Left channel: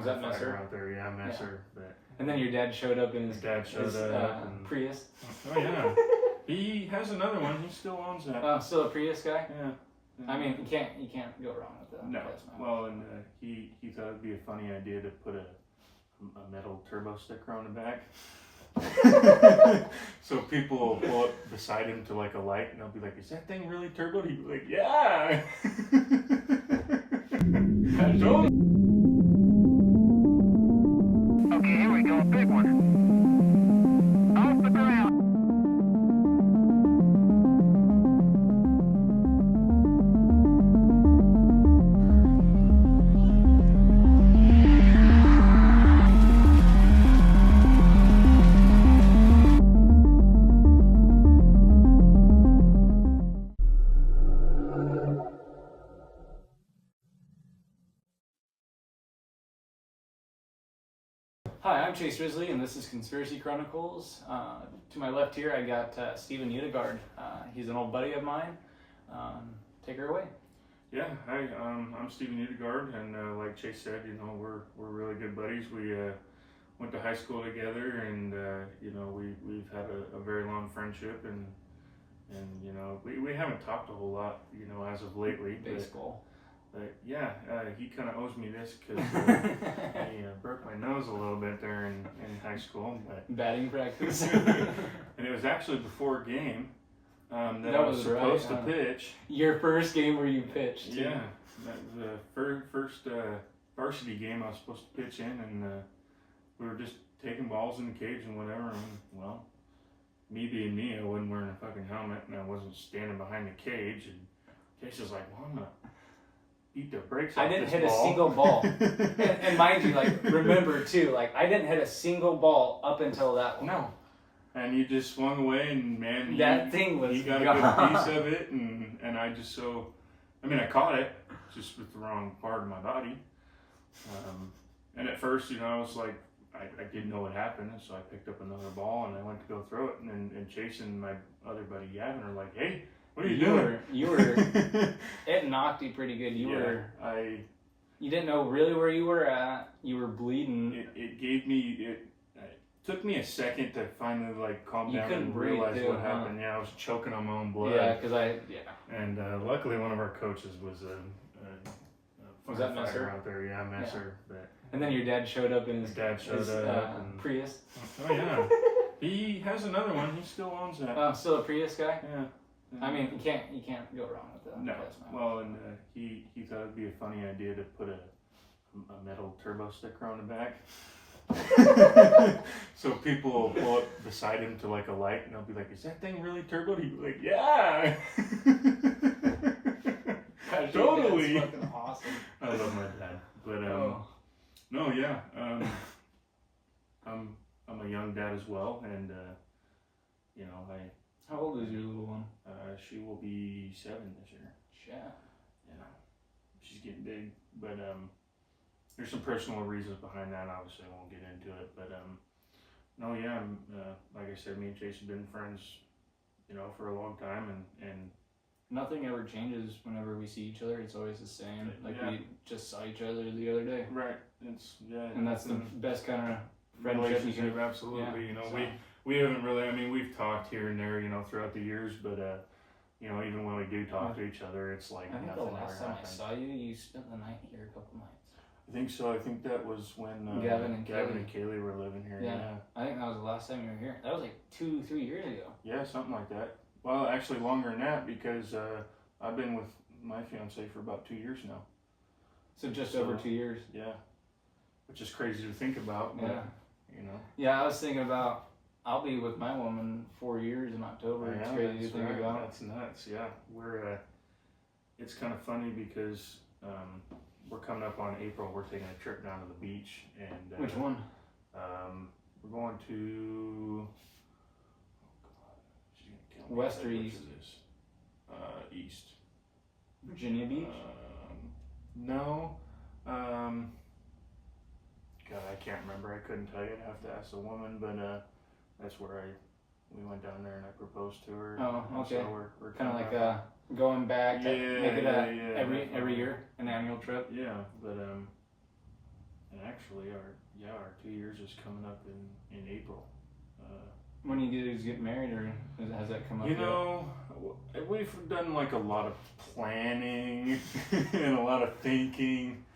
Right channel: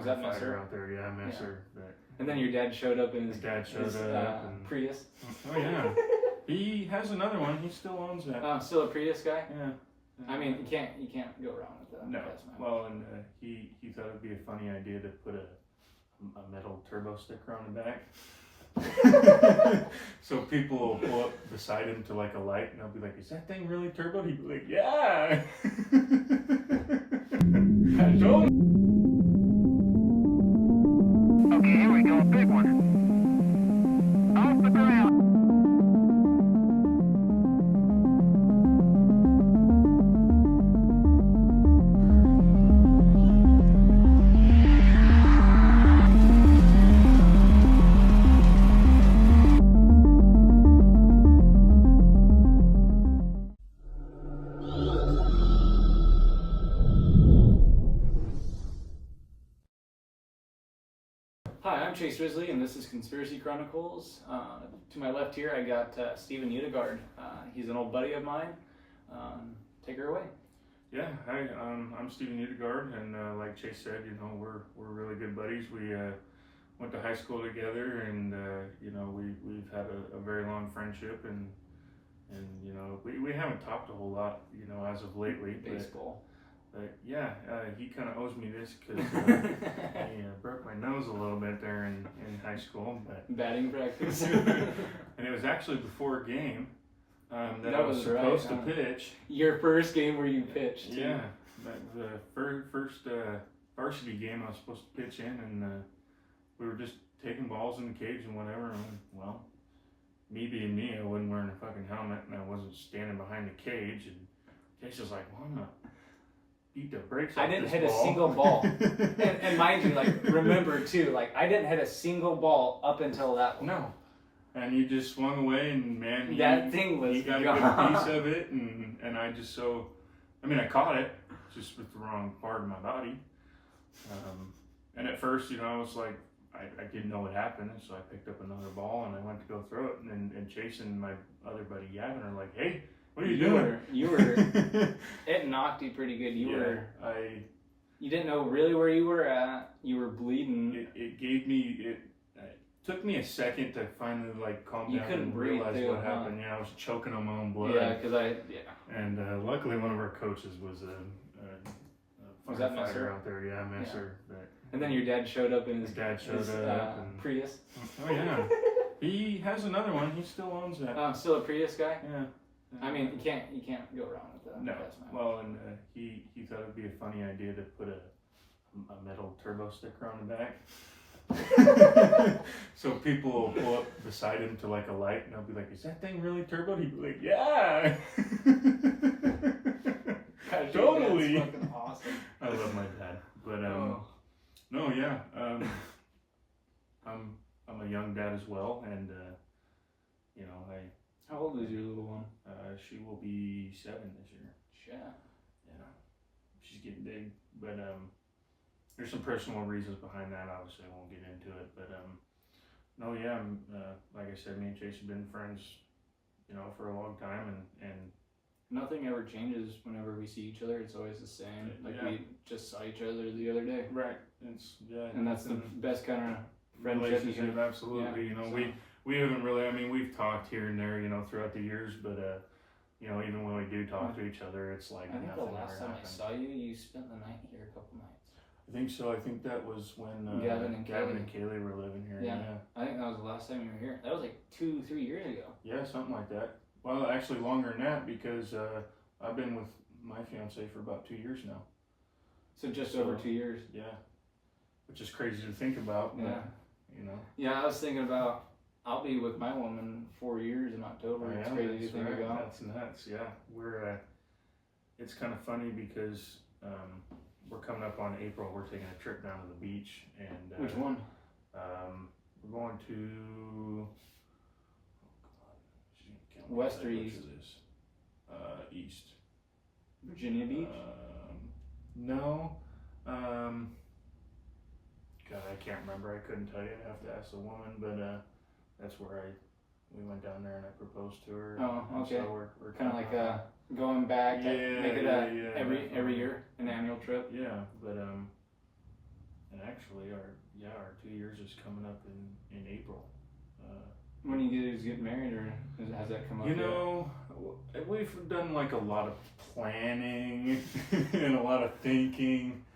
Was that miss her? out there? Yeah, I miss her. But and then your dad showed up in his and Prius. Oh yeah, he has another one. He still owns that. Still a Prius guy. Yeah. I mean, you can't go wrong with that. No. Well, and he thought it'd be a funny idea to put a metal turbo sticker on the back. So people will pull up beside him to like a light, and they'll be like, "Is that thing really turbo?" He'd be like, "Yeah." I told him. Okay, here we go, big one. Off the ground. Hi, I'm Chase Risley, and this is Conspiracy Chronicles. To my left here, I got Steven Utigard. He's an old buddy of mine. Take her away. Yeah, hi. I'm Steven Utigard, and like Chase said, you know, we're really good buddies. We went to high school together, and you know, we've had a very long friendship, and you know, we haven't talked a whole lot, you know, as of lately. Baseball. But yeah, he kind of owes me this because I broke my nose a little bit there in high school. But batting practice. And it was actually before a game that I was supposed to pitch. Your first game where you pitched. Yeah, that was the first varsity game I was supposed to pitch in, and we were just taking balls in the cage and whatever. And well, me being me, I wasn't wearing a fucking helmet, and I wasn't standing behind the cage. And Chase was like, "Well, I'm not." Beat the brakes off I didn't this hit ball. a single ball. and mind you, like, remember too, like, I didn't hit a single ball up until that one. No. And you just swung away, and man, that thing was you got gone. a good piece of it, and I just I caught it, just with the wrong part of my body. And at first, you know, I was like, I didn't know what happened, so I picked up another ball, and I went to go throw it, and Chase and my other buddy Gavin are like, "Hey, what are you doing?" You were, it knocked you pretty good. You didn't know really where you were at. You were bleeding. It took me a second to finally like calm down and realize what happened. Yeah, I was choking on my own blood. Yeah, And luckily one of our coaches was a firefighter out there. Yeah, I miss her. But, and then your dad showed up in his Prius. Oh yeah. He has another one. He still owns that. Still a Prius guy? Yeah. I mean, you can't go wrong with that. No. Well, and he thought it'd be a funny idea to put a metal turbo sticker on the back. So people will pull up beside him to like a light, and they'll be like, "Is that thing really turbo?" He'd be like, "Yeah." Totally. That's fucking awesome. I love my dad, but no, yeah. I'm a young dad as well, and you know, How old is your little one? She will be 7 this year. Yeah. Yeah. She's getting big, but there's some personal reasons behind that. Obviously, I won't get into it, but no, yeah. Like I said, me and Chase have been friends, you know, for a long time, and nothing ever changes whenever we see each other. It's always the same. Like yeah. we just saw each other the other day. Right. And that's the best kind of friendship. Relationship, absolutely. Yeah, you know, we haven't really. I mean, we've talked here and there, you know, throughout the years, but you know, even when we do talk to each other, it's like I think nothing the last ever time happened. I saw you, you spent the night here a couple nights. I think so. I think that was when Gavin and Kaylee were living here. Yeah. Yeah. I think that was the last time you were here. That was like 2-3 years ago. Yeah, something like that. Well, actually longer than that, because I've been with my fiance for about 2 years now. So just over 2 years. Yeah. Which is crazy to think about. But, Yeah. You know. Yeah, I was thinking about, I'll be with my woman 4 years in October. It's crazy to think about. That's nuts. Yeah. We're it's kind of funny because we're coming up on April. We're taking a trip down to the beach, and Which one? We're going to she's gonna kill me. West or Which east? is this? East. Virginia Beach? No. God, I can't remember. I couldn't tell you. I have to ask the woman, but that's where we went down there and I proposed to her. Oh, okay. So we're Kind of like going back, make it every year, an annual trip. Yeah, but And actually, our 2 years is coming up in April. When you guys get married, or has that come up? You yet? know, we've done like a lot of planning and a lot of thinking,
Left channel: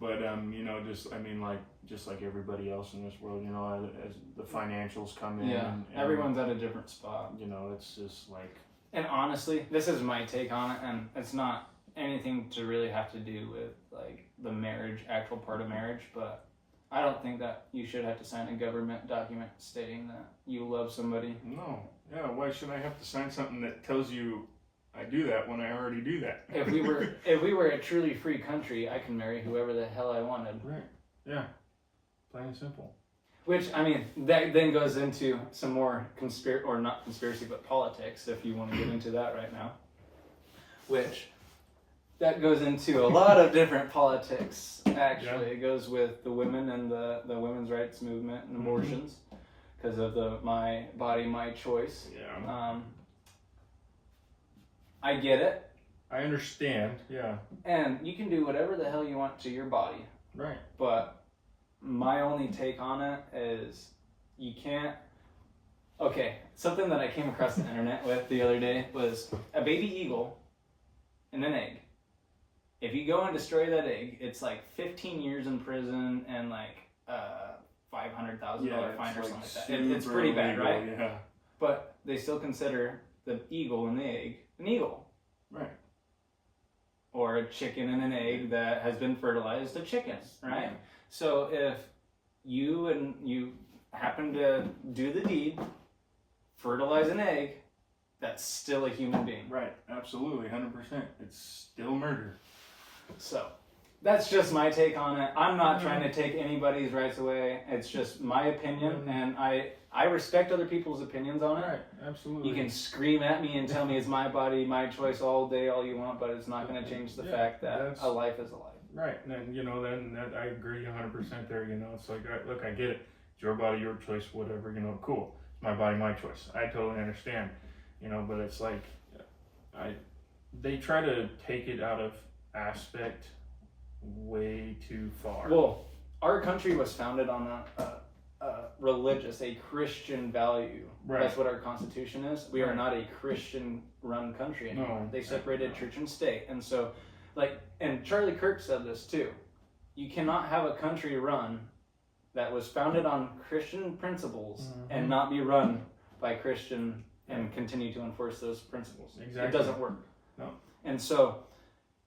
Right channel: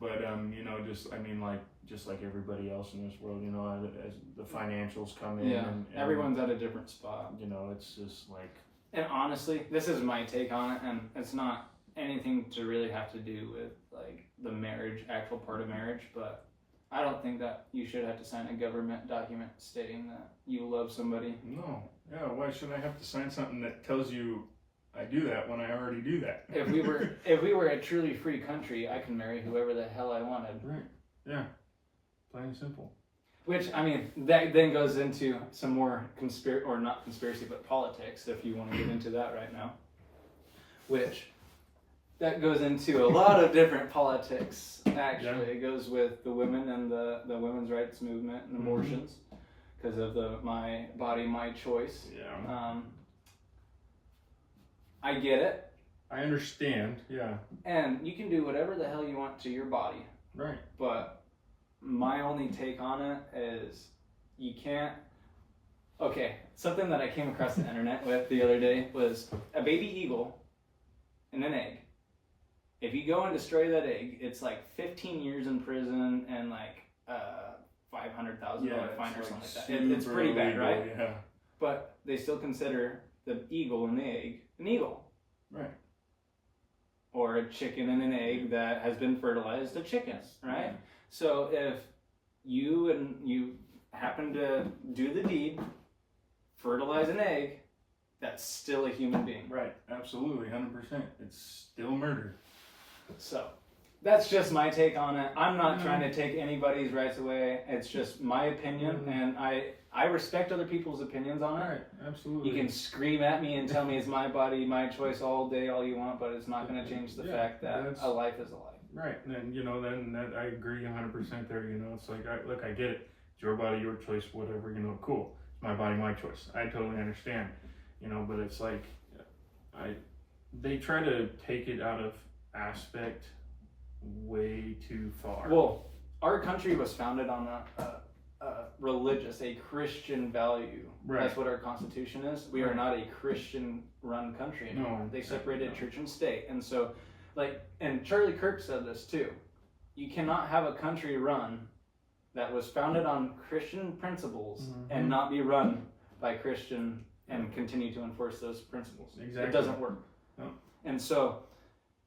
but you know, just like everybody else in this world, you know, as the financials come in, Yeah, and everyone's at a different spot. you know, it's just like, And honestly, this is my take on it, and it's not anything to really have to do with like the marriage, actual part of marriage, but I don't think that you should have to sign a government document stating that you love somebody. no, yeah, why should I have to sign something that tells you I do that when I already do that? If we were a truly free country, I can marry whoever the hell I wanted. Right, yeah, plain and simple. Which, I mean, that then goes into some more not conspiracy, but politics, if you want to get into that right now. Which, that goes into a lot of different politics, actually. Yeah. It goes with the women and the women's rights movement and abortions, because of the my body, my choice. Yeah. I get it, I understand, yeah, and you can do whatever the hell you want to your body, right. but my only take on it is you can't. Okay, something that I came across the internet with the other day was a baby eagle and an egg. If you go and destroy that egg, it's like 15 years in prison and like $500,000 fine or something like that. It's pretty bad, illegal, right? Yeah. But they still consider the eagle and the egg an eagle. Right. Or a chicken and an egg that has been fertilized a chicken, right? Yeah. So if you happen to do the deed, fertilize an egg, that's still a human being. Right, absolutely, 100%. It's still murder. So that's just my take on it. I'm not trying to take anybody's rights away. It's just my opinion, and I respect other people's opinions on it. Right, absolutely. You can scream at me and tell me it's my body, my choice all day, all you want, but it's not going to change the fact that a life is a life. Right, and you know, then I agree 100% there. You know, it's like, look, I get it. It's your body, your choice, whatever. You know, cool. It's my body, my choice. I totally understand. You know, but it's like, they try to take it out of aspect way too far. Well, our country was founded on a Christian value. Right. That's what our Constitution is. We are not a Christian-run country anymore. No, They separated no. church and state, and so, like, and Charlie Kirk said this too. You cannot have a country run that was founded on Christian principles and not be run by Christian and continue to enforce those principles. Exactly. It doesn't work. No. And so,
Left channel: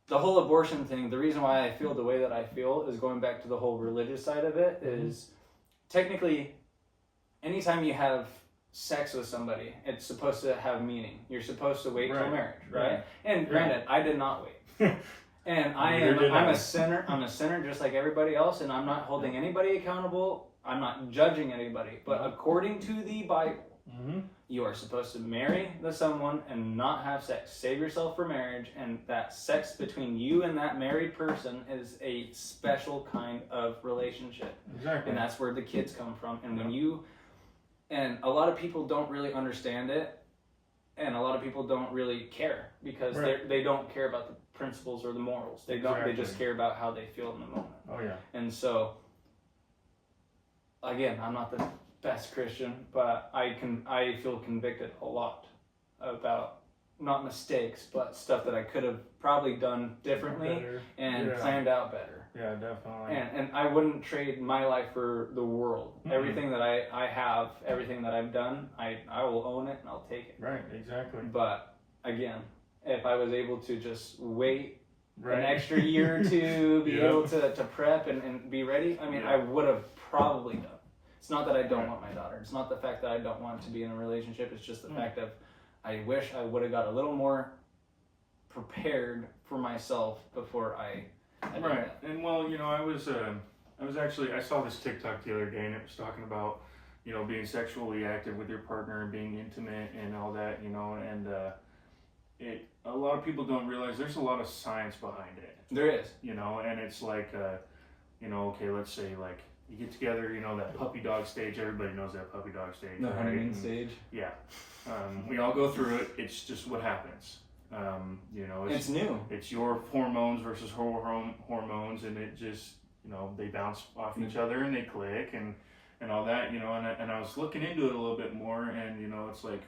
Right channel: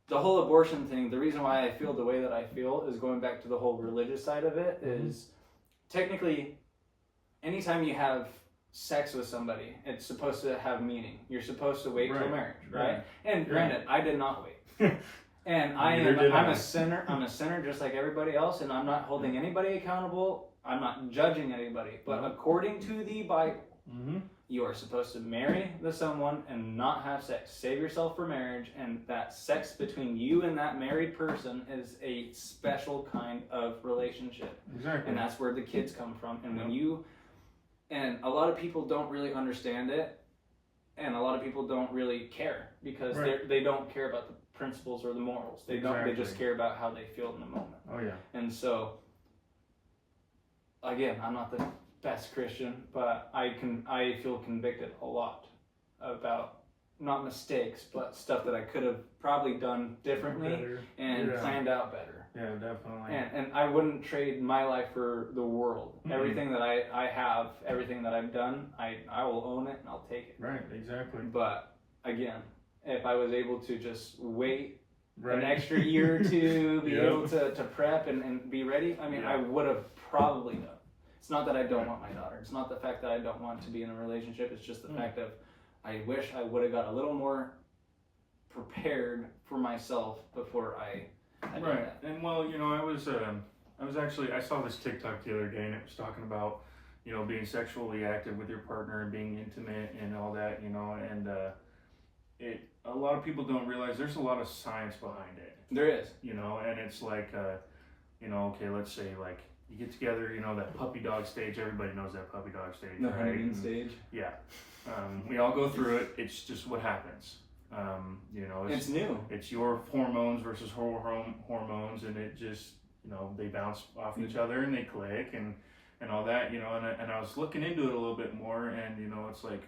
the whole abortion thing, the reason why I feel the way that I feel is going back to the whole religious side of it, is technically, anytime you have sex with somebody, it's supposed to have meaning. You're supposed to wait till marriage, right? And granted, I did not wait. And I'm a sinner. I'm a sinner just like everybody else, and I'm not holding anybody accountable. I'm not judging anybody. But according to the Bible, you are supposed to marry someone and not have sex. Save yourself for marriage, and that sex between you and that married person is a special kind of relationship. Exactly. And that's where the kids come from. And and a lot of people don't really understand it, and a lot of people don't really care because they don't care about the principles or the morals. They don't. They just care about how they feel in the moment. Oh yeah. And so, again, I'm not the best Christian, but I feel convicted a lot about not mistakes, but stuff that I could have probably done differently and planned out better. Yeah, definitely. And I wouldn't trade my life for the world. Everything that I have, everything that I've done, I will own it and I'll take it. Right, exactly. But again, if I was able to just wait an extra year or two, be able to prep and be ready, I mean, I would have probably done. It's not that I don't want my daughter. It's not the fact that I don't want to be in a relationship. It's just the fact of I wish I would have got a little more prepared for myself before I did that. And well, you know, I was actually, I saw this TikTok the other day, and it was talking about, you know, being sexually active with your partner and being intimate and all that, you know, and a lot of people don't realize there's a lot of science behind it. There is. You know, and it's like, you know, okay, let's say like you get together, you know, that puppy dog stage. Everybody knows that puppy dog stage, The right? honeymoon stage. Yeah. We all go through it. It's just what happens. You know, It's new. It's your hormones versus her hormones, and it just they bounce off each other and they click and all that, and I was looking into it a little bit more, and it's like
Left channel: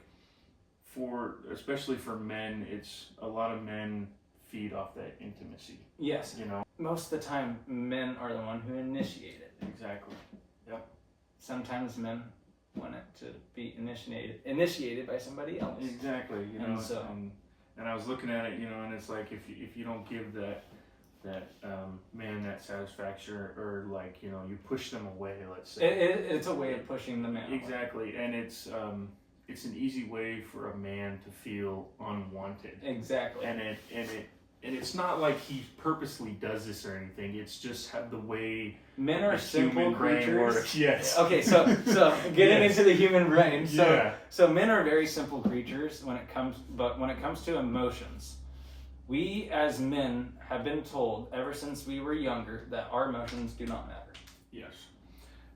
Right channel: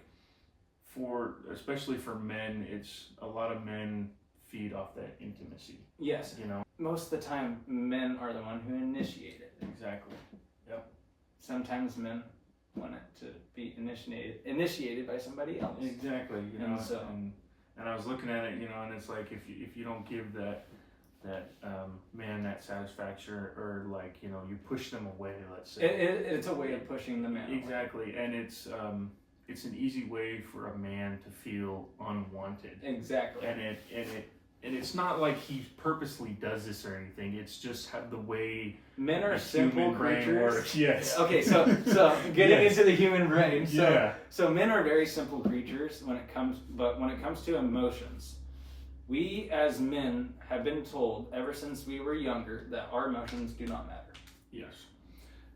especially for men, it's a lot of men feed off that intimacy. Yes. Most of the time, men are the one who initiate it. Exactly. Yep. Sometimes men want it to be initiated by somebody else. Exactly. And I was looking at it, and it's like if you don't give that man that satisfaction, or like you push them away, let's say. It's a way of pushing the man away. Exactly, and it's an easy way for a man to feel unwanted. Exactly. And it's not like he purposely does this or anything. It's just the way men are the simple human brain creatures. works. Yes. Okay, so getting Yes. into the human brain. So men are very simple creatures when it comes to emotions. We as men have been told ever since we were younger that our emotions do not matter. Yes.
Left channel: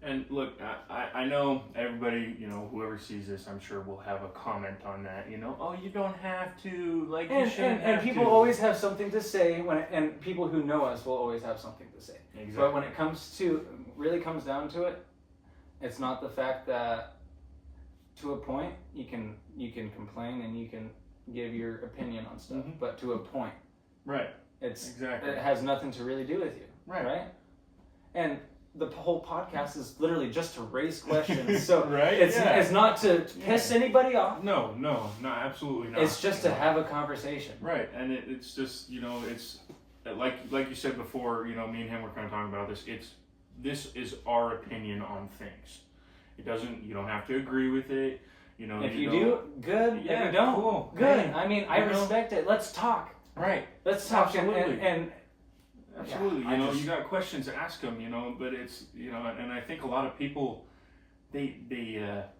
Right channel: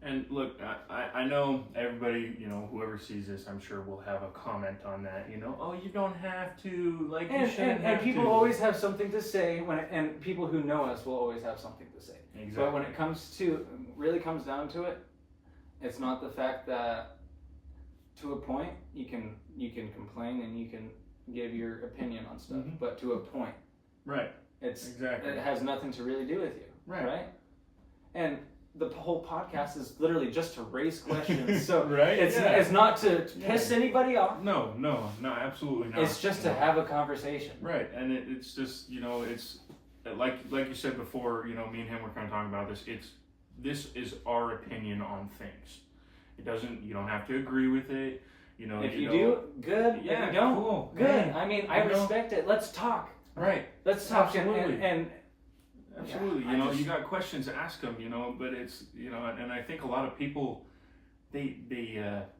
And look, I know everybody, whoever sees this, I'm sure will have a comment on that. Oh, you don't have to, like, you shouldn't have to. And people always have something to say and people who know us will always have something to say. Exactly. But when it really comes down to it, it's not the fact that to a point you can complain and you can give your opinion on stuff, but to a point. Right. It has nothing to really do with you. Right? And the whole podcast is literally just to raise questions. So right? It's not to piss anybody off. No, absolutely not. It's just to have a conversation. Right, and it's just, it's like you said before, me and him were kind of talking about this. This is our opinion on things. You don't have to agree with it. If you do, good. Yeah, if you don't, cool. good. Yeah. I mean, I respect it. Let's talk. Right. Let's talk. Absolutely. And absolutely. Yeah, you got questions, ask them, but it's, and I think a lot of people, they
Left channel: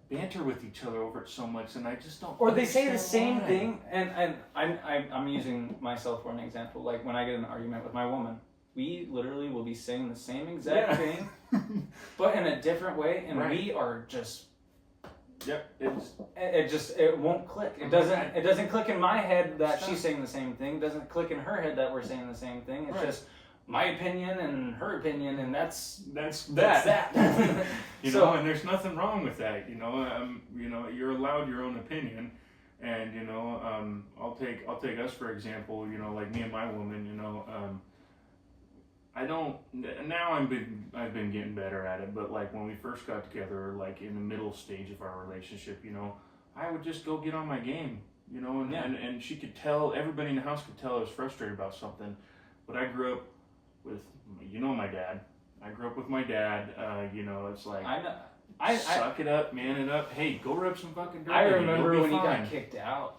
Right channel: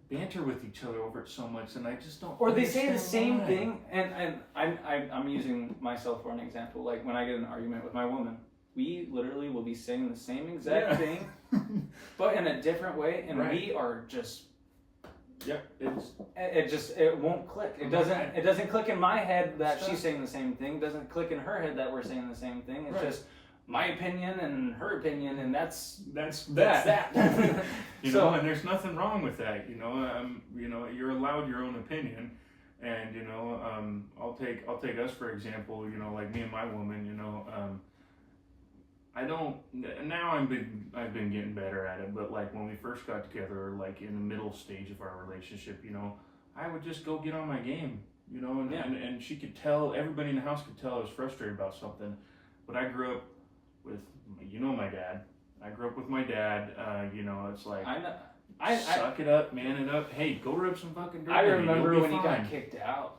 banter with each other over it so much, and I just don't. Or they say the same why. thing, and I'm using myself for an example. Like when I get in an argument with my woman, we literally will be saying the same exact thing, but in a different way, and we are just. Yep. It won't click. It doesn't click in my head that she's saying the same thing. It doesn't click in her head that we're saying the same thing. It's just my opinion and her opinion, and that's that. And there's nothing wrong with that. You're allowed your own opinion, and I'll take us for example. Like me and my woman. I don't now. I've been getting better at it, but like when we first got together, like in the middle stage of our relationship, I would just go get on my game, and she could tell, everybody in the house could tell I was frustrated about something, but I grew up with, my dad. I grew up with my dad. It's like suck it up, man it up. Hey, go rub some fucking dirt. I remember when you you got kicked out.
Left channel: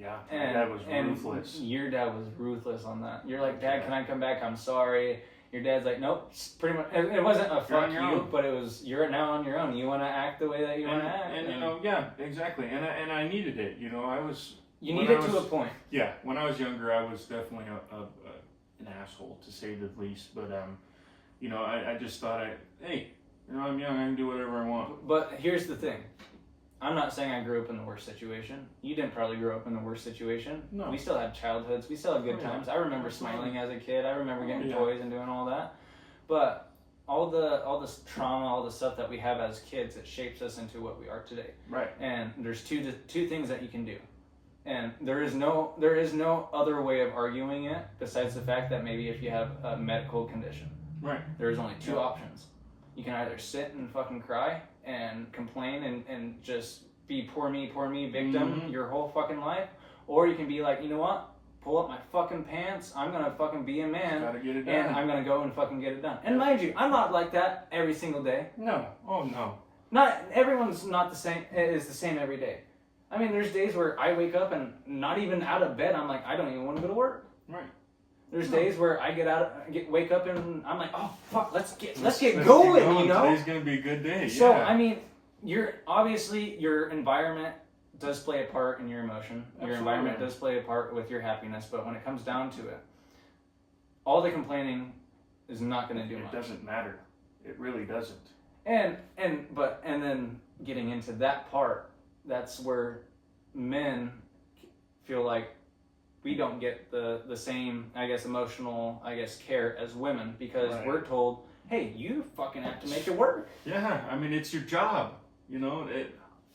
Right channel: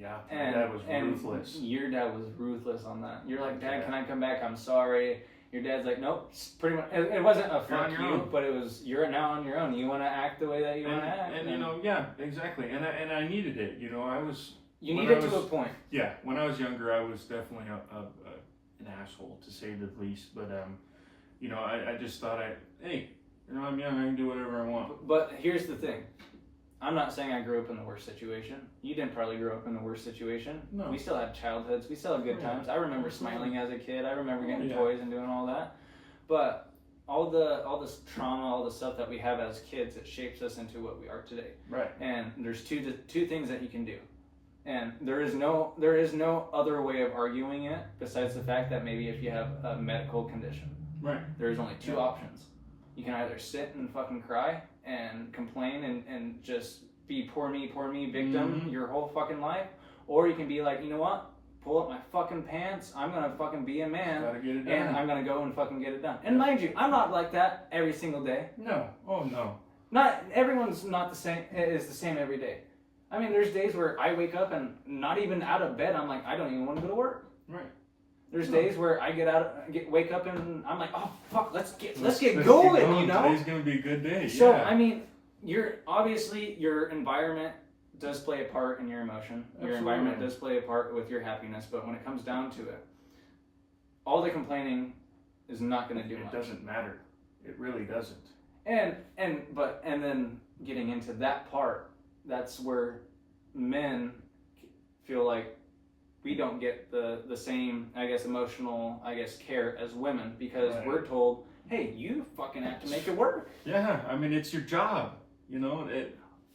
Yeah, my dad was ruthless. Your dad was ruthless on that. You're like, Dad, can I come back? I'm sorry. Your dad's like, nope. Pretty much. It wasn't a fuck you, but it was you're now on your own. You want to act the way that you want to act. And yeah, exactly. And I needed it. I was. You need it to a point. Yeah, when I was younger, I was definitely an asshole to say the least. But I just thought hey, I'm young. I can do whatever I want. But here's the thing. I'm not saying I grew up in the worst situation. You didn't probably grow up in the worst situation. No. We still had childhoods. We still had good times. I remember smiling as a kid. I remember getting toys and doing all that. But all this trauma, all the stuff that we have as kids, it shapes us into what we are today. Right. And there's two things that you can do. And there is no other way of arguing it besides the fact that maybe if you have a medical condition. Right. There's only two options. You can either sit and fucking cry and complain and just be poor me victim your whole fucking life, or you can be like, you know what, pull up my fucking pants, I'm gonna fucking be a man, gotta get it done. and I'm gonna go and fucking get it done. And mind you, I'm not like that every single day. No. Oh no. Not everyone's not the same every day. I mean, there's days where I wake up and not even out of bed, I'm like, I don't even want to go to work. Right. There's days where I wake up and I'm like, oh fuck, let's get going, Today's gonna be a good day. So I mean, your environment does play a part in your emotion. Absolutely. Your environment does play a part with your happiness. But when it comes down to it, all the complaining is not going to do much. It doesn't matter. It really doesn't. And then getting into that part, that's where men feel like we don't get the same, I guess, emotional, care as women, because Right. we're told, hey, you fucking have to make it work. Yeah, I mean, it's your job. You know,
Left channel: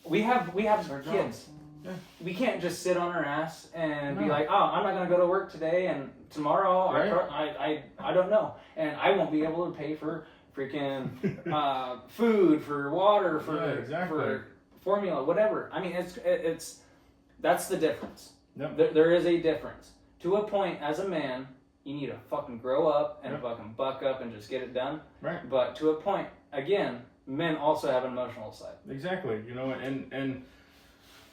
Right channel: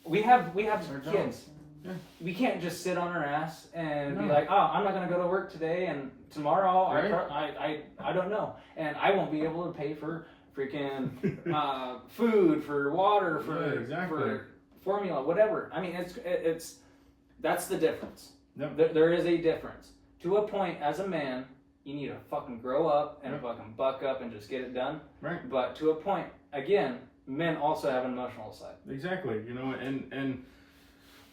We have it's our job. kids. Yeah. We can't just sit on our ass and be No. like, oh, I'm not gonna go to work today, and tomorrow Right. I don't know, and I won't be able to pay for freaking food, for water, for Yeah, exactly. for formula, whatever. I mean, it's that's the difference. Yep. There is a difference. To a point, as a man, you need to fucking grow up and Yep. fucking buck up and just get it done. Right. But to a point, again, men also have an emotional side. Exactly, you know, and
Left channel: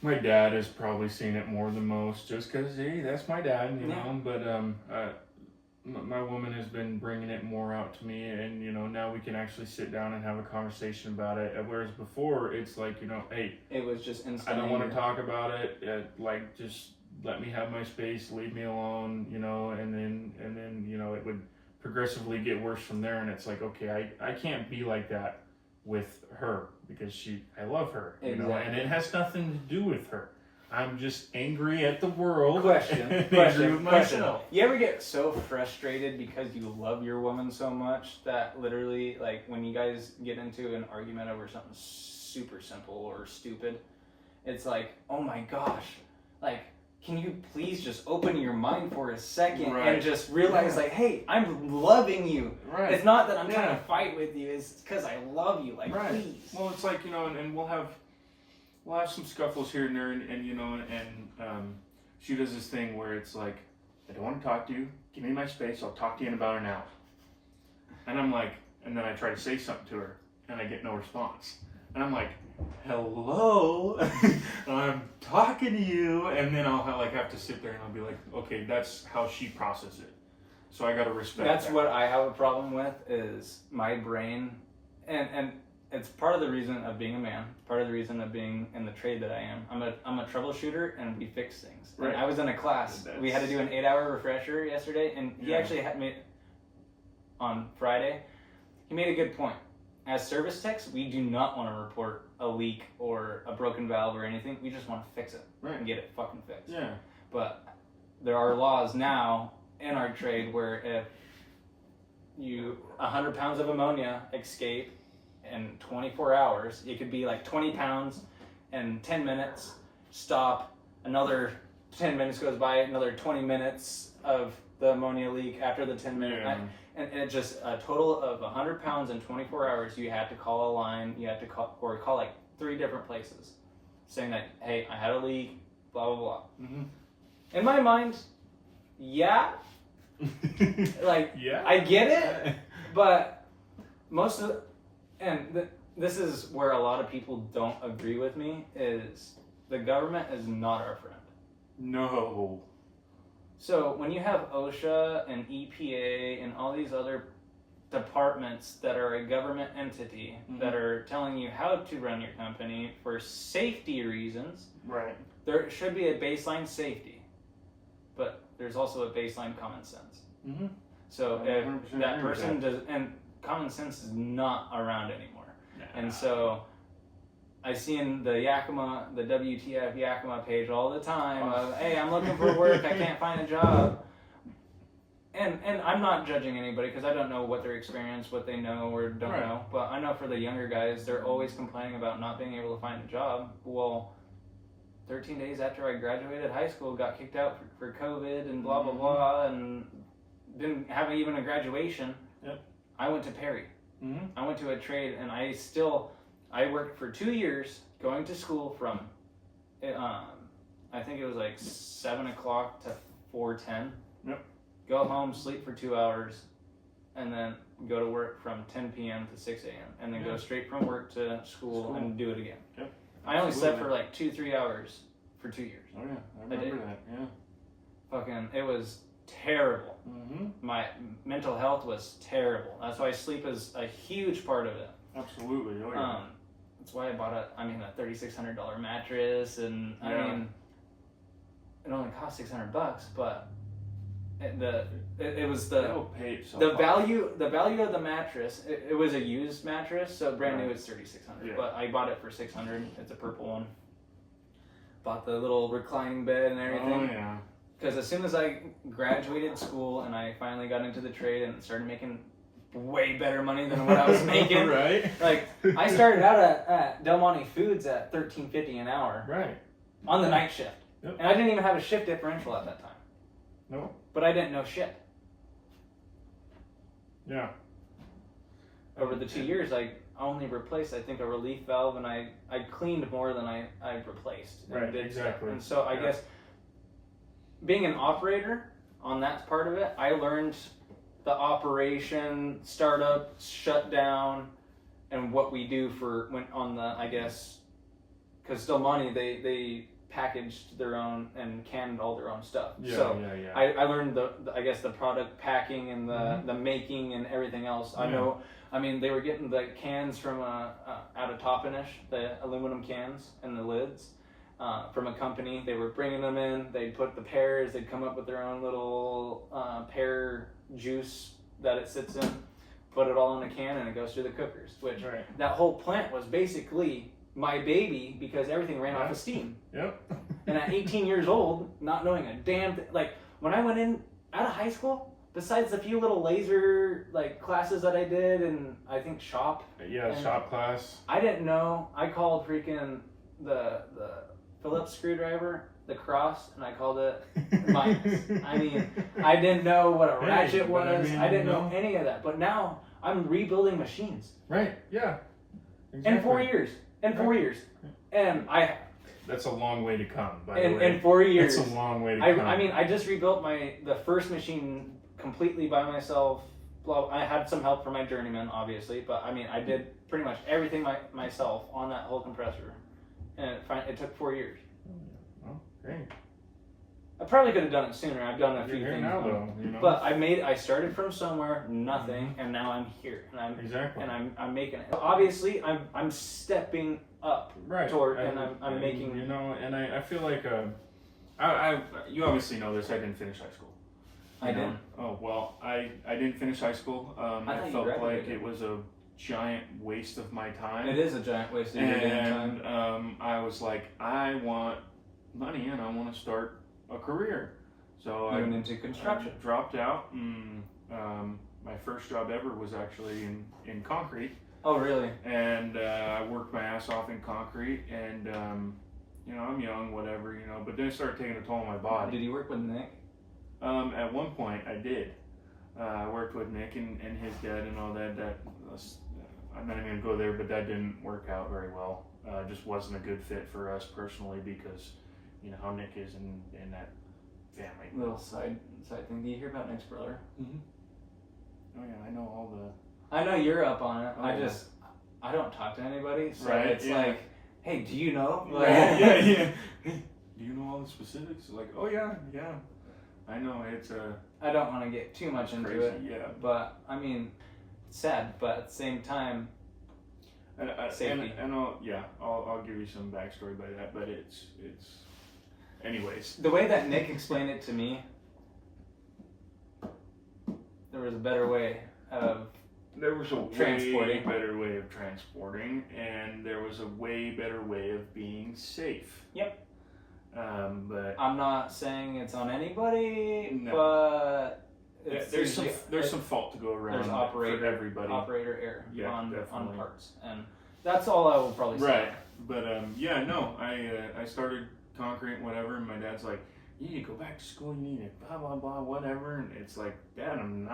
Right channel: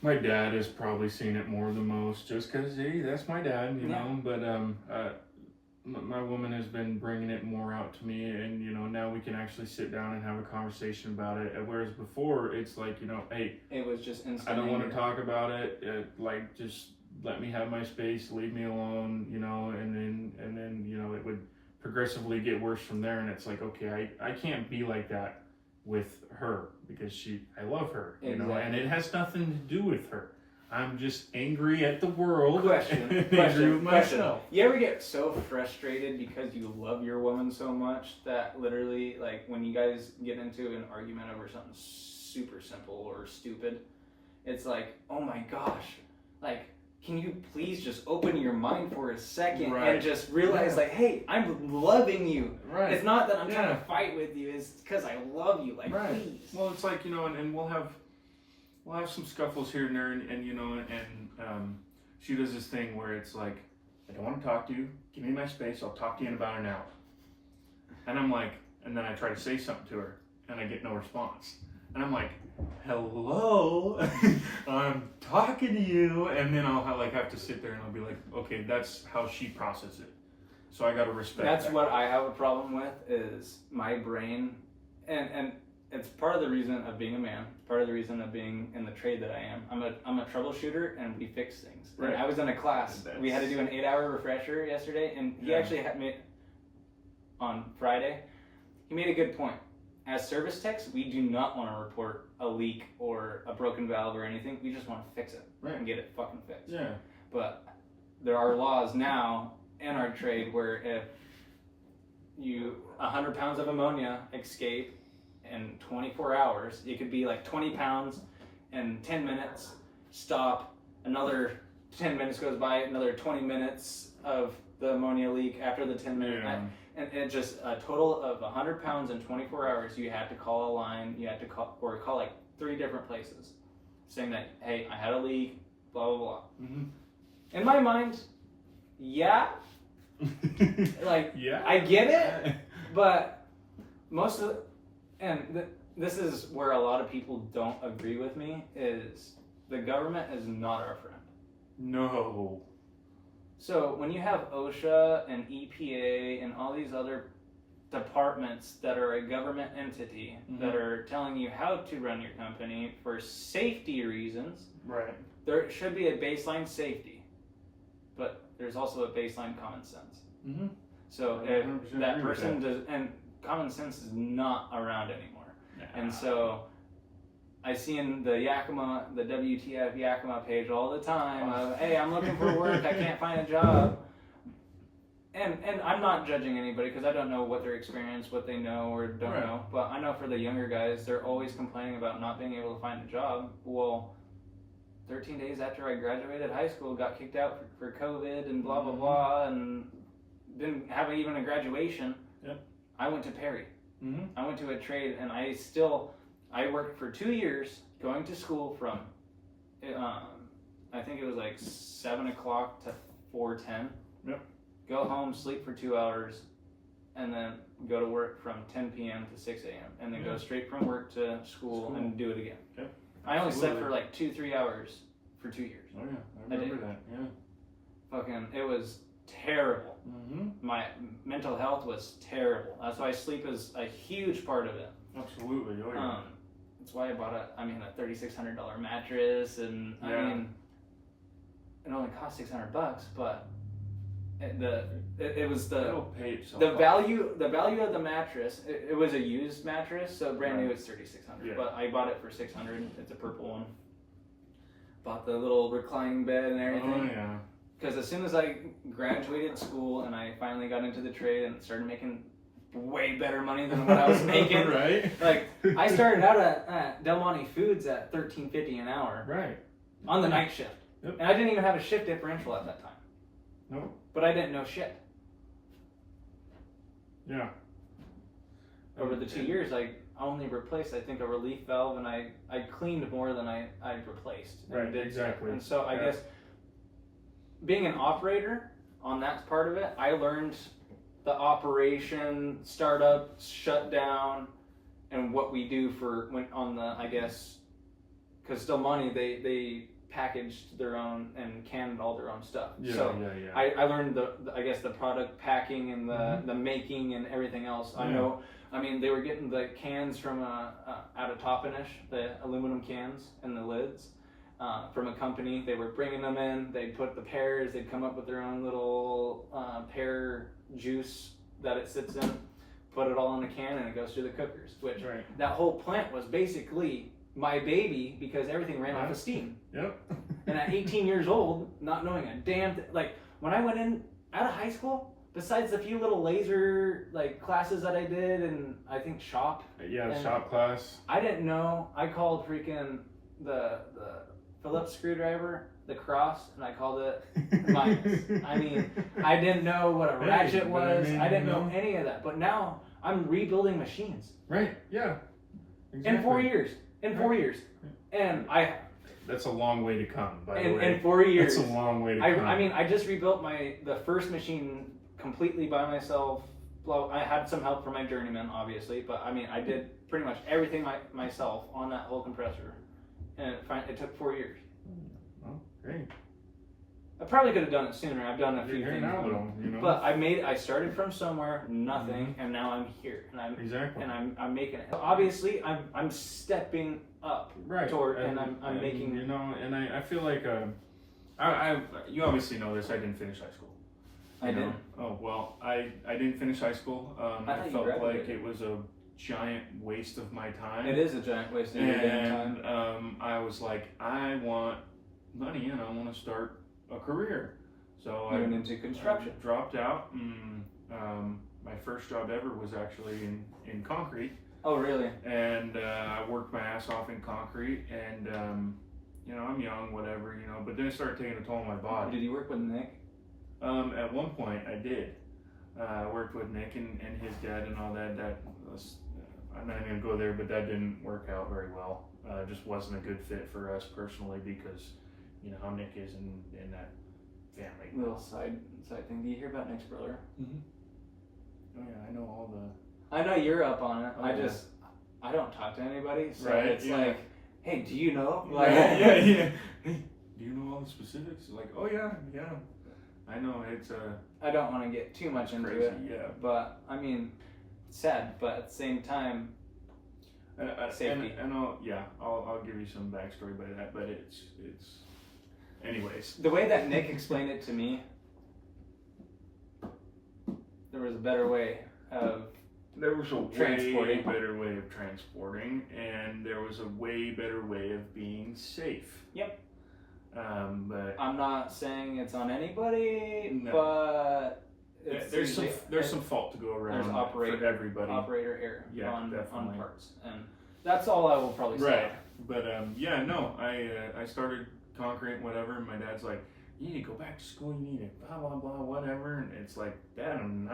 my dad has probably seen it more than most, just because, hey, that's my dad, you Yeah. know. But my woman has been bringing it more out to me, and you know, now we can actually sit down and have a conversation about it. Whereas before, it's like, you know, hey, It was just instant. I don't want to talk about it. Like, just let me have my space, leave me alone, you know. And then you know, it would progressively get worse from there. And it's like, okay, I can't be like that with her, because I love her, you know, and it has nothing to do with her. I'm just angry at the world. Question. and angry with myself. You ever get so frustrated because you love your woman so much that literally, like, when you guys get into an argument over something super simple or stupid, it's like, oh my gosh, like, can you please just open your mind for a second Right. and just realize, like, hey, I'm loving you. Right. It's not that I'm trying Yeah. to fight with you. It's because I love you. Like, Right. please. Well, it's like, you know, and we'll have some scuffles here and there, and you know, and she does this thing where it's like, I don't want to talk to you. Give me my space. I'll talk to you in about an hour. And I'm like, and then I try to say something to her, and I get no response. And I'm like, hello, I'm talking to you. And then I'll have to sit there and I'll be like, okay, that's how she processes it. So I got to respect That's that. what I have a problem with, is my brain, and it's part of the reason of being a man, part of the reason of being in the trade that I am. I'm a troubleshooter, and we fix things. Right. And I was in a class. We had to do an 8-hour refresher yesterday, and he Yeah. actually had me on Friday. He made a good point. As service techs, we do not want to report a leak or a broken valve or anything. We just want to fix it Right. and get it fucking fixed. Yeah. But there are laws now in our trade where if 100 pounds of ammonia escape in 24 hours, it could be like 20 pounds in 10 minutes, stop, another 10 minutes goes by, another 20 minutes of the ammonia leak after the 10 minutes. Yeah. And it just a total of 100 pounds in 24 hours. You had to call a line, you had to call like 3 different places saying that, hey, I had a leak, blah, blah, blah. Mm-hmm. In my mind, yeah, like, yeah. I get it, but most of this is where a lot of people don't agree with me, is the government is not our friend. No. So when you have OSHA and EPA and all these other departments that are a government entity that are telling you how to run your company for safety reasons, Right. there should be a baseline safety, but there's also a baseline common sense. Mm-hmm. So 100% if that agree with person does, and common sense is not around anymore. And so I see in the Yakima, the WTF Yakima page all the time of, hey, I'm looking for work, I can't find a job. And I'm not judging anybody because I don't know what their experience, what they know or don't Right. know. But I know for the younger guys, they're always complaining about not being able to find a job. Well, 13 days after I graduated high school, got kicked out for COVID and blah, blah, blah, and didn't have even a graduation. Yep. I went to Perry. Mm-hmm. I went to a trade, and I worked for 2 years going to school from, I think it was like 7 o'clock to 4:10. Yep. Go home, sleep for 2 hours, and then go to work from 10 p.m. to 6 a.m. and then go straight from work to school and do it again. Yep. I only slept Absolutely. for like 2-3 hours for 2 years. Oh yeah, I I did. remember that. Yeah. Fucking, it was terrible. Mm-hmm. My mental health was terrible. That's why sleep is a huge part of it. Absolutely. Oh yeah. That's why I bought a $3,600 mattress, and I Yeah. mean, it only cost $600, but it was It'll pay itself the off. value of the mattress. It was a used mattress, so brand new it's $3,600, Yeah. but I bought it for $600. It's a purple one. Bought the little reclining bed and everything. Oh yeah. because as soon as I graduated school and I finally got into the trade and started making way better money than what I was making, Right. like I started out at Del Monte Foods at $13.50 an hour Right. on the night shift, Yep. and I didn't even have a shift differential at that time. Nope. But I didn't know shit. Yeah. Over the 2 years, I only replaced, I think, a relief valve, and I cleaned more than I replaced. And Right, did exactly. stuff. And so I Yeah. guess being an operator on that part of it, I learned the operation, startup, shutdown, and what we do for when on the, I guess, because Del Monte, they packaged their own and canned all their own stuff. Yeah, So yeah. I learned the I guess the product packing and the making and everything else. I Yeah. know. I mean, they were getting the cans from out of Toppenish, the aluminum cans and the lids from a company. They were bringing them in. They'd put the pears. They'd come up with their own little pear juice that it sits in. Put it all in a can and it goes through the cookers. Which Right. that whole plant was basically my baby because everything ran off of steam. Yep. And at 18 years old, not knowing a damn like when I went in out of high school, besides the few little laser like classes that I did and I think shop, Yeah, and shop class. I didn't know. I called freaking the Phillips screwdriver, the cross, and I called it minus. I mean, I didn't know what a Hey, ratchet but I was. mean, I didn't you know know. any of that. But now I'm rebuilding machines Right, yeah. in 4 years. In 4 years, and That's a long way to come, by the in way. 4 years. It's a long way to come. I mean, I just rebuilt the first machine completely by myself. Well, I had some help from my journeyman, obviously, but I mean, I did pretty much everything myself on that whole compressor, and it took 4 years. Well, hey, I probably could have done it sooner. I've done a you're few here things, now, though. You know. but I started from somewhere, nothing, and now I'm here, and Exactly. I'm making it. Obviously, I'm stepping up Right. toward, and I'm making. You know, and I feel like you obviously know this. I didn't finish high school. I You know? did. Oh well, I didn't finish high school. I I thought you felt like graduated. it was a giant waste of my time. It is a giant waste of your damn time. And I was like, I want money and I want to start a career. So I Even into construction. dropped out, and my first job ever was actually in concrete. Oh, really? And I worked my ass off in concrete, and you know, I'm young, whatever, you know, but then it started taking a toll on my body. Did you work with Nick? At one point, I did. I worked with Nick and his dad and all that. I'm not even gonna go there, but that didn't work out very well. Just wasn't a good fit for us personally because, you know, how Nick is in that family. Little side thing. Do you hear about Nick's brother? Oh yeah, I know all the. I know you're up on it. Oh. I don't talk to anybody, so Right, it's yeah. like, hey, do you know? Like, Yeah. Hey, do you know all the specifics? Like, oh yeah. I know it's I don't want to get too much into crazy. it, Yeah. but I mean, it's sad, but at the same time, safety. And I'll give you some backstory by that, but it's anyways. the way that Nick explained it to me, there was a better way of There was a way Transporting. better way of transporting, and there was a way better way of being safe. Yep. But I'm not saying it's on anybody, No. but it's there's usually- some fault to go around there's for everybody. operator error Yeah, on definitely. parts, and that's all I will probably say. Right. But I started concrete and whatever, and my dad's like, you need to go back to school, you need to blah blah blah whatever, and it's like, Dad, I'm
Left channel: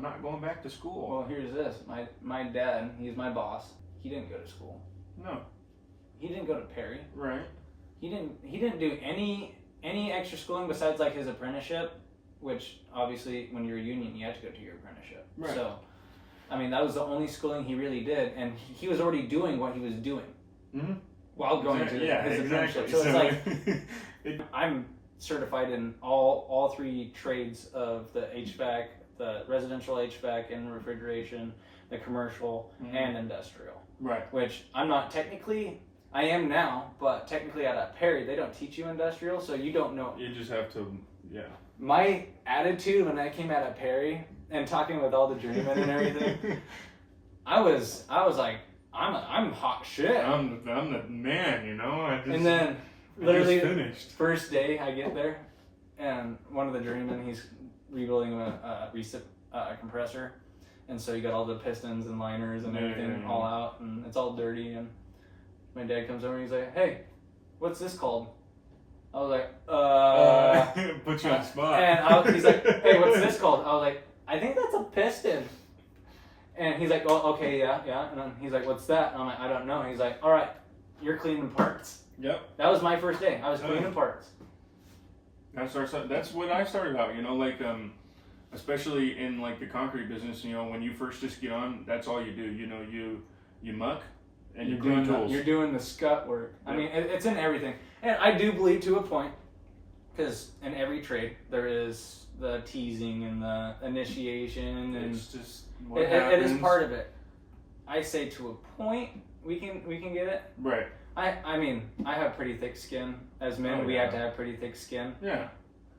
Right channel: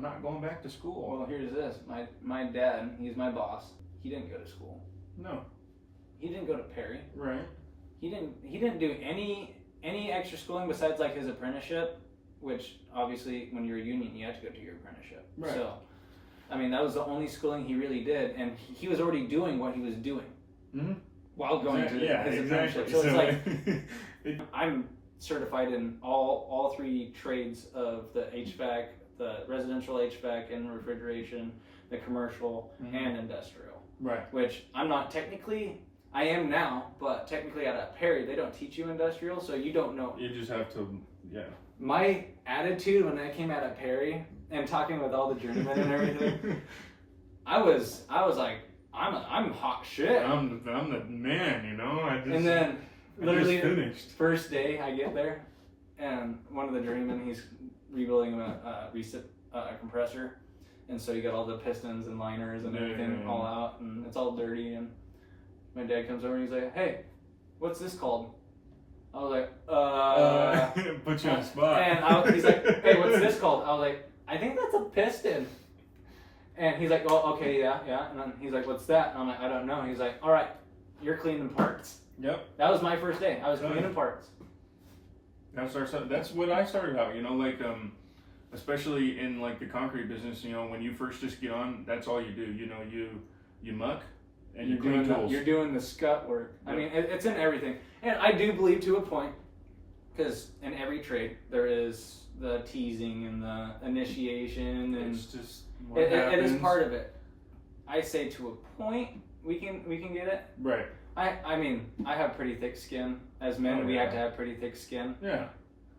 not going back to school. Well, here's this. My dad, he's my boss. He didn't go to school. No. He didn't go to Perry. Right. He didn't do any extra schooling besides like his apprenticeship, which obviously when you're a union you have to go to your apprenticeship. Right. So, I mean that was the only schooling he really did, and he was already doing what he was doing while going to his apprenticeship. So it's like I'm certified in all three trades of the HVAC, the residential HVAC and refrigeration, the commercial and industrial. Right. Which I'm not technically. I am now, but technically at Perry they don't teach you industrial, so you don't know. You just have to, yeah. My attitude when I came out of Perry and talking with all the journeymen and everything, I was like, I'm hot shit. I'm the man, you know. And then literally finished. first day I get there, and one of the journeymen, he's rebuilding a compressor, and so you got all the pistons and liners and everything all out, and it's all dirty. And my dad comes over and he's like, "Hey, what's this called?" I was like, Put you on the spot. And he's like, "Hey, what's this called?" I was like, "I think that's a piston." And he's like, "Oh, okay, yeah." And then he's like, "What's that?" And I'm like, "I don't know." And he's like, "All right, you're cleaning parts." Yep. That was my first day. I was cleaning parts. That's what I started out, like, especially in like the concrete business, when you first just get on, that's all you do, you muck and you clean tools. You're doing the scut work. Yep. I mean, it's in everything. And I do believe to a point, because in every trade, there is the teasing and the initiation, and it's just it is part of it. I say to a point, we can get it. Right. I mean, I have pretty thick skin. As men, we have to have pretty thick skin. Yeah.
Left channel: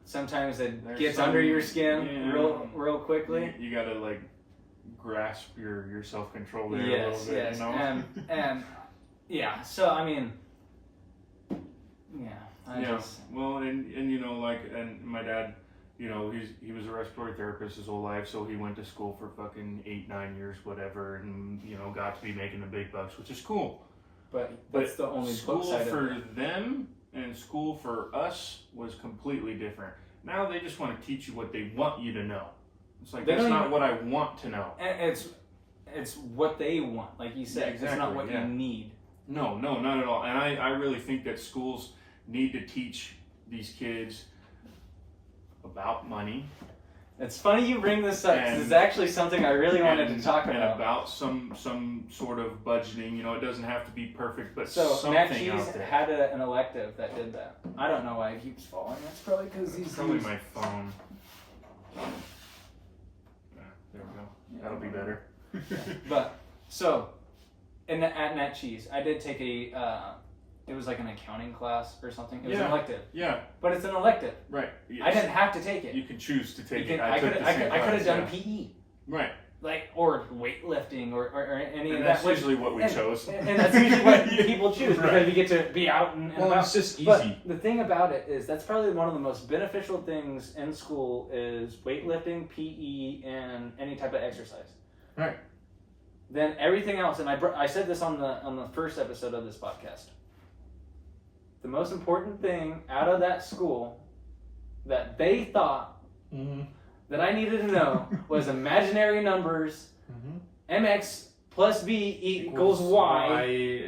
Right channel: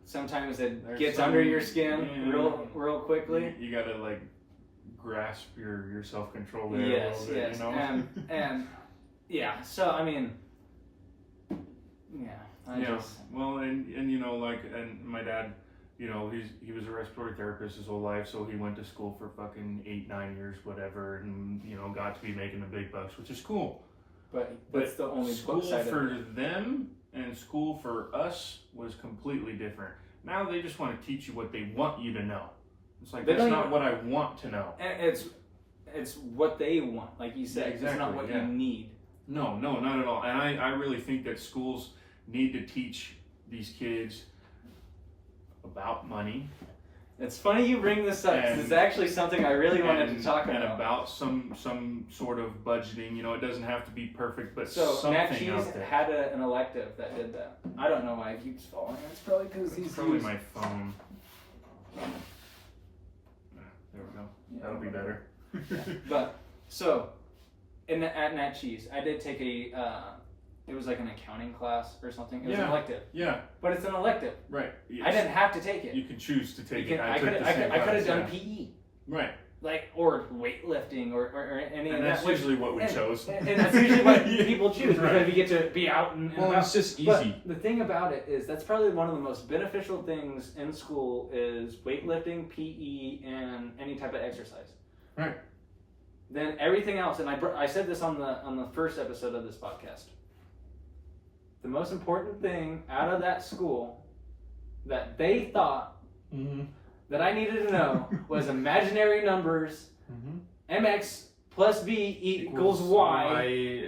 Sometimes it gets under your skin real quickly. You gotta like grasp your self control there a Yes, little bit, yes, and yeah. So I mean, yeah. Well, and my dad, he was a respiratory therapist his whole life, so he went to school for fucking 8-9 years, whatever, and got to be making the big bucks, which is cool. But that's the only school side for of it. them and school for us was completely different. Now they just want to teach you what they want you to know. It's like, that's not what I want to know. And it's what they want, like you said. Yeah, exactly, it's not what you need. No, not at all. And I really think that schools need to teach these kids about money. It's funny you bring this up, because it's actually something I really wanted to talk about. And about some sort of budgeting. It doesn't have to be perfect, but so something Matt Cheese out there. had an elective that did that. I don't know why it keeps falling. That's probably because he's probably my phone. There we go. That'll be better. But so at Nat Cheese, I did take it was like an accounting class or something. It was an elective. Yeah. But it's an elective. Right. Yes. I didn't have to take it. You can choose to take it. I could have done PE. Right. Like, or weightlifting or any and of that's that. usually what we chose. And that's usually what people choose, because we get to be out and about. It's just easy. But the thing about it is that's probably one of the most beneficial things in school is weightlifting, PE, and any type of exercise. Right. Then everything else, and I said this on the first episode of this podcast. The most important thing out of that school that they thought that I needed to know was imaginary numbers, mx plus b equals y,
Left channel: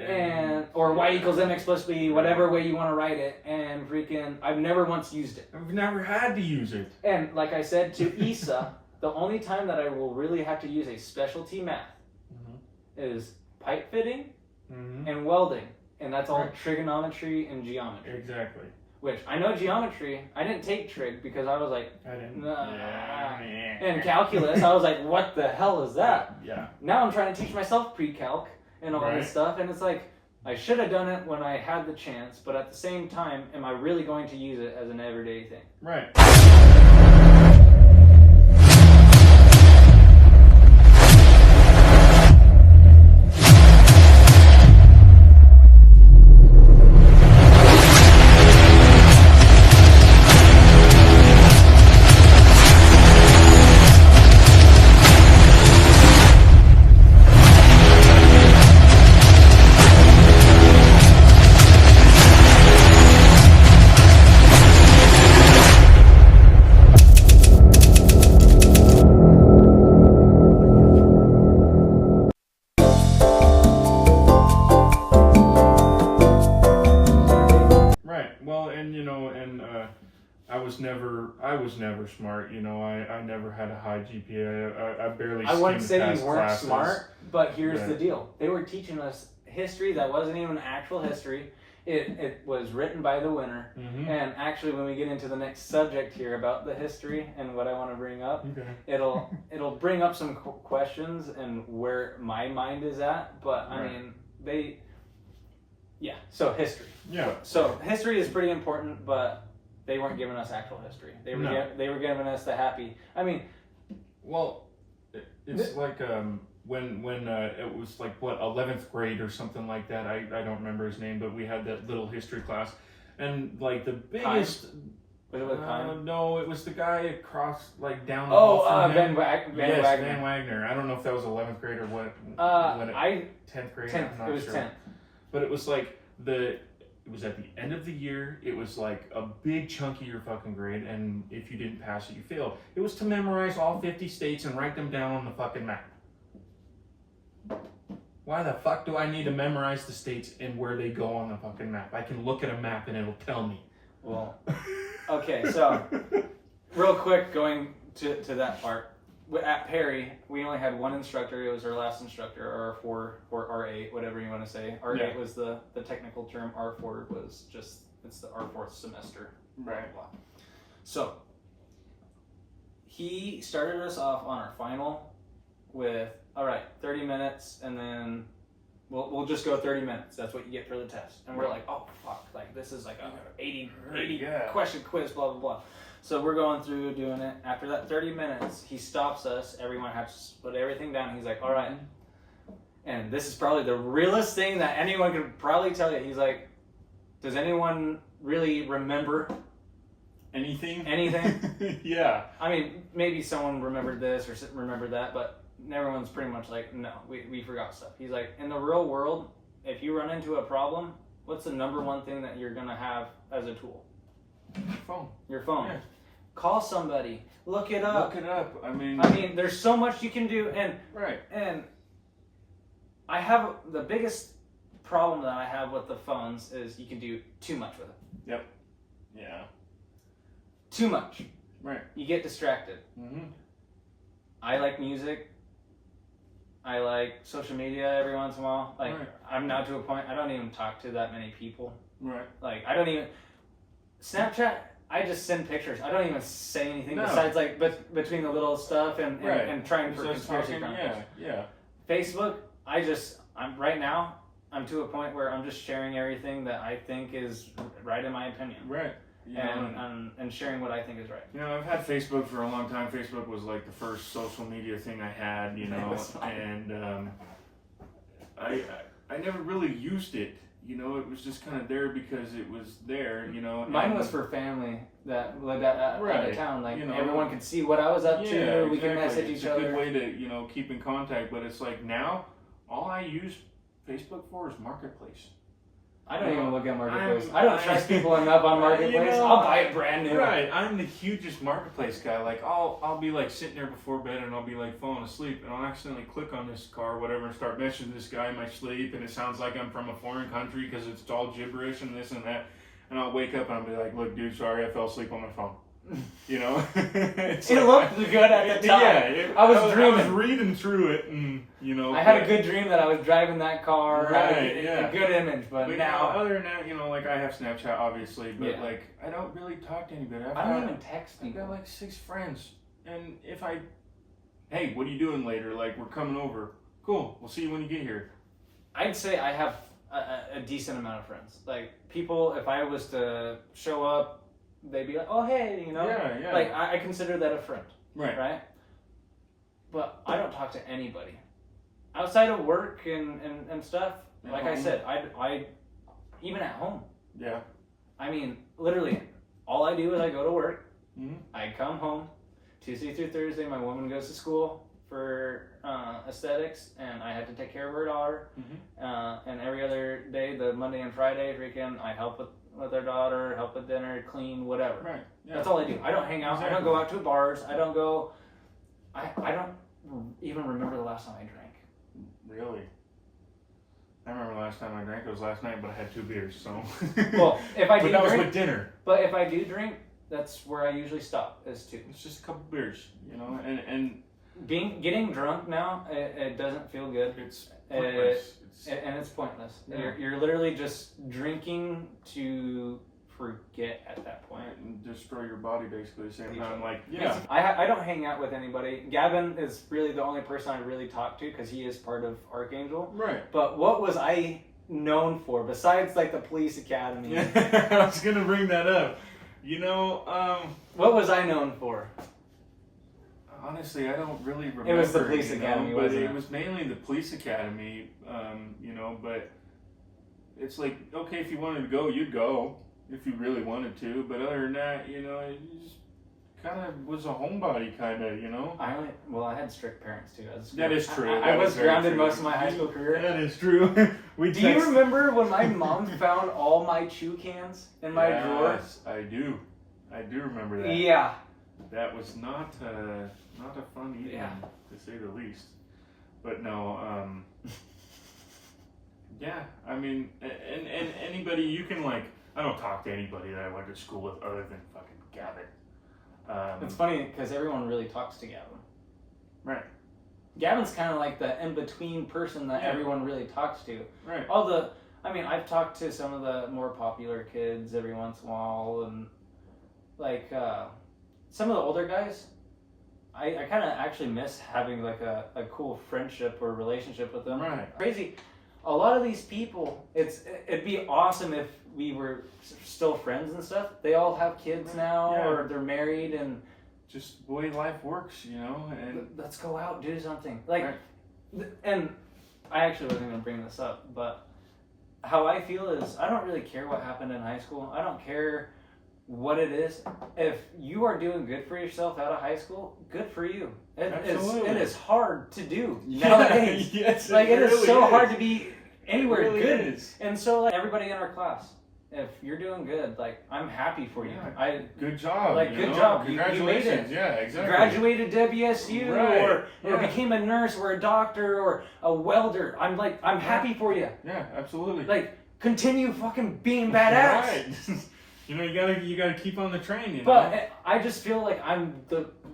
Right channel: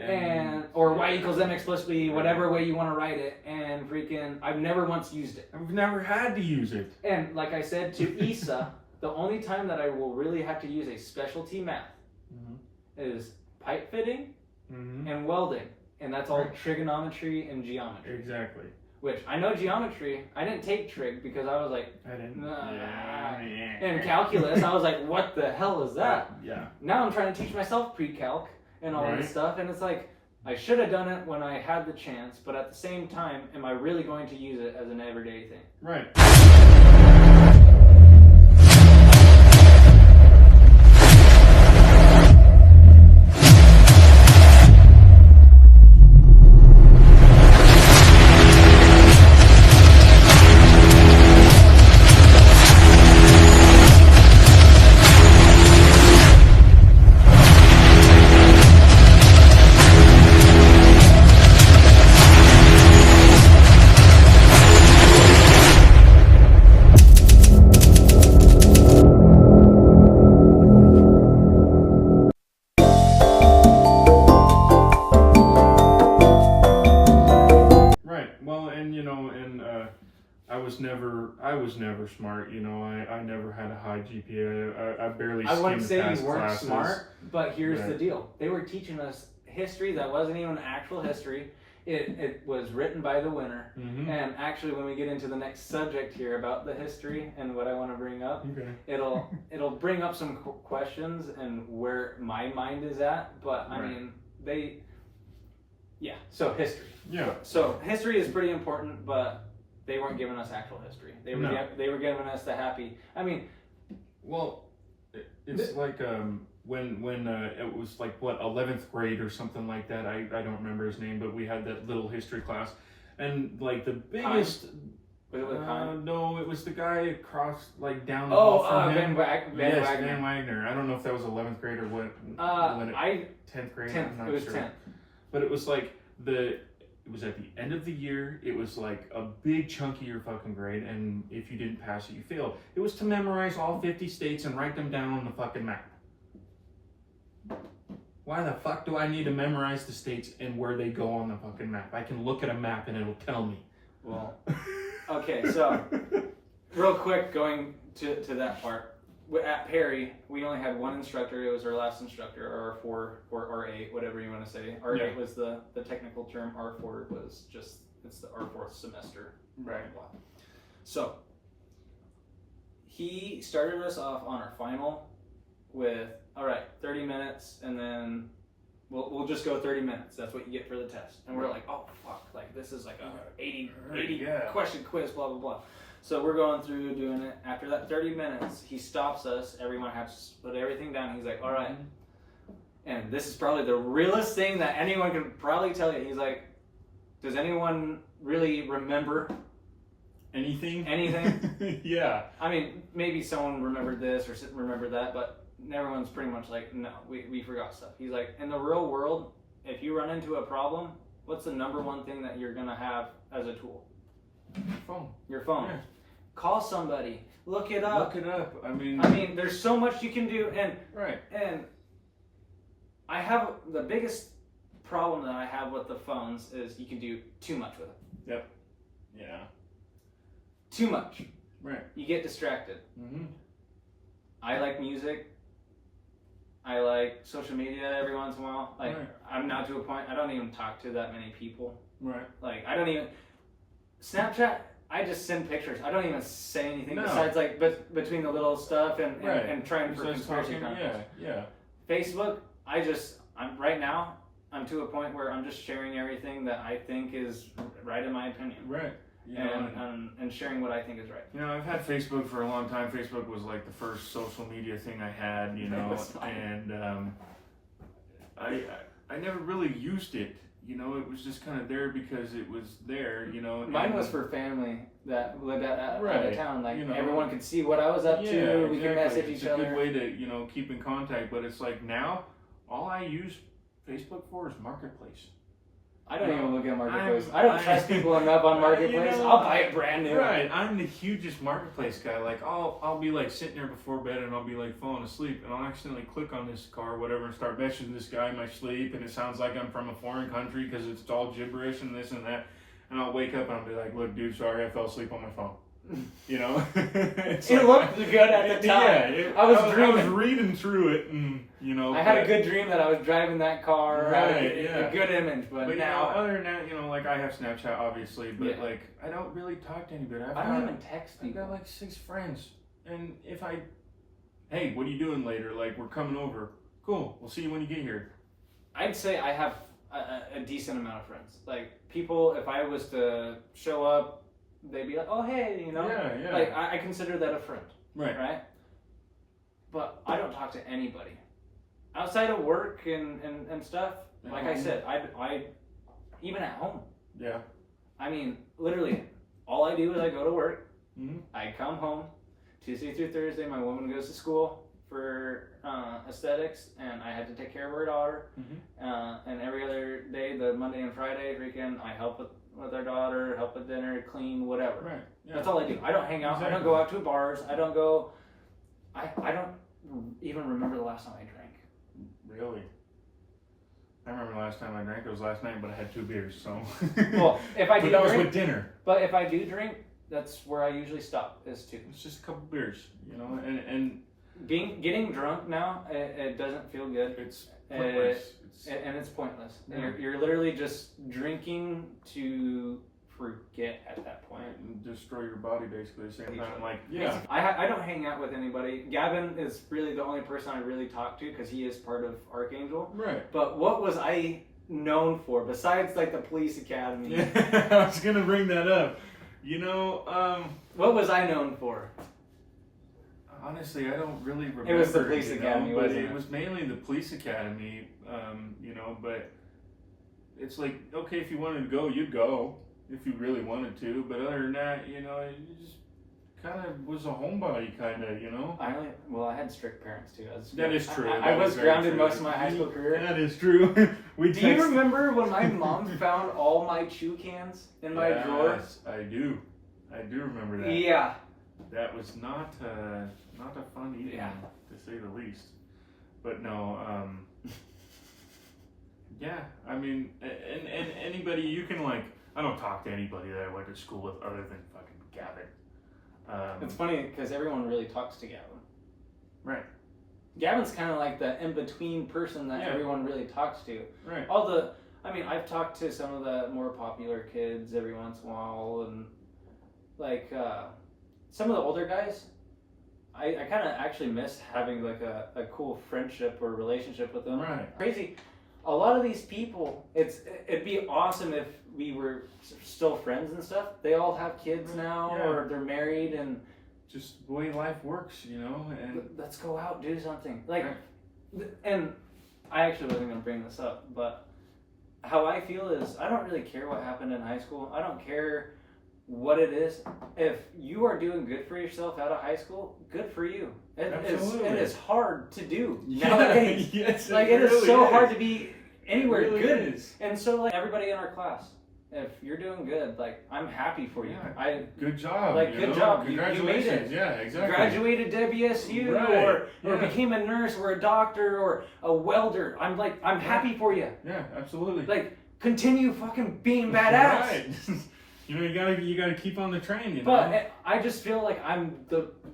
and or y equals mx plus b, whatever way you want to write it, and freaking I've never once used it. I've never had to use it. And like I said to Issa, the only time that I will really have to use a specialty math is pipe fitting and welding. And that's all trigonometry and geometry. Exactly. Which I know geometry. I didn't take trig because I was like, I didn't. nah. And calculus, I was like, what the hell is that? Yeah. Now I'm trying to teach myself pre-calc and all this stuff, and it's like, I should have done it when I had the chance, but at the same time, am I really going to use it as an everyday thing? Right. I was never smart, I never had a high GPA. I barely skimmed I wouldn't say past you weren't classes. smart, but here's the deal. They were teaching us history that wasn't even actual history. It was written by the winner. And actually, when we get into the next subject here about the history and what I want to bring up, it'll bring up some questions and where my mind is at. But I mean, so history. Yeah. So history is pretty important, but they weren't giving us actual history. They were giving us the happy. I mean, well, it's like when it was like 11th grade or something like that. I don't remember his name, but we had that little history class, and like the biggest Was it with Kanye? No, it was the guy across, like, down the Oh, hall from him. Van Yes, Wagner. Van Wagner. I don't know if that was 11th grade or what. 10th grade. 10th. I'm not It was sure. 10th. But it was like it was at the end of the year. It was like a big chunk of your fucking grade, and if you didn't pass it, you failed. It was to memorize all 50 states and write them down on the fucking map. Why the fuck do I need to memorize the states and where they go on the fucking map? I can look at a map and it'll tell me. Well, okay, so real quick, going to that part. At Perry, we only had one instructor. It was our last instructor, R4 or R8, whatever you want to say. R8 was the technical term. R4 was just, it's the our fourth semester. Right. Blah, blah. So, he started us off on our final with, all right, 30 minutes, and then we'll just go 30 minutes. That's what you get for the test. And we're like, oh, fuck, like, this is like a 80 question quiz, blah, blah, blah. So we're going through doing it. After that 30 minutes, he stops us. Everyone has to put everything down. He's like, all right. And this is probably the realest thing that anyone could probably tell you. He's like, does anyone really remember anything? Yeah. I mean, maybe someone remembered this or remembered that, but everyone's pretty much like, no, we forgot stuff. He's like, in the real world, if you run into a problem, what's the number one thing that you're going to have as a tool? Your phone. Yeah. Call somebody. Look it up. I mean, there's so much you can do, and I have the biggest problem that I have with the phones is you can do too much with it. Yep. Yeah. Too much. Right. You get distracted. Mm-hmm. I like music. I like social media every once in a while. Like, I'm now to a point I don't even talk to that many people. Right. Like, I don't even Snapchat. I just send pictures. I don't even say anything besides like between the little stuff and trying for conspiracy content. Yeah. Facebook. I'm right now. I'm to a point where I'm just sharing everything that I think is right in my opinion. Right. And sharing what I think is right. You know, I've had Facebook for a long time. Facebook was like the first social media thing I had, you know, and I never really used it. You know, it was just kind of there because it was there, you know. Mine was for family that lived out of town. Like, you know, everyone could see what I was up to. We can message each other. It's a good way to, you know, keep in contact. But it's like now, all I use Facebook for is Marketplace. I don't even look at Marketplace. I don't trust people enough on Marketplace. You know, I'll buy it brand new. Right. I'm the hugest Marketplace guy. Like, I'll be like sitting there before bed and I'll be like falling asleep and I'll accidentally click on this car or whatever and start messaging this guy in my sleep and it sounds like I'm from a foreign country because it's all gibberish and this and that. And I'll wake up and I'll be like, look, dude, sorry, I fell asleep on my phone. You know, it looked good at the time. Yeah, I was dreaming. I was reading through it, and you know, I had a good dream that I was driving that car. Right, a good image, but now, you know, other than that, you know, like I have Snapchat, obviously, but like I don't really talk to anybody. I don't even text people. I've got like 6 friends, and if hey, what are you doing later? Like, we're coming over. Cool. We'll see you when you get here. I'd say I have a decent amount of friends. Like, people, if I was to show up, they'd be like, oh, hey, you know? Yeah. Like, I consider that a friend. Right? But I don't talk to anybody. Outside of work and stuff, like I said, I even at home. Yeah. I mean, literally, all I do is I go to work. Mm-hmm. I come home. Tuesday through Thursday, my woman goes to school for aesthetics, and I had to take care of her daughter. Mm-hmm. And every other day, the Monday and Friday, I help with our daughter, help with dinner, clean, whatever. Right. Yeah. That's all I do. I don't hang out. Exactly. I don't go out to bars. I don't go. I don't even remember the last time I drank. Really? I remember the last time I drank. It was last night, but I had 2 beers. So. Well, if I do that was drink, with dinner. But if I do drink, that's where I usually stop. Is 2. It's just a couple beers, you know, and getting drunk now, it doesn't feel good. It's pointless. And it's pointless. Yeah. You're literally just drinking to forget at that point. Right, and destroy your body basically at the same time. Like, yeah. I don't hang out with anybody. Gavin is really the only person I really talk to because he is part of Archangel. Right. But what was I known for besides like the police academy? Yeah, I was gonna bring that up. You know, what was I known for? Honestly, I don't really remember. It was the police academy, but wasn't it? It was mainly the police academy. You know, but it's like, okay, if you wanted to go, you'd go. if you really wanted to. But other than that, you know, it just kind of was a homebody, kind of, you know. I had strict parents too. That is true. I That was is very grounded true. most of my high school career. That is true. Do you remember when my mom found all my chew cans in my drawer? Yes, I do. I do remember that. Yeah. That was not a fun evening, to say the least. But no, yeah. I mean, and anybody you can like. I don't talk to anybody that I went to school with other than fucking Gavin. It's funny because everyone really talks to Gavin. Right. Gavin's kind of like the in-between person that everyone really talks to. Right. I've talked to some of the more popular kids every once in a while, and like some of the older guys, I kind of actually miss having like a cool friendship or relationship with them. Right. Crazy. A lot of these people, it'd be awesome if we were still friends and stuff. They all have kids now, or they're married, and just the way life works, you know. And let's go out, do something. Like, and I actually wasn't gonna bring this up, but how I feel is I don't really care what happened in high school. I don't care what it is. If you are doing good for yourself out of high school, good for you. It is hard to do nowadays. Yes, like it is really so is. hard to be anywhere It really good. is. And so like everybody in our class, if you're doing good, like I'm happy for you. Yeah. Good job. Like good job. Congratulations. You made it. Yeah, exactly. Graduated WSU or became a nurse or a doctor or a welder. I'm happy for you. Yeah, absolutely. Like continue fucking being badass. Right. You know, you gotta keep on the train, you know. But I just feel like I'm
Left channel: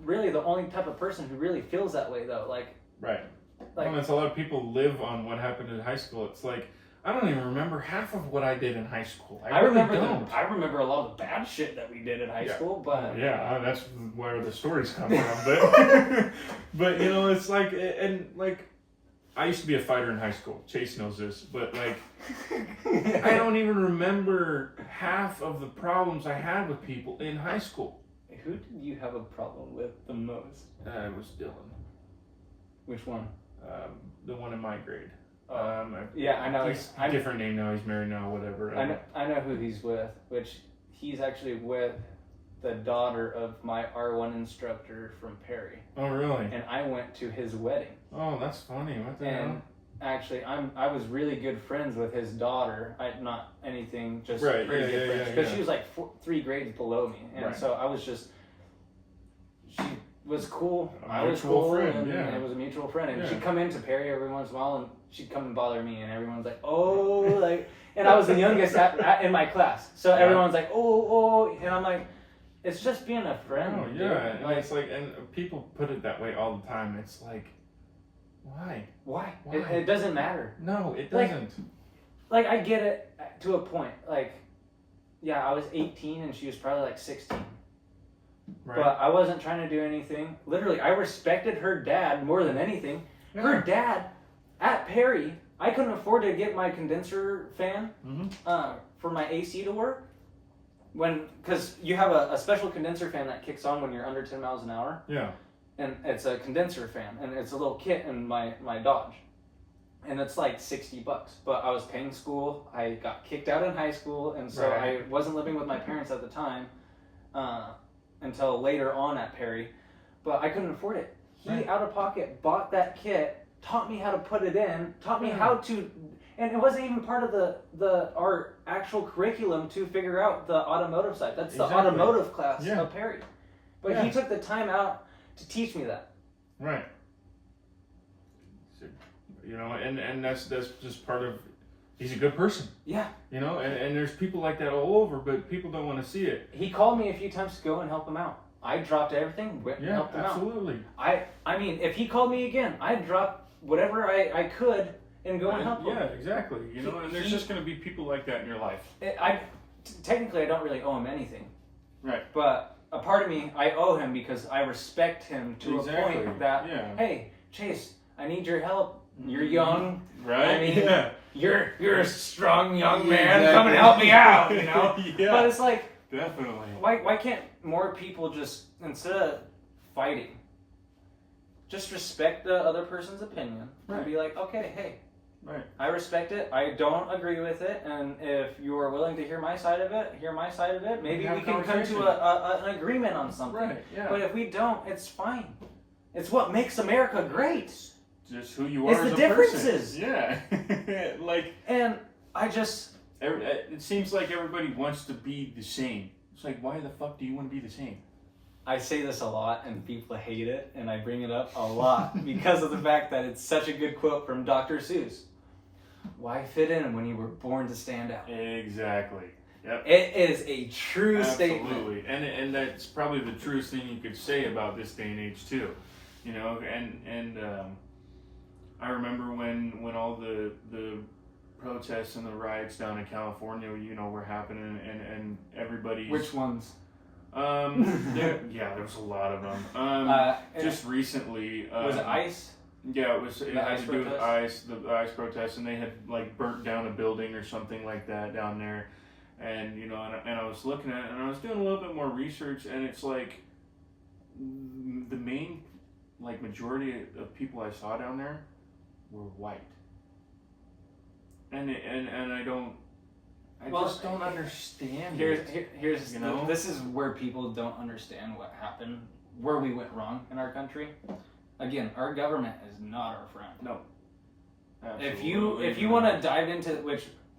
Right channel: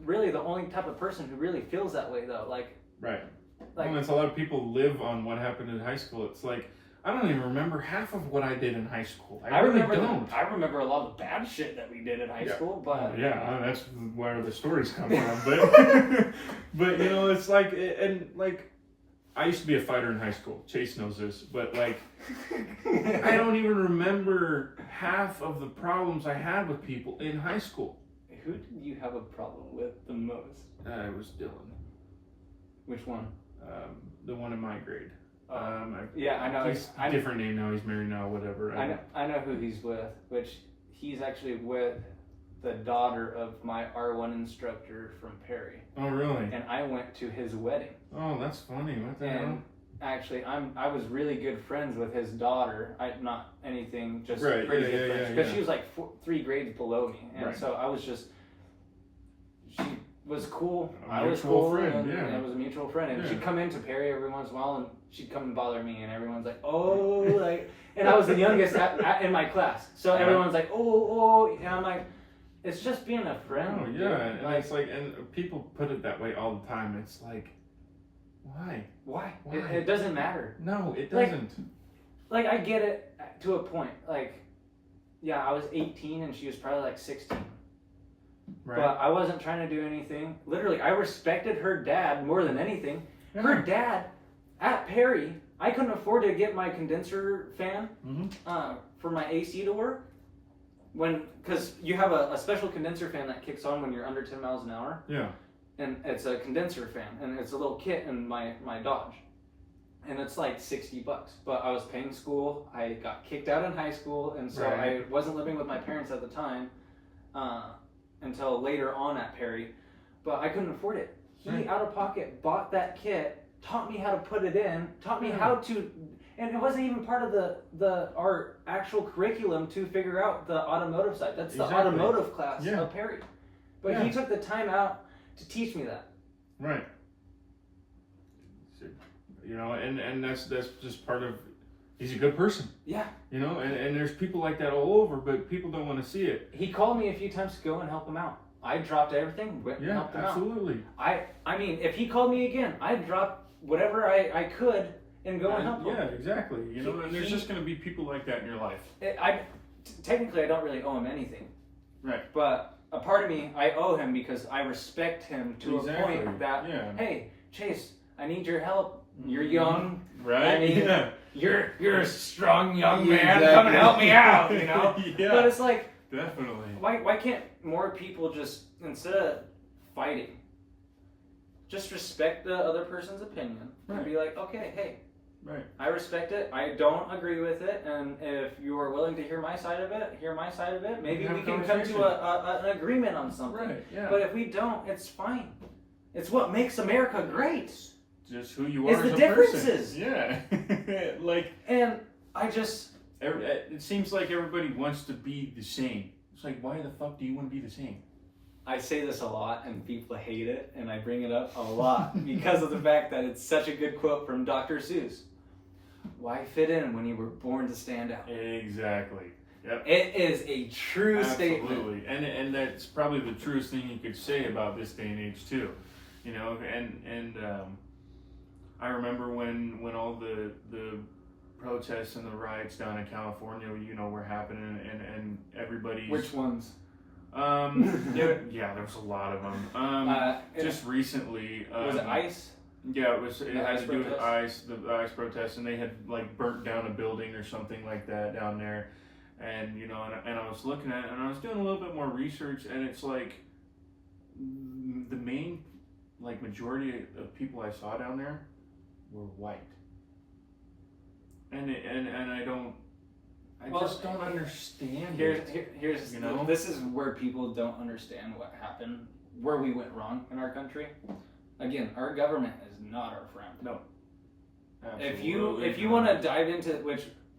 really the only type of person who really feels that way though. Like well, there's a lot of people live on what happened in high school. It's like I don't even remember half of what I did in high school. I really don't. I remember a lot of the bad shit that we did in high school, but that's where the stories come from. But but you know, it's like I used to be a fighter in high school. Chase knows this, but like I don't even remember half of the problems I had with people in high school. Who did you have a problem with the most? It was Dylan. Which one? The one in my grade. I know. He's a different name now. He's married now. Whatever. I know who he's with. Which he's actually with the daughter of my R1 instructor from Perry. Oh, really? And I went to his wedding. Oh, that's funny. What the hell? Actually, I was really good friends with his daughter. Not anything, just right. pretty good friends. Because she was like 3 grades below me, and so I was just. She was cool. I was cool, friend, and it was a mutual friend. And she'd come into Perry every once in a while, and she'd come and bother me, and everyone's like, "Oh," like, and I was the youngest in my class, so everyone's like, "Oh," and I'm like, "It's just being a friend." Oh yeah, and like, it's like, and people put it that way all the time. It's like. Why? It doesn't matter. No, it doesn't. Like I get it to a point. Like, I was 18 and she was probably like 16. Right. But I wasn't trying to do anything. Literally, I respected her dad more than anything. Yeah. Her dad at Perry, I couldn't afford to get my condenser fan for my AC to work. Because you have a special condenser fan that kicks on when you're under 10 miles an hour. Yeah. And it's a condenser fan, and it's a little kit in my Dodge, and it's like $60. But I was paying school. I got kicked out in high school, and so I wasn't living with my parents at the time until later on at Perry. But I couldn't afford it. He out of pocket bought that kit, taught me how to put it in, taught me how to, and it wasn't even part of our actual curriculum to figure out the automotive side. That's the automotive class of Perry. But he took the time out to teach me that. Right. So, you know, and that's just part of, he's a good person. Yeah. You know, and there's people like that all over, but people don't want to see it. He called me a few times to go and help him out. I dropped everything, went and helped him absolutely. out. I mean, if he called me again, I'd drop whatever I could and go and help him. Yeah, exactly. You know, and there's just going to be people like that in your life. Technically, I don't really owe him anything. Right. But a part of me, I owe him because I respect him to a point that, hey, Chase, I need your help. You're young. Right. I mean, you're a strong young man. Come and help me out, you know? But it's like, definitely. Why can't more people just, instead of fighting, just respect the other person's opinion and be like, okay, hey, Right. I respect it. I don't agree with it, and if you're willing to hear my side of it, Maybe we can come to an agreement on something. Right, yeah. But if we don't, it's fine. It's what makes America great. Just who you are It's as the a person. differences. Yeah. Like, And I just... it seems like everybody wants to be the same. It's like, why the fuck do you want to be the same? I say this a lot, and people hate it, and I bring it up a lot because of the fact that it's such a good quote from Dr. Seuss. Why fit in when you were born to stand out? Exactly. Yep. It is a true statement. Absolutely. And that's probably the truest thing you could say about this day and age too. You know, and I remember when all the protests and the riots down in California, you know, were happening, and everybody's... Which ones? there was a lot of them. Just recently, was it ICE? Yeah, it had to do with the ICE protests, and they had like burnt down a building or something like that down there, and you know, and I was looking at it, and I was doing a little bit more research, and it's like the main majority of people I saw down there were white, and I just don't understand. Here's you know? this is where people don't understand what happened, where we went wrong in our country. Again, our government is not our friend. No. Absolutely. If you want to dive into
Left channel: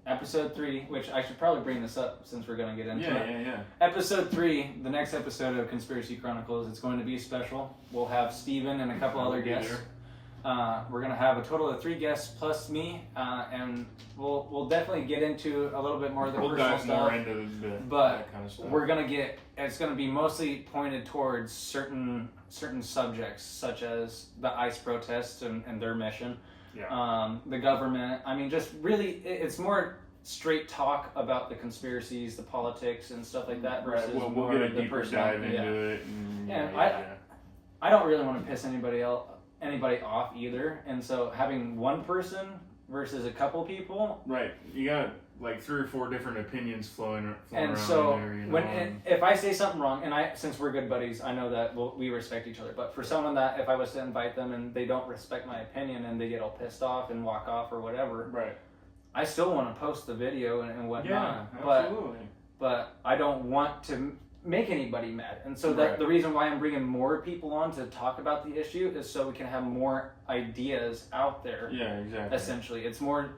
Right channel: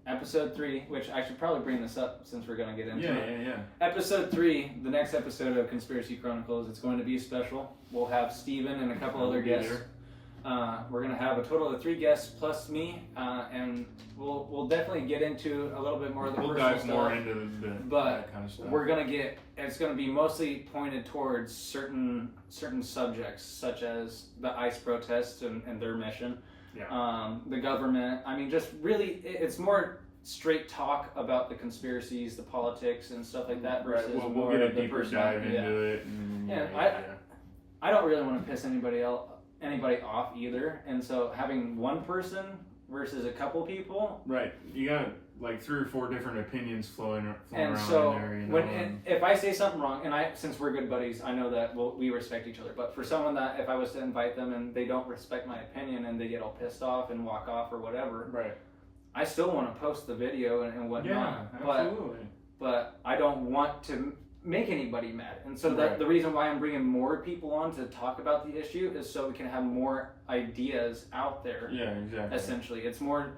episode 3, which I should probably bring this up since we're going to get into it. Yeah. Episode 3, the next episode of Conspiracy Chronicles, it's going to be special. We'll have Steven and a couple other guests. We're going to have a total of 3 guests plus me, and we'll definitely get into a little bit more of the personal dive stuff. more into that kind of stuff. We're going to it's going to be mostly pointed towards certain subjects, such as the ICE protests and their mission. Yeah. The government. I mean, just really, it's more straight talk about the conspiracies, the politics, and stuff like that. Versus we'll get a deeper dive into it. And I don't really want to piss anybody off either, and so having one person versus a couple people. Right. You got like 3 or 4 different opinions flowing and around so in there. You know, if I say something wrong, and since we're good buddies, I know that we respect each other. But for someone that if I was to invite them and they don't respect my opinion and they get all pissed off and walk off or whatever, right? I still want to post the video and whatnot. Yeah, absolutely. But I don't want to make anybody mad, and so the reason why I'm bringing more people on to talk about the issue is so we can have more ideas out there. Yeah, exactly. Essentially, it's more,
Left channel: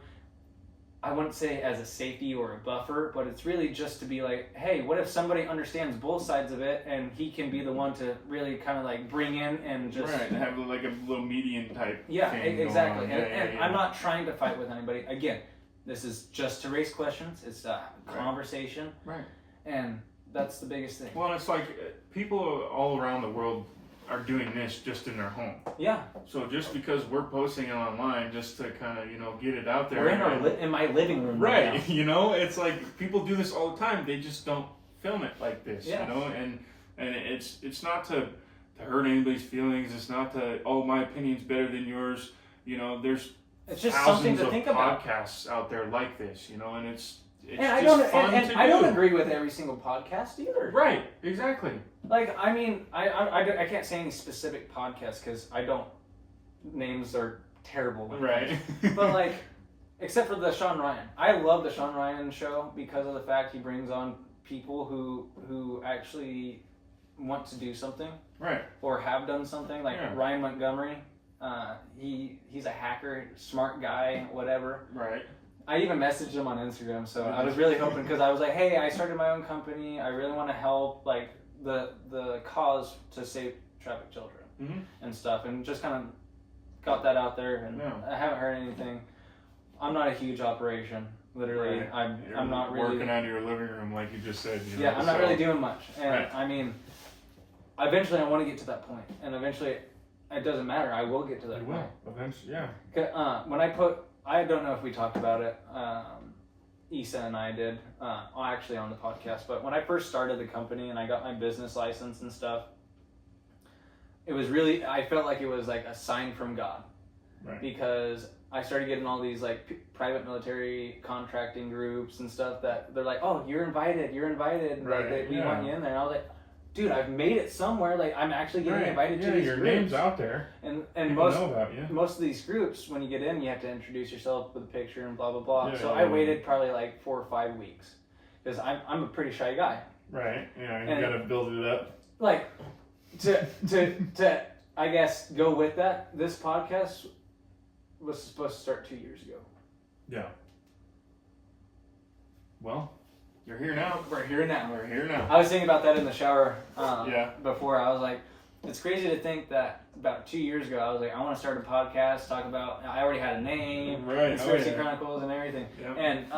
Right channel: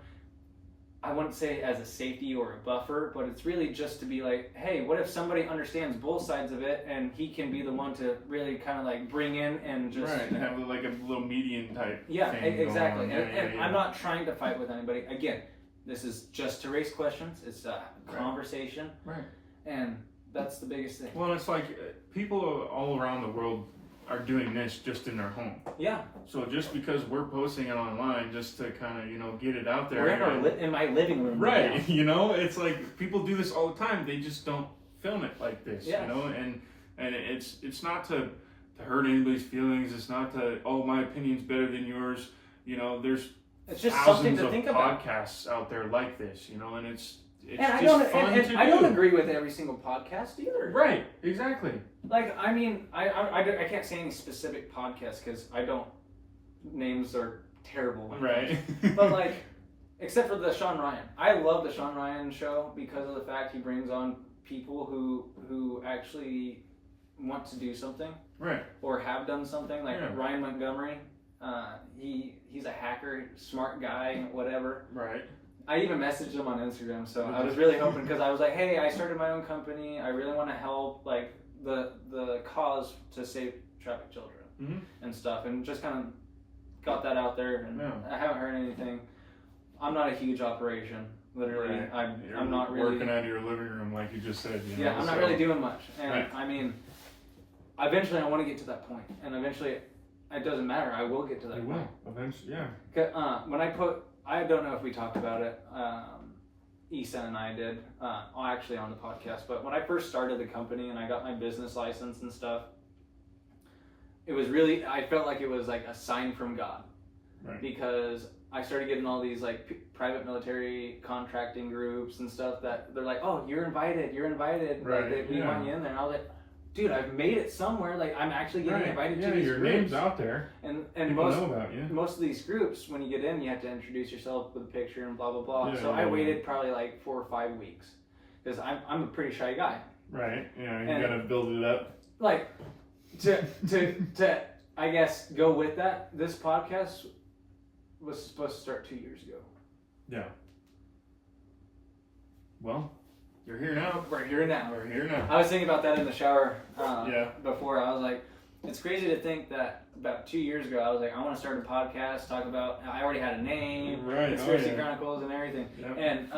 I wouldn't say as a safety or a buffer, but it's really just to be like, hey, what if somebody understands both sides of it, and he can be the one to really kind of like bring in and just have like a little median type. Yeah, thing exactly. Going on. And I'm not trying to fight with anybody. Again, this is just to raise questions. It's a conversation, right? And that's the biggest thing. Well, it's like people all around the world are doing this just in their home. Yeah. So just because we're posting it online just to kind of, get it out there. We're in my living room. Right. Right now. It's like people do this all the time. They just don't film it like this, Yeah. and it's not to hurt anybody's feelings. It's not to, my opinion's better than yours. There's it's just thousands something to of think about. podcasts out there like this, and it's and I just fun to do. I don't agree with every single podcast either. Right, exactly. Like, I mean, I can't say any specific podcasts because I don't, names are terrible. Right. But like, except for the Sean Ryan. I love the Sean Ryan show because of the fact he brings on people who actually want to do something. Right. Or have done something. Like Ryan Montgomery. He's a hacker, smart guy, whatever. Right. I even messaged him on Instagram, so I was really hoping, because I was like, hey, I started my own company. I really want to help like the cause to save trafficked children and stuff, and just kind of got that out there. And I haven't heard anything. I'm not a huge operation. Literally, I'm not really working out of your living room, like you just said. I'm not really doing much, and I mean, eventually I want to get to that point, and eventually, it doesn't matter. I will get to that point. Eventually, yeah. When I don't know if we talked about it. Eason and I did, actually on the podcast. But when I first started the company and I got my business license and stuff, it was really, I felt like it was like a sign from God, because I started getting all these like private military contracting groups and stuff that they're like, oh, you're invited, right? like we want you in there. And I was like, dude, I've made it somewhere. Like, I'm actually getting invited to these your groups. name's out there. And People know about you. most of these groups, when you get in, you have to introduce yourself with a picture and blah blah blah. Yeah, so yeah, I waited probably like 4 or 5 weeks because I'm a pretty shy guy. Right. You got to build it up. Like to I guess go with that. This podcast was supposed to start 2 years ago. Yeah. Well, you're here now. We're here now. We're here now. I was thinking about that in the shower Yeah. before. I was like, it's crazy to think that about 2 years ago, I was like, I want to start a podcast, talk about, I already had a name, Right. Conspiracy Chronicles and everything. Yep. And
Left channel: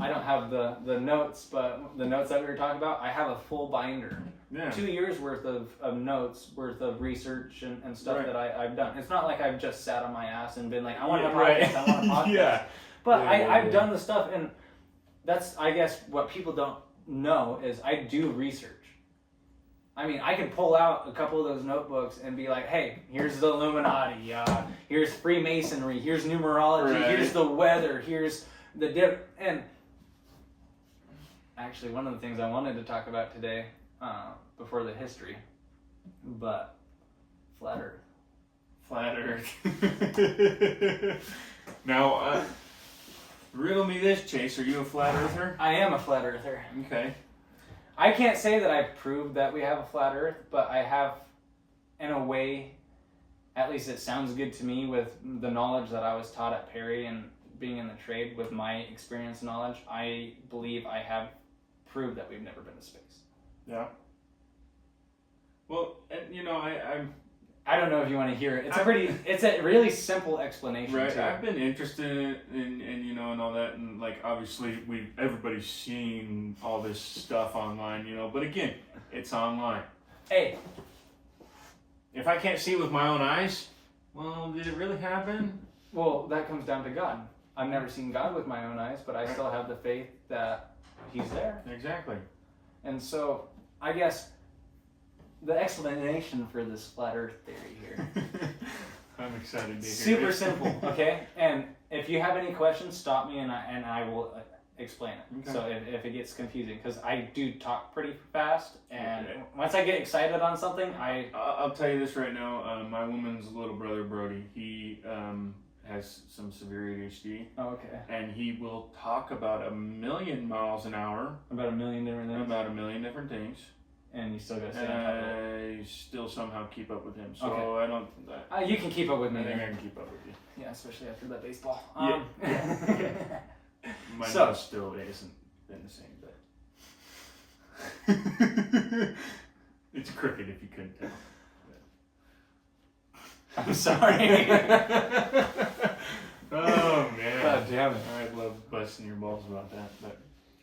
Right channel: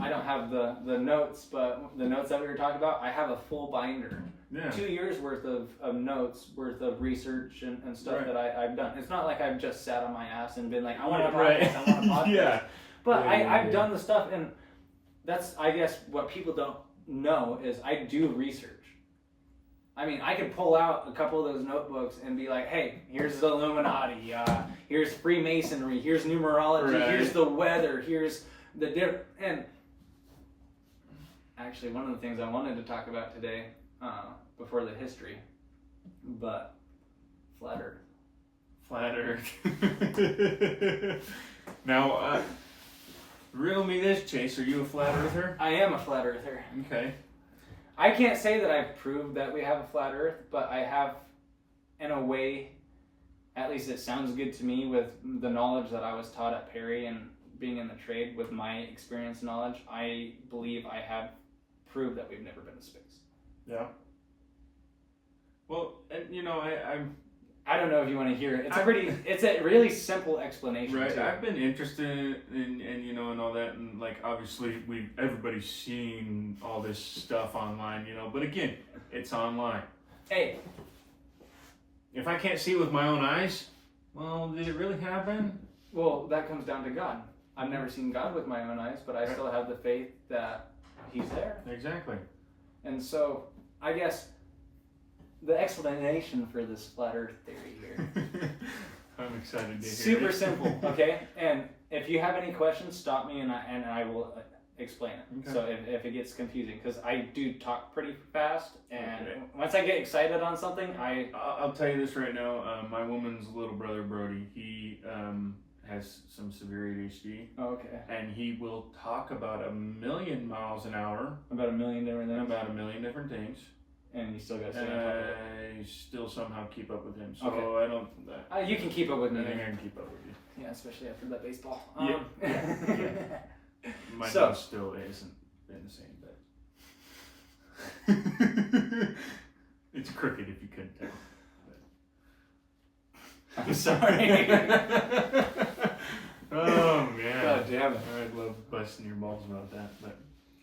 I don't have the notes, but the notes that we were talking about, I have a full binder. Yeah. 2 years worth of notes, worth of research and stuff Right. that I've done. It's not like I've just sat on my ass and been like, I want a podcast, Right. I want a podcast. Yeah. But Yeah, I've yeah. done the stuff, and that's, I guess, what people don't know is I do research. I mean, I could pull out a couple of those notebooks and be like, hey, here's the Illuminati, here's Freemasonry, here's numerology, Right. here's the weather, here's the and actually, one of the things I wanted to talk about today, before the history, but flat Earth. Flat Earth. Now, riddle me this, Chase. Are you a flat earther? I am a flat earther. Okay. I can't say that I've proved that we have a flat Earth, but I have, in a way, at least it sounds good to me with the knowledge that I was taught at Perry and being in the trade with my experience and knowledge, I believe I have proved that we've never been to space. Yeah. Well, and I'm I don't know if you want to hear it. It's a really simple explanation. right. Too. I've been interested in and all that, and like obviously everybody's seen all this stuff online, but again, it's online. Hey, If I can't see it with my own eyes, well, did it really happen? well, that comes down to God. I've never seen God with my own eyes, but I still have the faith that He's there. Exactly. And so, I guess the explanation for this flat Earth theory here. I'm excited to hear Super it. simple, okay? And if you have any questions, stop me and I will explain it. Okay. So if it gets confusing, because I do talk pretty fast, and Okay. once I get excited on something, I'll tell you this right now. My woman's little brother Brody, he has some severe ADHD, okay, and he will talk about 1,000,000 miles an hour about 1,000,000 different things, about 1,000,000 different things. and you still got to stay on top of it. I still somehow keep up with him, so Okay. I don't. You can keep up with I me. think I can keep up with you. Yeah, especially after that baseball. Yeah, My So- nose still isn't been the same, but it's crooked if you couldn't tell. I'm sorry. Oh man! God damn it. I'd love busting your balls about that, but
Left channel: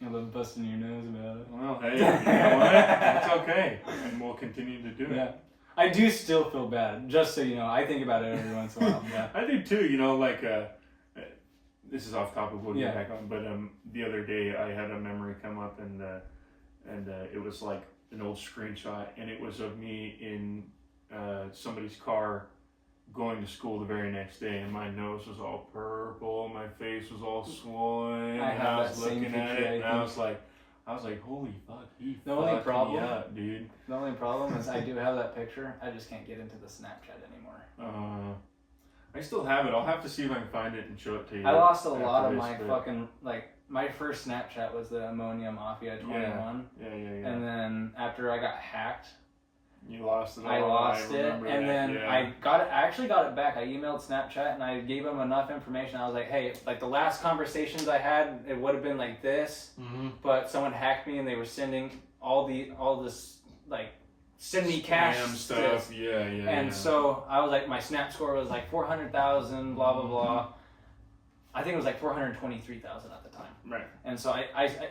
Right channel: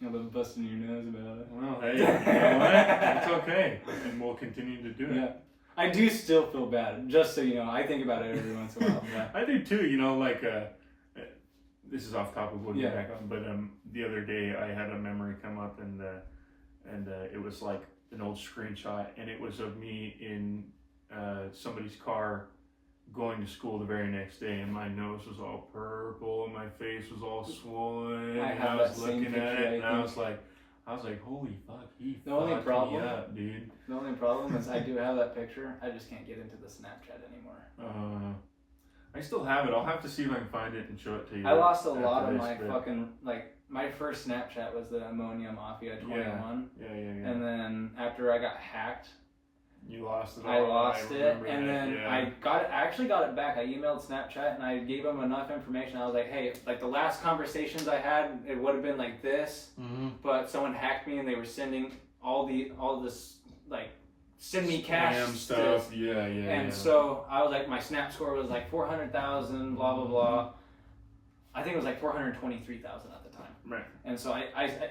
I love busting your nose about it. well, hey, you know what? It's okay, and we'll continue to do it. Yeah. I do still feel bad, just so you know. I think about it every once in a while. Yeah. I do too. This is off topic. We'll get Yeah. back on. But the other day I had a memory come up, and it was like an old screenshot, and it was of me in somebody's car going to school the very next day, and my nose was all purple, my face was all swollen, I and have I was that same looking at picture, it, I and I think. was like, holy fuck, he The only fucked problem- me up, dude. The only problem is I do have that picture. I just can't get into the Snapchat anymore. I still have it. I'll have to see if I can find it and show it to you. I lost a after lot of this, my but- fucking, my first Snapchat was the Ammonia Mafia 21. Yeah. And then after I got hacked, You lost it all. I lost it, remember and that, then yeah. I actually got it back. I emailed Snapchat and I gave them enough information. I was like, hey, like the last conversations I had, it would have been like this, but someone hacked me and they were sending all this, like, send me cash Spam stuff. Yeah. And so I was like, my Snap score was like 400,000, blah, blah, blah. I think it was like 423,000 at the time. Right. And so I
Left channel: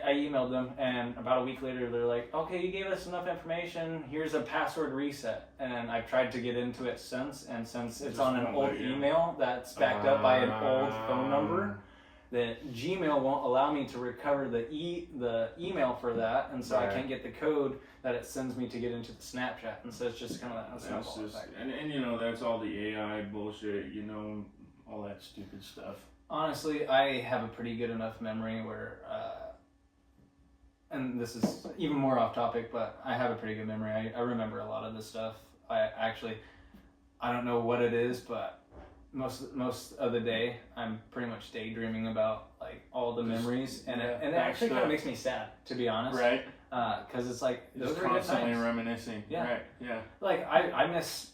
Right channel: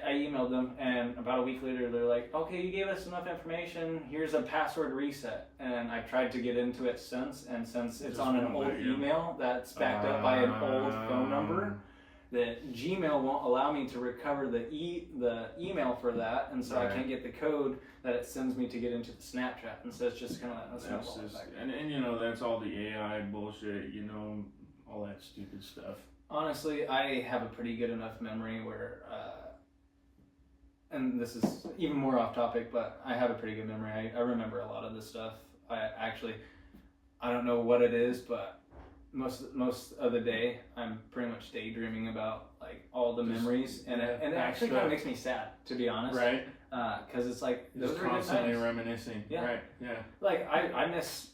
emailed them, and about a week later, they're like, okay, you gave us enough information. Here's a password reset. And I've tried to get into it since, and since it's Just on an won't old let you. email that's backed up by an old phone number, that Gmail won't allow me to recover the email for that, and so I Right. can't get the code that it sends me to get into the Snapchat. And so it's just kind of that That's snowball just, effect. and that's all the AI bullshit, all that stupid stuff. Honestly, I have a pretty good enough memory where, and this is even more off topic, but I have a pretty good memory. I remember a lot of this stuff. I don't know what it is, but most of the day I'm pretty much daydreaming about like all the memories, and it actually kind of makes me sad, to be honest. Right. Because it's like those Just are good constantly times. reminiscing. Yeah. Right. Yeah. Like I miss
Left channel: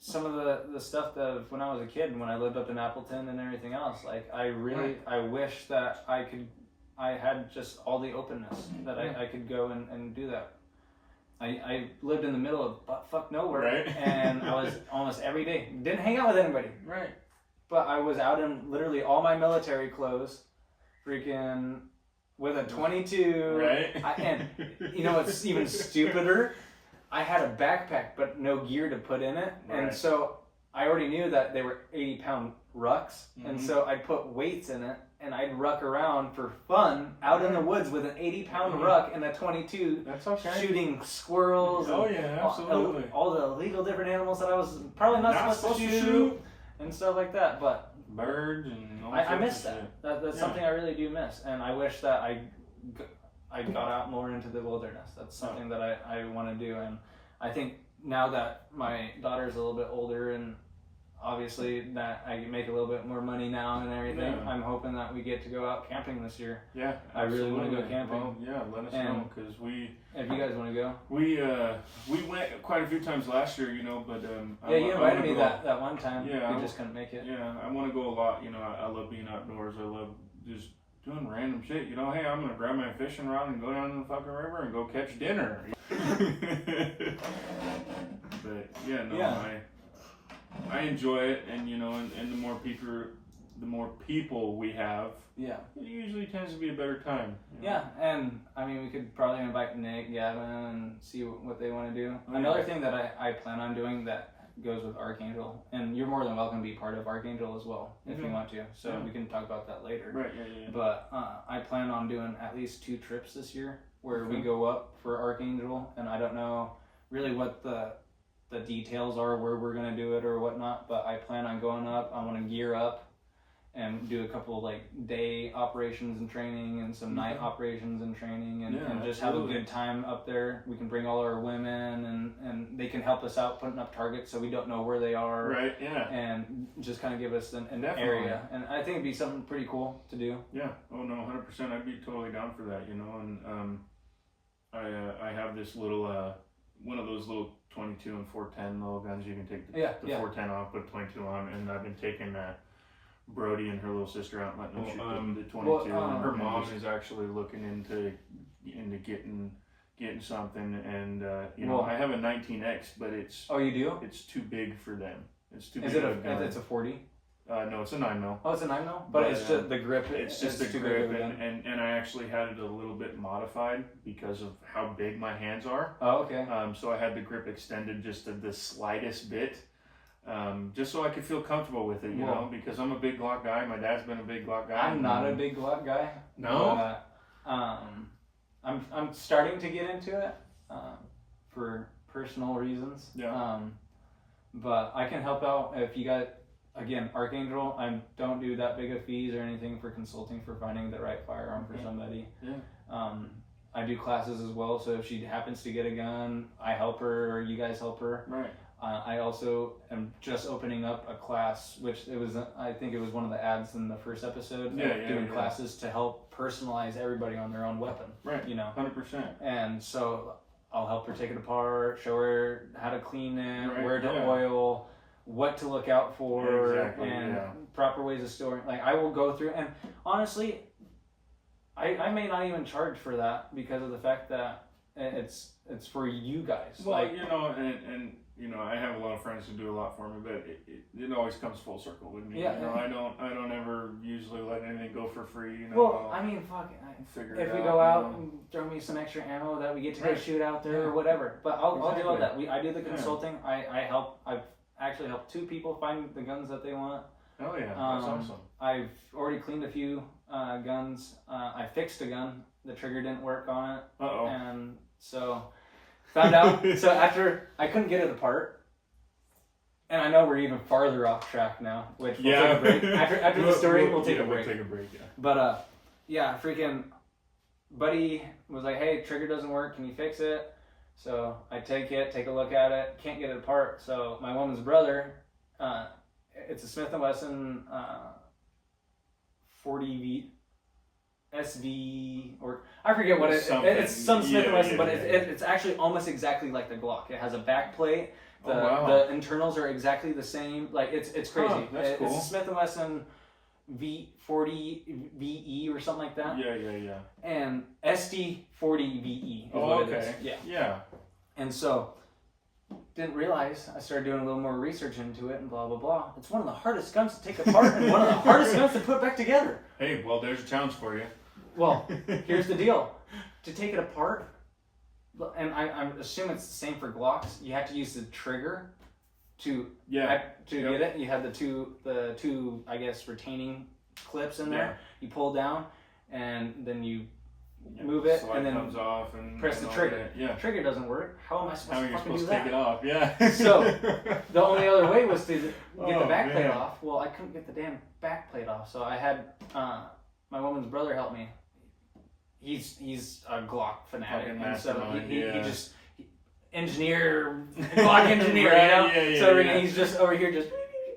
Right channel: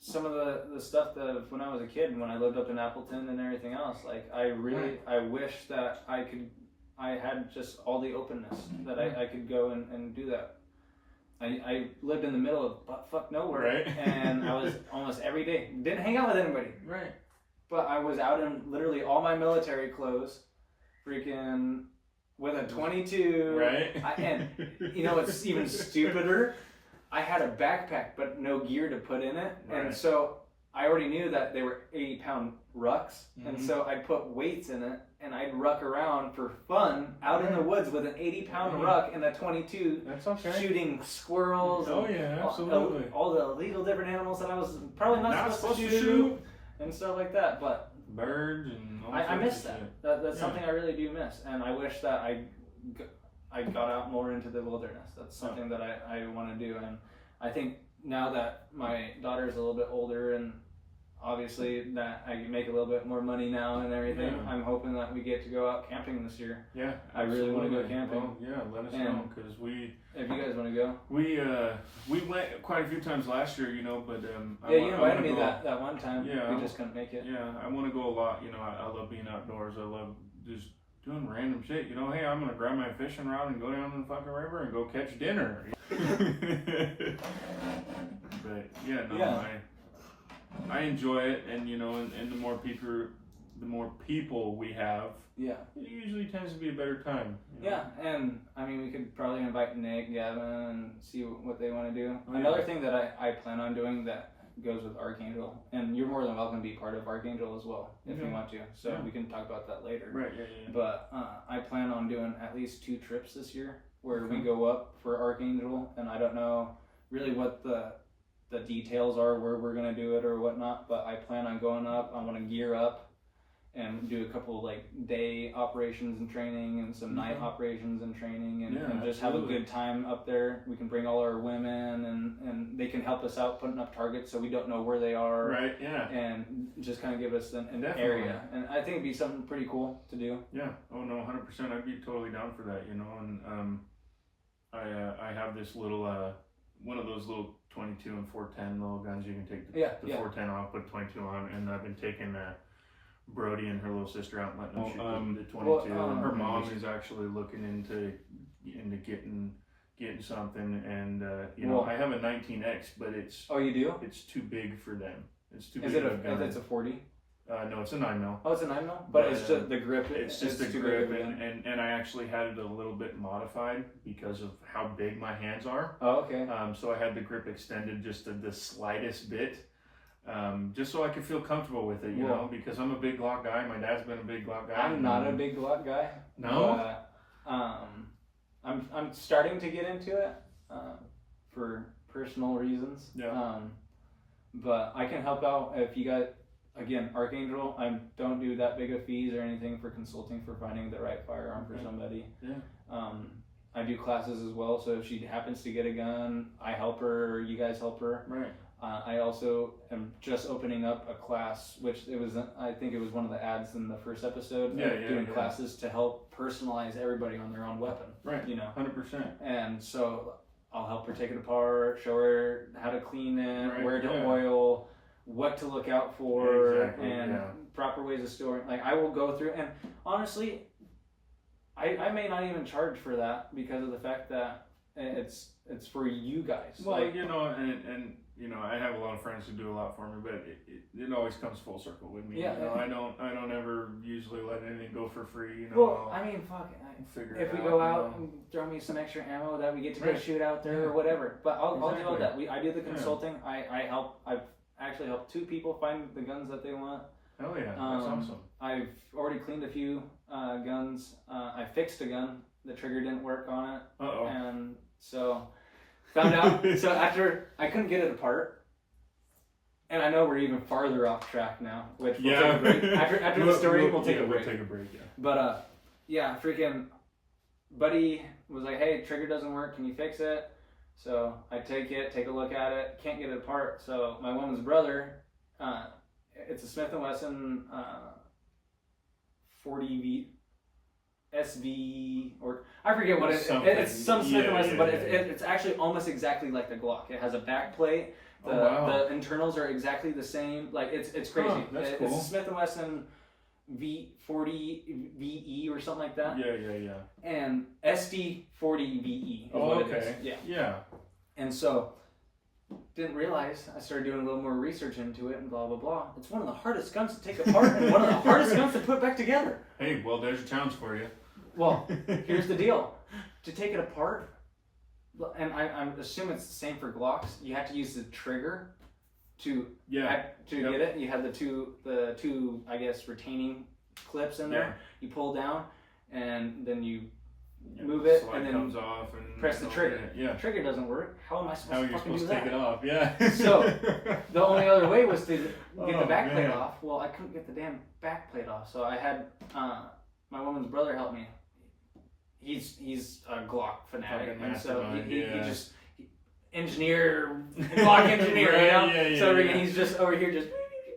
some of the stuff that when I was a kid, when I lived up in Appleton and everything else. Like I wish that I had just all the openness that I could go and do that. I lived in the middle of butt-fuck nowhere, Right. and I was almost every day. Didn't hang out with anybody. Right. But I was out in literally all my military clothes, freaking with a 22. Right. And you know what's even stupider? I had a backpack, but no gear to put in it. Right. And so I already knew that they were 80-pound rucks. And Mhm. so I'd put weights in it, and I'd ruck around for fun out in the woods with an 80-pound Mhm. ruck and a 22, That's okay. shooting squirrels. Oh and yeah, absolutely. all the illegal different animals that I was probably not supposed to shoot and stuff like that. But Birds and all I sorts miss of that. shit. That's Yeah. something I really do miss, and I wish that I got out more into the wilderness. That's something that I want to do, and I think now that my daughter is a little bit older, and obviously that I can make a little bit more money now and everything, Yeah. I'm hoping that we get to go out camping this year. Yeah, I really wanna go absolutely. camping. Well, yeah, let us And- know because we If you guys want to go, went quite a few times last year, you know. But you invited me go, that one time. Yeah, We just couldn't make it. Yeah, I want to go a lot. You know, I love being outdoors. I love just doing random shit. You know, hey, I'm gonna grab my fishing rod and go down to the fucking river and go catch dinner. But yeah, no, Yeah. I enjoy it, and you know, and the more people we have, Yeah. it usually tends to be a better time. You know? Yeah, and I mean, we could probably invite Nick, Gavin, and see what they want to do. Oh, yeah. Another thing that I plan on doing that goes with Archangel, and you're more than welcome to be part of Archangel as well if you Yeah. want to. So Yeah. we can talk about that later. Right. Yeah. But I plan on doing at least 2 trips this year where we Okay. go up for Archangel, and I don't know really what the details are where we're gonna do it or whatnot. But I plan on going up. I want to gear up and do a couple like day operations and training and some night operations and training and, Yeah, and just have a absolutely. good time up there. We can bring all our women and they can help us out putting up targets so we don't know where they are. Right. Yeah. And just kind of give us an Definitely. area. And I think it'd be something pretty cool to do. Yeah. Oh no, 100%. I'd be totally down for that. You know, and I have this little one of those little 22 and 410 little guns you can take the Yeah. 410 off, put 22 on, and I've been taking Brody and her little sister out and letting them shoot the 22. well, her mom is actually looking into getting something, and you know, Well- I have a 19X, but Oh, you do? it's too big for them. It's too Is big it of a gun. it's a 40? No, it's a 9mm. Oh, it's a 9mm? But But, it's just the grip. It's just the too big grip, of a gun. and I actually had it a little bit modified because of how big my hands are. Oh, okay. So I had the grip extended just the slightest bit, just so I could feel comfortable with it, you know, because I'm a big Glock guy. My dad's been a big Glock guy. I'm not a big Glock guy. No? But, I'm starting to get into it for personal reasons. Yeah. But I can help out if you got, again, Archangel. I don't do that big of fees or anything for consulting for finding the right firearm for somebody. Yeah. I do classes as well, so if she happens to get a gun, I help her or you guys help her. Right. I also am just opening up a class, which I think it was one of the ads in the first episode, doing classes to help personalize everybody on their own weapon. Right. You know, 100%. and so I'll help her take it apart, show her how to clean it, Right, where to yeah. oil, what to look out for, Exactly, and yeah. proper ways of storing. Like I will go through, and honestly, I may not even charge for that because of the fact that it's for you guys. Well, like, you know, and you know, I have a lot of friends who do a lot for me, but it always comes full circle with me. Yeah, You know, I don't ever usually let anything go for free. You know, well, I mean, fuck it. figure If it we out, go you out know. and throw me some extra ammo that we get to go Right. shoot out there Yeah. or whatever, but I'll do all Exactly. that. I do the Yeah. consulting. I help. I've actually helped 2 people find the guns that they want. Hell yeah, that's Um, awesome. I've already cleaned a few guns. I fixed a gun. The trigger didn't work on it, Uh-oh. and so found out. So after I couldn't get it apart, and I know we're even farther off track now. Which we'll Yeah. take a break. After the story, we'll take a break. We'll take a break. Yeah. But yeah, freaking. buddy was like, hey, trigger doesn't work, can you fix it? So I take a look at it, can't get it apart. So my woman's brother, it's a Smith & Wesson 40V SV, or I forget what it's some Smith & Wesson, but it's actually almost exactly like the Glock. It has a back plate. The internals are exactly the same. Like it's crazy. That's cool. It's a Smith & Wesson V40 VE or something like that. Yeah. And SD 40 VE. Okay. Yeah. And so, didn't realize, I started doing a little more research into it and blah, blah, blah. It's one of the hardest guns to take apart and one of the hardest guns to put back together. Hey, well, there's a challenge for you. Well, here's the deal. To take it apart, and I assume it's the same for Glocks, you have to use the trigger to get it. You have the two, I guess, retaining clips in there. You pull down, and then you move it, and then comes off and press the trigger. Yeah. The trigger doesn't work. How am I supposed to fucking do take that? it off? Yeah. So the only other way was to get the back plate off. Well, I couldn't get the damn back plate off, so I had my woman's brother help me. He's a Glock fanatic, and so he just engineer, Glock engineer, you know. So he's just over here just.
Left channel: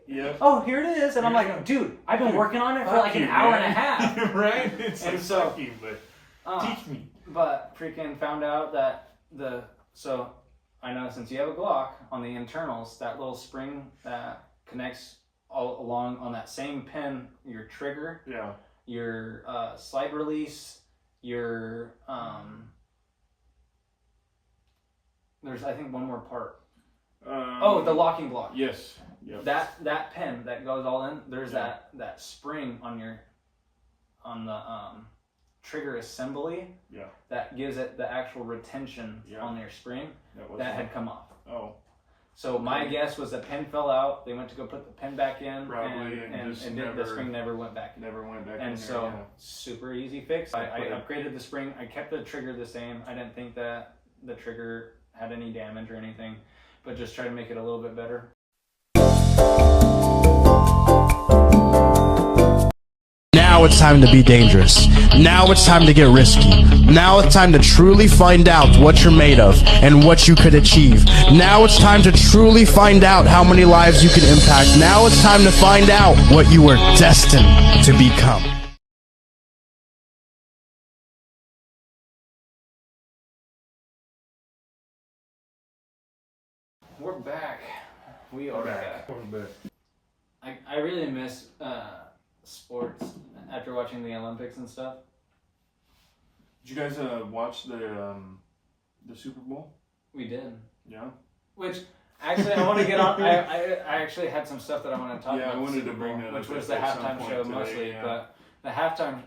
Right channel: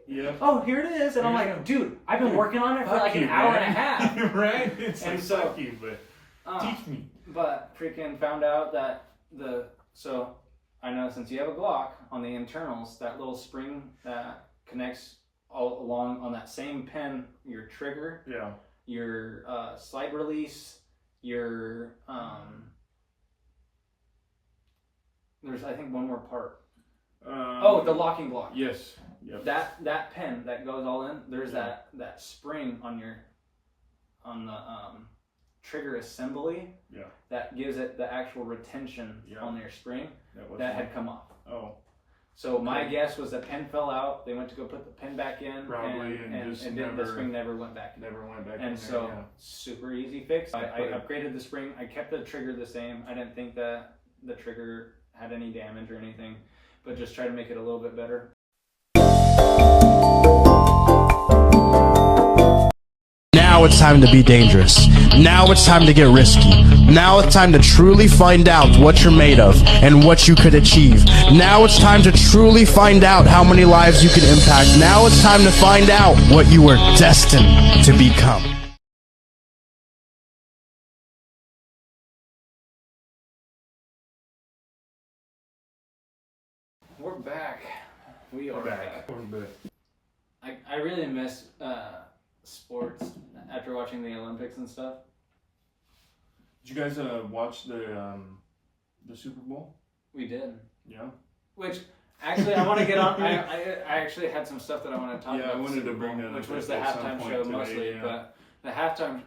Yep. Oh, here it is, and I'm like, dude, I've been working on it for like an hour and a half. Right? It's and like, so, fuck you, but teach me. But freaking found out that so I know since you have a Glock on the internals, that little spring that connects all along on that same pin, your trigger, your slide release, your there's I think one more part. The locking block. Yes. Yep. That pin that goes all in. There's that spring on the trigger assembly. Yeah. That gives it the actual retention on your spring that had come off. Oh. So my guess was the pin fell out. They went to go put the pin back in, probably, and the spring never went back in. Never went back in. And so super easy fix. I upgraded the spring. I kept the trigger the same. I didn't think that the trigger had any damage or anything, but just try to make it a little bit better. Now it's time to be dangerous. Now it's time to get risky. Now it's time to truly find out what you're made of and what you could achieve. Now it's time to truly find out how many lives you can impact. Now it's time to find out what you were destined to become. We're back. We are back. We're back. I really miss sports after watching the Olympics and stuff. Did you guys watch the Super Bowl? We did. Yeah. Which actually I want to get on. I actually had some stuff that I want to talk about. Yeah, I wanted to bring that up, which was the at some halftime point show today, mostly, but the halftime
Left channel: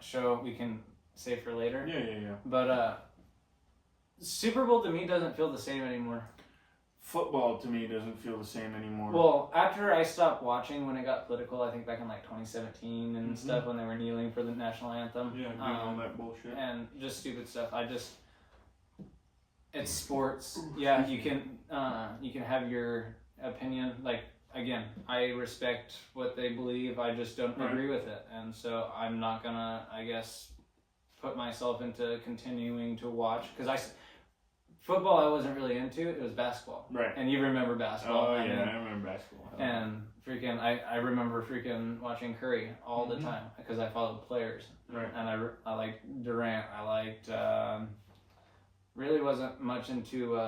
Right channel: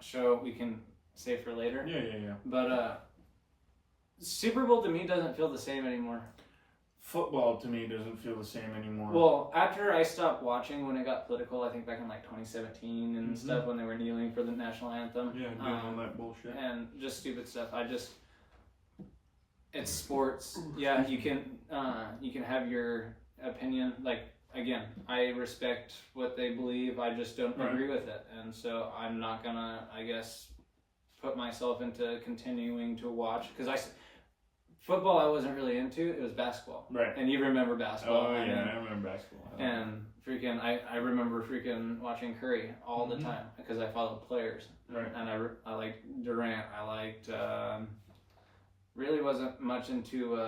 show we can save for later. Yeah. But Super Bowl to me doesn't feel the same anymore. Football to me doesn't feel the same anymore. Well, after I stopped watching when it got political, I think back in like 2017 and stuff when they were kneeling for the national anthem. Yeah, doing all that bullshit. And just stupid stuff. It's sports. Yeah, you can have your opinion. Like, again, I respect what they believe. I just don't agree with it. And so I'm not gonna, I guess, put myself into continuing to watch. Because football I wasn't really into. It was basketball. Right. And you remember basketball. Oh, yeah, I remember basketball. And freaking, I remember freaking watching Curry all the time because I followed players. Right. And I liked Durant. I liked, really wasn't much into,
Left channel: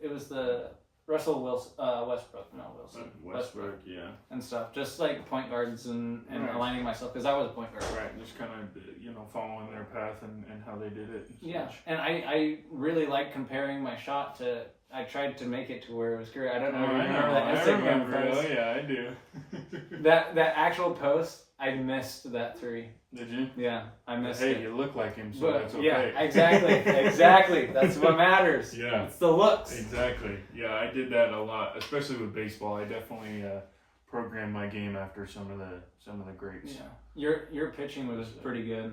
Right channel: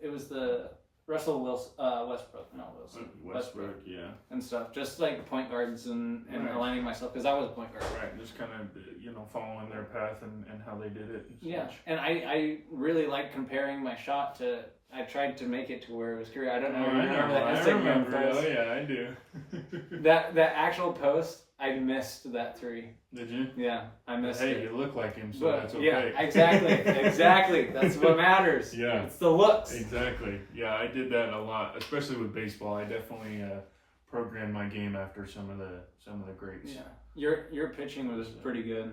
it was the Russell Westbrook, not Wilson. Westbrook, yeah. And stuff. Just like point guards and aligning myself because I was a point guard. Right, just kind of, following their path and how they did it. Yeah, and I really like comparing my shot to, I tried to make it to where it was Curry. I don't know if you remember that Instagram post. Oh yeah, I do. that actual post, I missed that three. Did you? Yeah, I missed it. Hey, you look like him, so that's okay. Yeah, exactly. That's what matters. Yeah. It's the looks. Exactly. Yeah, I did that a lot, especially with baseball. I definitely programmed my game after some of the greats. Yeah. Your pitching was pretty good.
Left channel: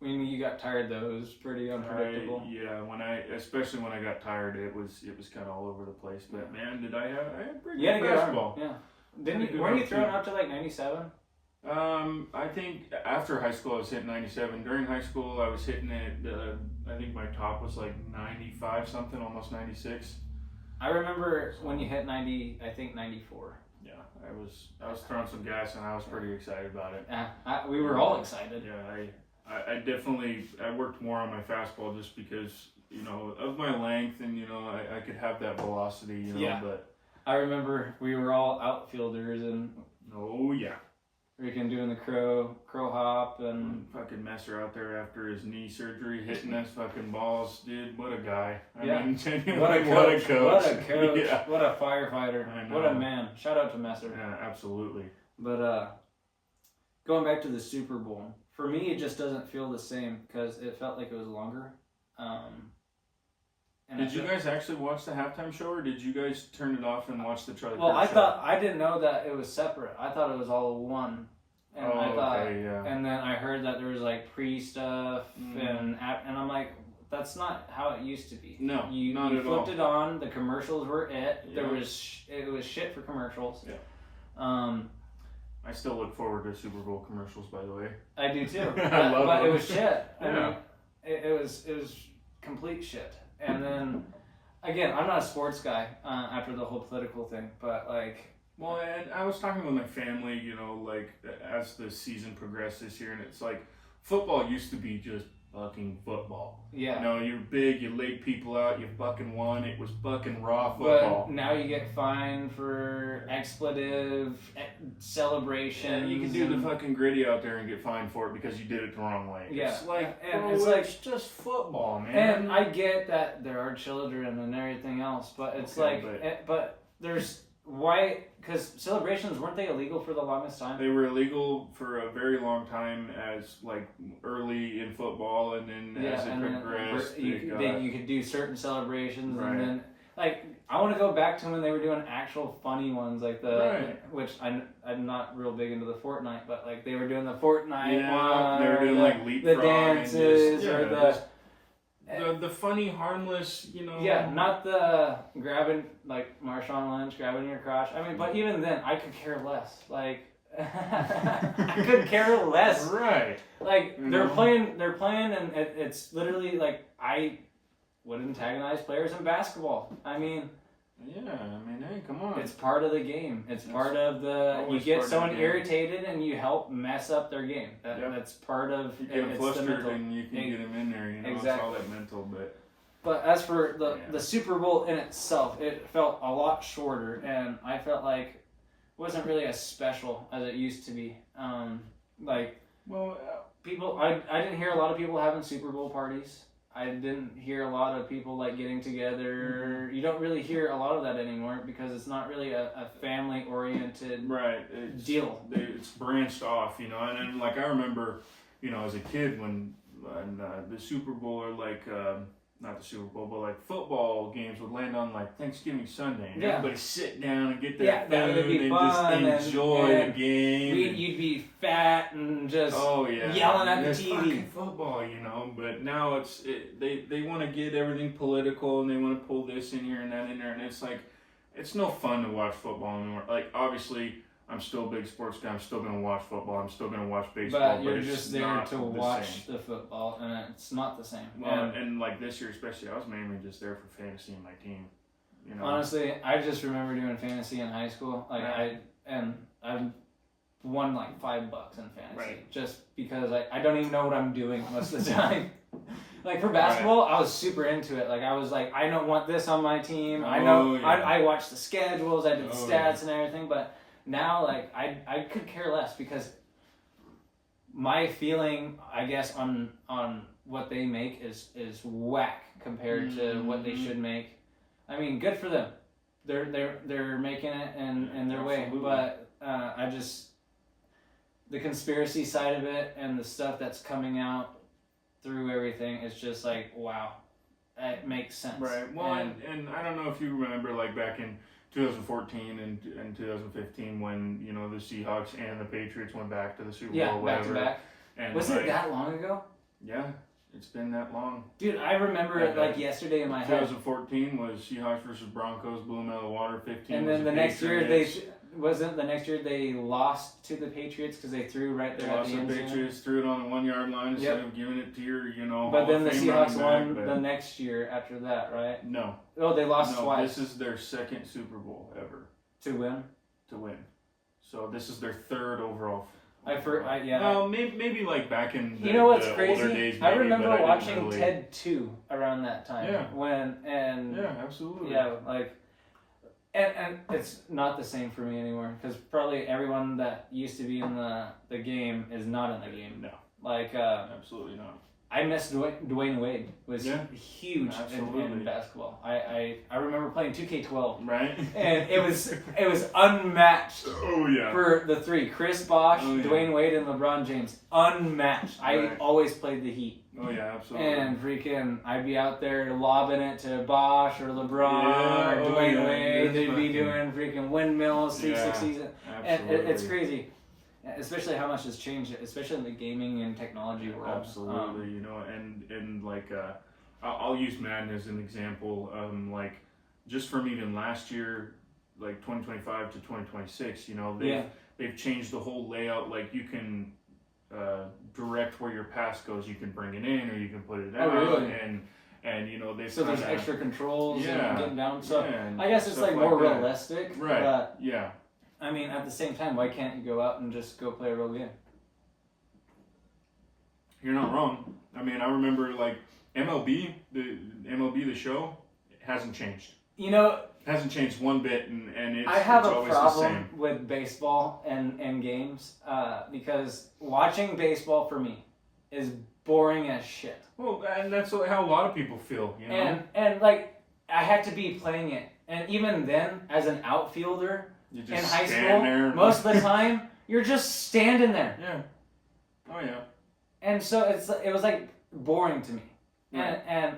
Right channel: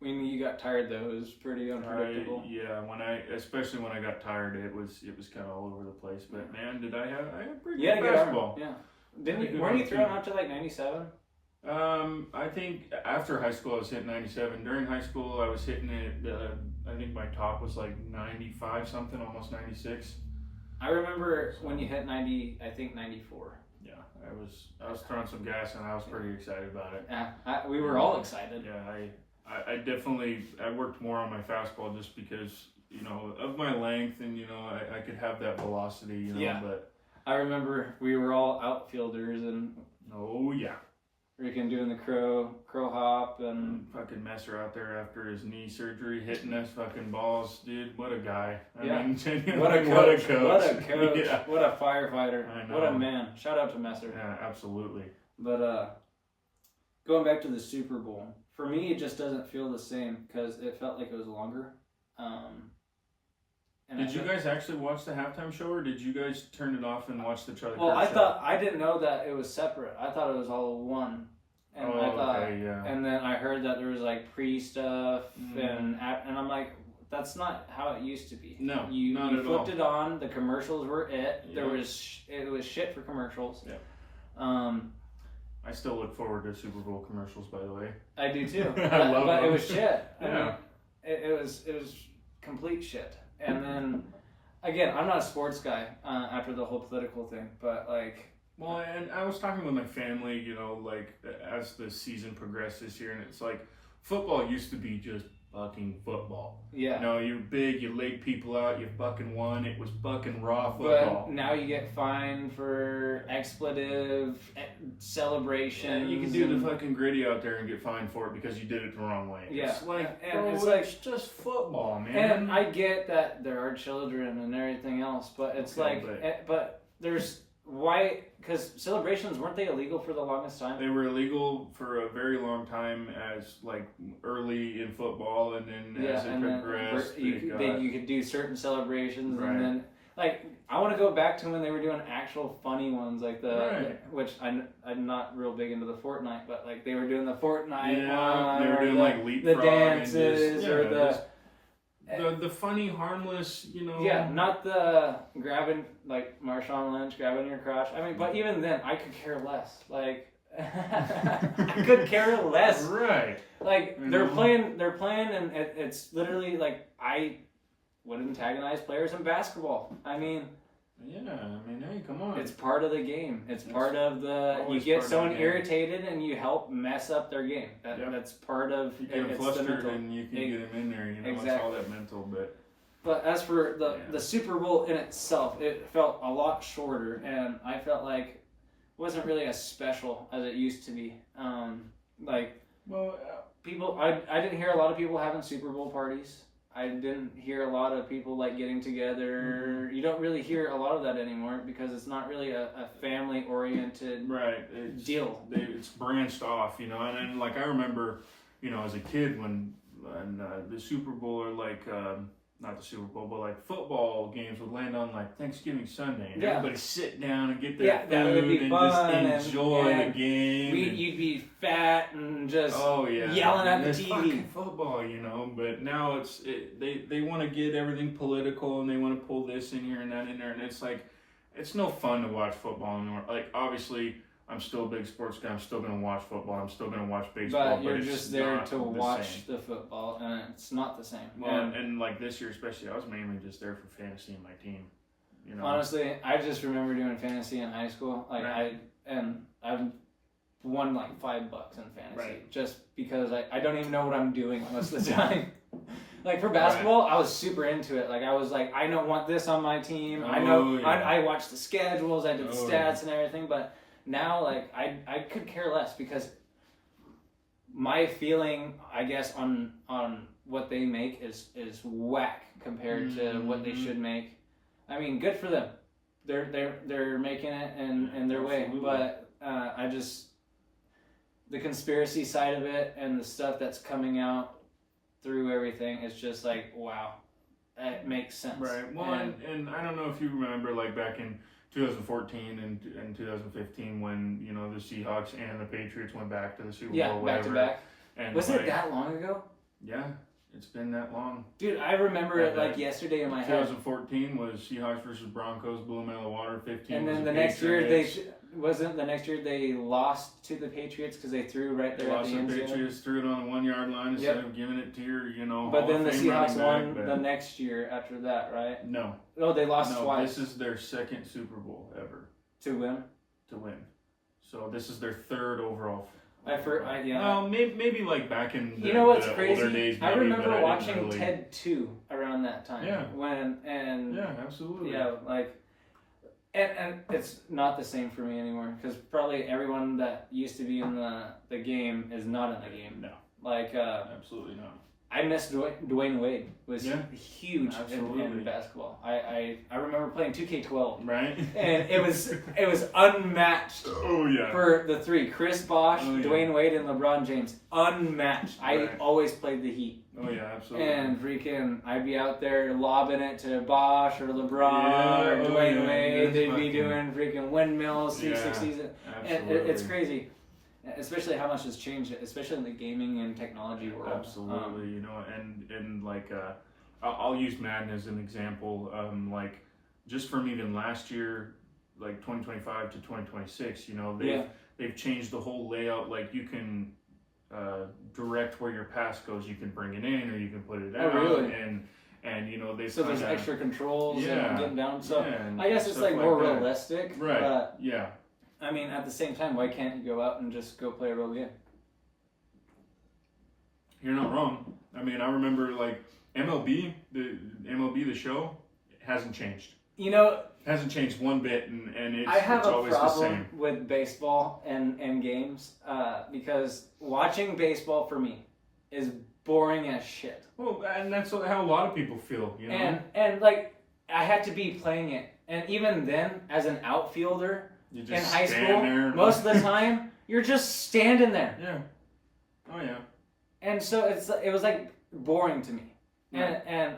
When you got tired though, it was pretty unpredictable. Especially when I got tired, it was kind of all over the place. But man, I had pretty good basketball. Yeah. Weren't you throwing up to like 97? I think after high school I was hitting 97. During high school I was hitting it. I think my top was like 95 something, almost 96. I remember when you hit 90. I think 94. Yeah, I was throwing some gas and I was pretty excited about it. Yeah, we were all excited. Yeah, I definitely worked more on my fastball just because, you know, of my length and, you know, I could have that velocity, you know. Yeah. But I remember we were all outfielders and oh yeah, freaking doing the crow hop and fucking Messer out there after his knee surgery hitting those fucking balls, dude. What a guy. I Yeah. mean, genuinely, what a coach. What a coach. Yeah. What a firefighter. I know. What a man. Shout out to Messer. Yeah, absolutely. But going back to the Super Bowl, for me it just doesn't feel the same because it felt like it was longer. And Did you guys actually watch the halftime show, or did you guys turn it off and watch the Charlie Well, Kirk show? I didn't know that it was separate. I thought it was all one. And Oh, I thought, okay, yeah. and then I heard that there was like pre-stuff and I'm like, that's not how it used to be. No, you not you at flipped all. it on. The commercials were it. Yeah. It was shit for commercials. Yeah. I I still look forward to Super Bowl commercials, by the way. I do too. I love but it them. was shit. I Yeah. mean, it was complete shit. And then again, I'm not a sports guy after the whole political thing, but like. Well, and I was talking with my family, you know, like as the season progressed this year, and it's like football used to be just fucking football. Yeah. You know, you're big, you laid people out, you fucking won. It was fucking raw football. But now you get fined for expletive celebrations. And you can do the fucking gritty out there and get fined for it because you did it the wrong way. Yeah. It's like, And bro, it's it's like- just football, man. And I get that there are children and everything else, but it's Okay, but there's why? Because celebrations, weren't they illegal for the longest time? They were illegal for a very long time as like early in football, and then as it and then progressed, you could do certain celebrations, Right. and then like I want to go back to when they were doing actual funny ones, like which I'm not real big into the Fortnite, but like they were doing the Fortnite one, they were doing like leapfrog the dances and just, or the funny, harmless, you know. Yeah, not the grabbing, like Marshawn Lynch grabbing your crotch. I mean, but even then, I could care less. Like, I could care less. Right. Like, You they're know? playing, and it's literally like, I would antagonize players in basketball. I mean, Yeah, I mean, hey, come on. it's part of the game. It's part of the, you always get part of someone the game. irritated and you help mess up their game. Yep. That's part of, you get them it's the flustered mental. and you can get them in there, you know, it's all that mental, but. But as for Yeah. the Super Bowl in itself, it felt a lot shorter, and I felt like it wasn't really as special as it used to be. Well, People, I didn't hear a lot of people having Super Bowl parties. I didn't hear a lot of people like getting together. Mm-hmm. You don't really hear a lot of that anymore because it's not really a family-oriented right, it's, deal. It's branched off, you know, and like I remember, you know, as a kid when the Super Bowl or like not the Super Bowl, but like football games would land on like Thanksgiving Sunday, and Yeah. everybody sit down and get their Yeah, that would be food and fun, just enjoy and the game. You'd be fat and just yelling at the It's TV. fucking football, you know. But now they want to get everything political and they want to pull this in here and that in there, and it's like it's no fun to watch football anymore. Like obviously, I'm still a big sports guy. I'm still gonna watch football. I'm still gonna watch baseball. But you're it's just there not to the watch same. the football, and it's not the same. Well, and like this year especially, I was mainly just there for fantasy and my team. You know. Honestly, I just remember doing fantasy in high school. Like Right. I've won like $5 in fantasy, Right. just because I don't even know what I'm doing most of the time. Like for basketball, I was super into it. Like I was like, I don't want this on my team. I know. yeah. I watched the schedules. I did the Oh, stats and everything. But now, like I could care less because my feeling, I guess, on what they make is whack compared to what they should make. I mean, good for them. They're making it in their way. Absolutely. But I just the conspiracy side of it and the stuff that's coming out through everything is just like, wow, it makes sense. Right. Well, and I don't know if you remember, like back in 2014 and 2015, when you know the Seahawks and the Patriots went back to the Super Bowl, back whatever. to back. And Was like, it that long ago? Yeah, it's been that long. Dude, I remember it like yesterday in my head. 2014 was Seahawks versus Broncos, blew them out of the water. 15. And was then the the next year Patriots. wasn't the next year they lost to the Patriots because they threw right They there at lost the the end zone? Patriots, threw it on the 1 yard line instead Yep. of giving it to your, But Hall then of the Fame Seahawks running won back, the next year after that, right? No. Oh, they lost No, twice this is their second Super Bowl ever to win. to win. So this is their third overall. Yeah. Well, maybe like back in the, You know what's the crazy? older days. I maybe, remember but I didn't watching really... Ted 2 around that time. Yeah. Yeah, absolutely. like, and it's not the same for me anymore because probably everyone that used to be in the game is not in the game. No, Like, absolutely not. I miss Dwayne Wade. Was huge in basketball. I remember playing 2K12. Right. And it was unmatched. Oh yeah. For the three, Chris Bosh, Oh, yeah. Dwayne Wade, and LeBron James, unmatched. Right. I always played the Heat. Oh yeah, absolutely. And freaking, I'd be out there lobbing it to Bosh or LeBron Yeah, or Dwayne yeah, Wade. They'd be fucking- doing freaking windmills, 360s. And Absolutely. it's crazy, especially how much has changed, especially in the gaming and technology world. Absolutely, and like I'll use Madden as an example. Like just from even last year, like 2025 to 2026, they've changed the whole layout. Like you can direct where your pass goes. You can bring it in or you can put it out. really? And they've So there's extra controls and getting down. So and I guess it's stuff like more that. realistic. Right. But Yeah. I mean, at the same time, why can't you go out and just go play a real game? You're not wrong. I mean, I remember like MLB, the show hasn't changed. Hasn't changed one bit, and I have it's a always the problem same. with baseball and games because watching baseball for me is boring as shit. Well, and that's how a lot of people feel, And like I had to be playing it, and even then, as an outfielder You in just high stand school, there. most of the time you're just standing there, Yeah. Oh yeah. and so it was like boring to me. Right. And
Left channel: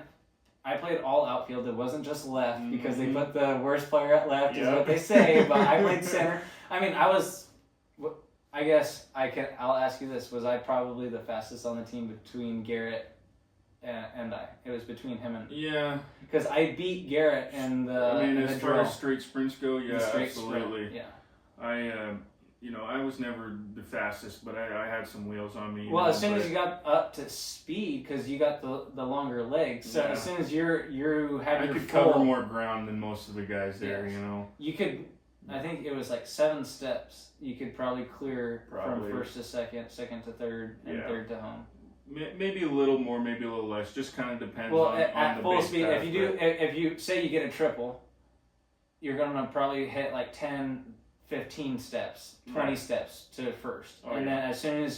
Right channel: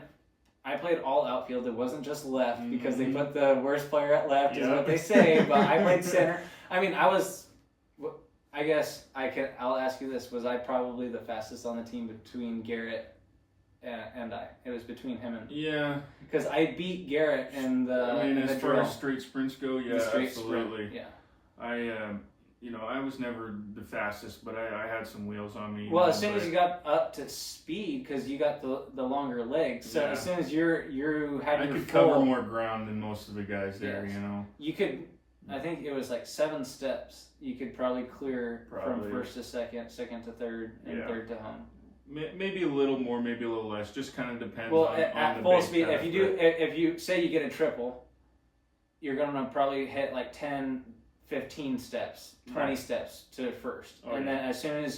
I played all outfield. It wasn't just left because they Mhm. put the worst player at left, is Yeah. what they say. But I played center. I mean, I guess I'll ask you this: was I probably the fastest on the team between Garrett and I? It was between him and Yeah. because I beat Garrett in the. I mean, in as the far drill. as straight sprints go, yeah, The straight sprint, absolutely. yeah. I was never the fastest, but I had some wheels on me. Well, as soon as you got up to speed, because you got the longer legs, so Yeah. as soon as you had I your could full, cover more ground than most of the guys there, Yes. You could, I think it was like 7 steps. You could probably clear Probably. from first to second, second to third, and Yeah. third to home. Maybe a little more, maybe a little less. Just kind of depends Well, on at the full base speed, path, if you say you get a triple, you're gonna probably hit like 10, 15 steps, 20 Right. steps to first, Oh, and yeah. then as soon as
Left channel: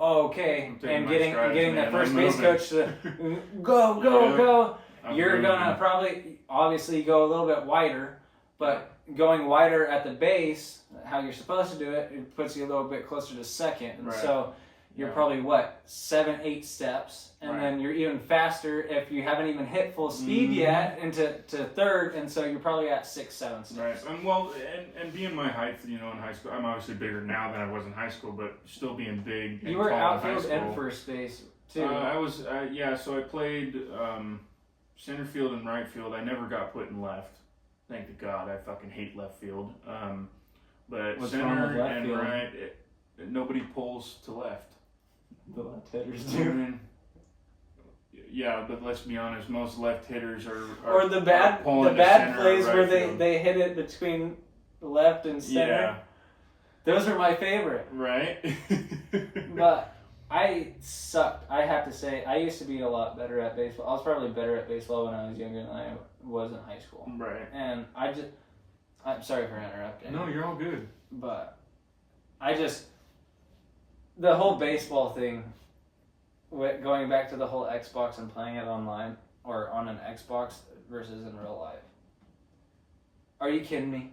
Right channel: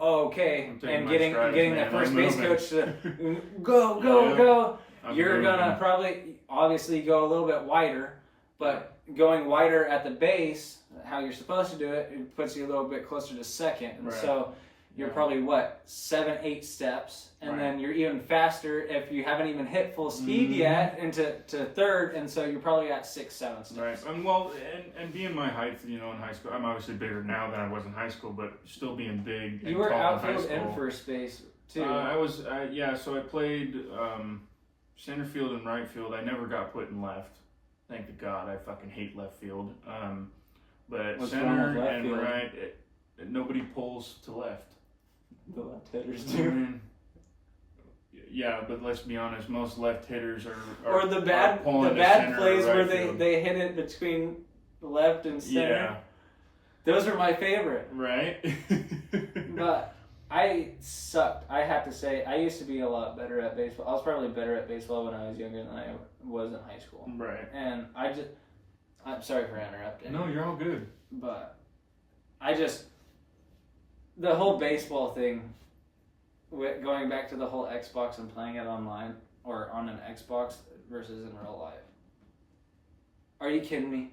okay, I'm taking and my getting strides, the man. first I'm base moving. coach to go, Yeah. I'm you're moving. gonna probably obviously go a little bit wider, but going wider at the base, how you're supposed to do it, it puts you a little bit closer to second, and Right. so you're Yeah. probably 7, 8 steps, and Right. then you're even faster if you haven't even hit full speed Mhm. yet into third, and so you're probably at 6, 7 steps. Right. And being my height, in high school, I'm obviously bigger now than I was in high school, but still being big. And You were tall in high outfield school. and first base too. I was, so I played center field and right field. I never got put in left. Thank to God, I fucking hate left field. But What's wrong with center left and field? right, nobody pulls to left. The left hitters I do. mean, yeah, but let's be honest, most left hitters are Or the bad pulling to bad center or plays right where field. they hit it between left and center. Yeah, Those are my favorite. right. But I sucked. I have to say, I used to be a lot better at baseball. I was probably better at baseball when I was younger than I was in high school. Right. And I'm sorry for interrupting. No, you're all good. But the whole baseball thing, going back to the whole Xbox and playing it online or on an Xbox versus in real life. Are you kidding me?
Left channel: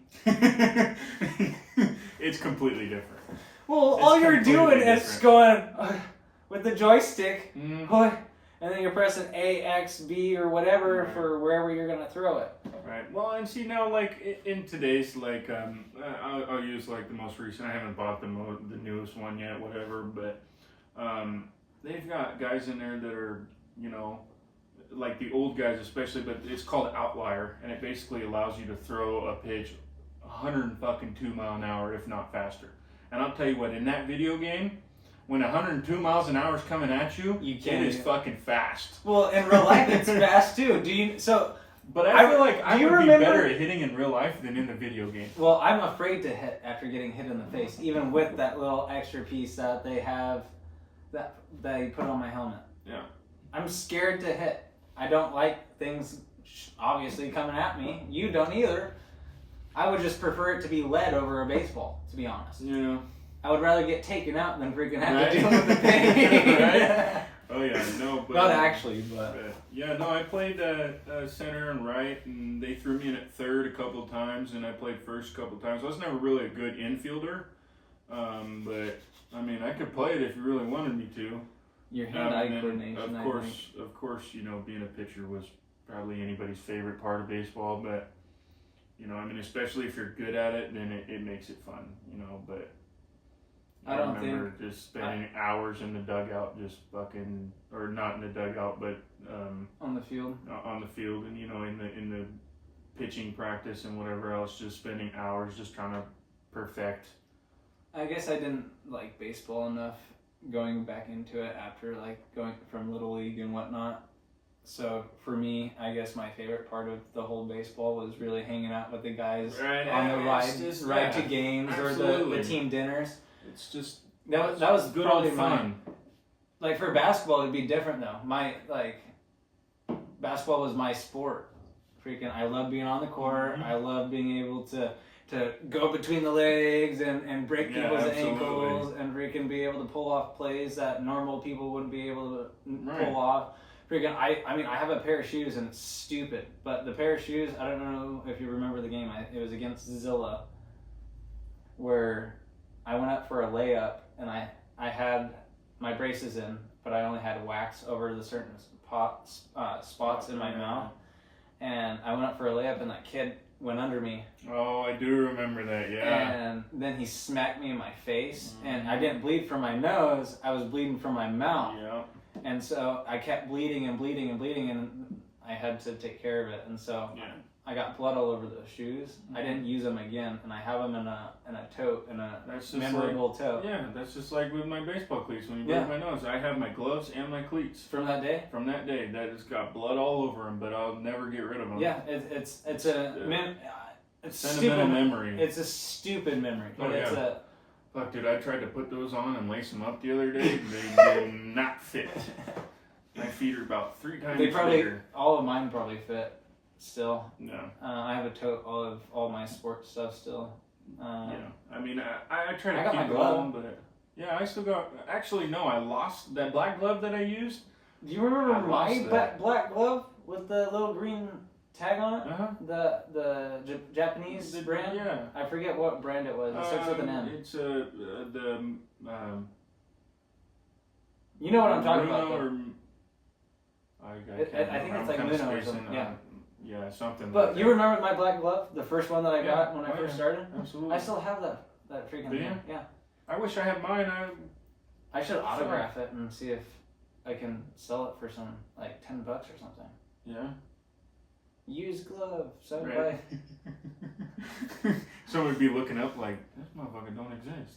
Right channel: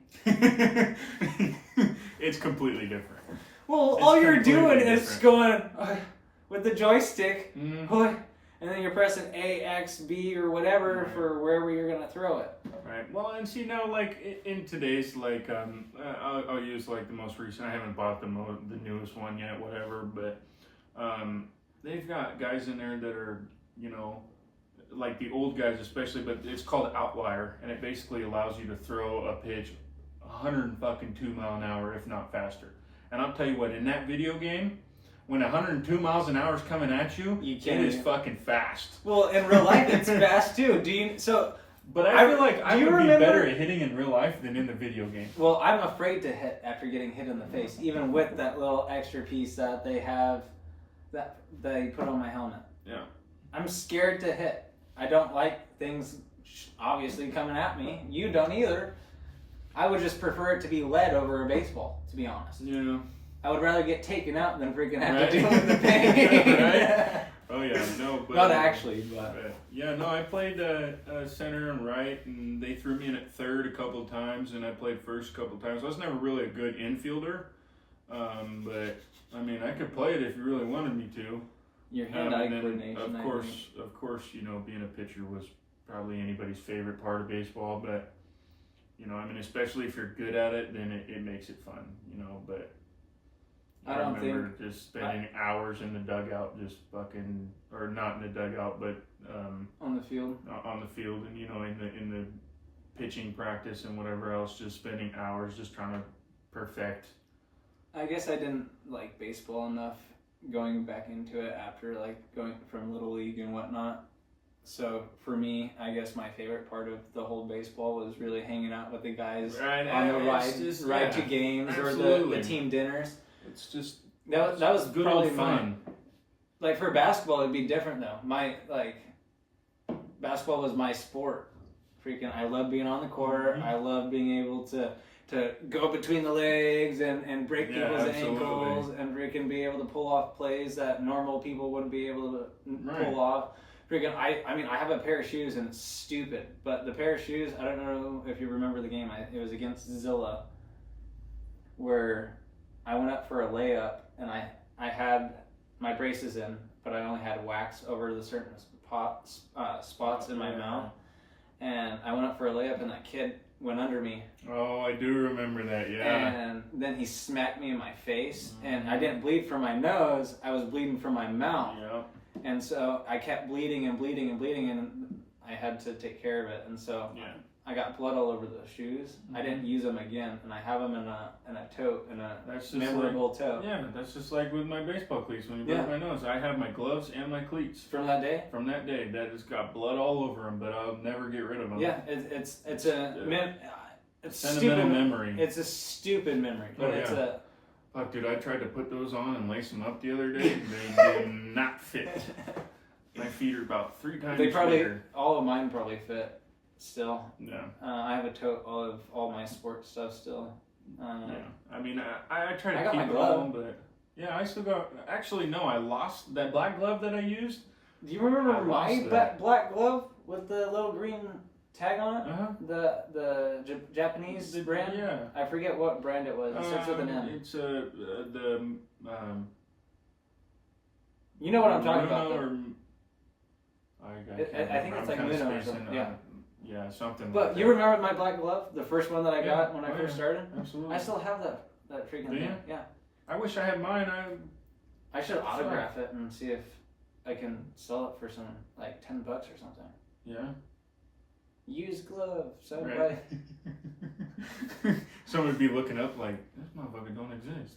It's completely different. Well, It's all you're completely doing is different. going with the joystick, Mhm. and then you're pressing A, X, B, or whatever Right. for wherever you're gonna throw it. Right. Well, and see now, like in today's, like I'll use like the most recent. I haven't bought the newest one yet, whatever. But they've got guys in there that are, like the old guys especially. But it's called Outlier, and it basically allows you to throw a pitch 102 mile an hour, if not faster. And I'll tell you what, in that video game, when 102 miles an hour is coming at you, You it can't is even- fucking fast. Well, in real life, it's fast too. But I feel like I do you would be remember- better at hitting in real life than in the video game. Well, I'm afraid to hit after getting hit in the face, even with that little extra piece that they have that they put on my helmet. Yeah. I'm scared to hit. I don't like things obviously coming at me. You don't either. I would just prefer it to be lead over a baseball, to be honest. Yeah. I would rather get taken out than freaking have Right. to deal with the pain. Right? Oh yeah, no, but Not actually, but yeah, no, I played center and right, and they threw me in at third a couple of times, and I played first a couple of times. I was never really a good infielder, but I mean, I could play it if you really wanted me to. your hand-eye And then, coordination. of course, you know, being a pitcher was probably anybody's favorite part of baseball, but you know, I mean, especially if you're good at it, then it makes it fun, you know. But I I don't remember just spending hours in the dugout, just fucking, or not in the dugout, but on the field. on the field, and you know, in the pitching practice and whatever else, just spending hours just trying to perfect. I guess I didn't like baseball enough going back into it after like going from Little League and whatnot. So for me, I guess my favorite part of the whole baseball was really hanging out with the guys Right, on the it's ride just- to yeah, games or absolutely. the team dinners. It's just That was good probably old my fun. like for basketball it'd be different though. My basketball was my sport. Freaking I love being on the court. Mhm. I love being able to go between the legs and break Yeah, people's absolutely. ankles and freaking be able to pull off plays that normal people wouldn't be able to Right. pull off. Freaking I mean I have a pair of shoes and it's stupid, but the pair of shoes, I don't know if you remember the game. It was against Zilla where I went up for a layup and I had my braces in, but I only had wax over the certain spots in my Yeah. mouth. And I went up for a layup and that kid went under me. Oh, I do remember that. Yeah. And then he smacked me in my face. And I Mhm. didn't bleed from my nose. I was bleeding from my mouth. Yeah. And so I kept bleeding and bleeding and bleeding. And I had to take care of it. And so Yeah. I got blood all over those shoes. I didn't use them again. And I have them in a tote, in a That's just memorable tote. Yeah, that's just like with my baseball cleats. When you Yeah. break my nose, I have my gloves and my cleats From that day? from that day. That has got blood all over them, but I'll never get rid of them. Yeah, it's it's Sentimental stupid. memory. It's a stupid memory, but Oh, it's yeah. Fuck, dude, I tried to put those on and lace them up the other day. They did not fit. My feet are about 3 times They probably bigger. all of mine probably fit still. Yeah. I have a tote of all my sports stuff still. Yeah. I mean, I try to I got keep my it glove. all, but yeah, I still got. Actually, no, I lost that black glove that I used. Do you remember I my lost that. black glove with the little green tag on it? Uh-huh. The Japanese brand? Yeah. I forget what brand it was. It starts with an M. It's the You know what I'm talking Bruno about. though. Or, I think it's like kinda Muno or spacing something, on yeah. it. Yeah, something. But like you that. remember my black glove? The first one that I Yeah. got when I Oh, first yeah. started? Absolutely. I still have that freaking Do you? thing. Yeah. I wish I had mine. I should autograph it and see if I can sell it for some like $10 or something. Yeah. Used glove, so Right. Someone would be looking up like, this motherfucker don't exist.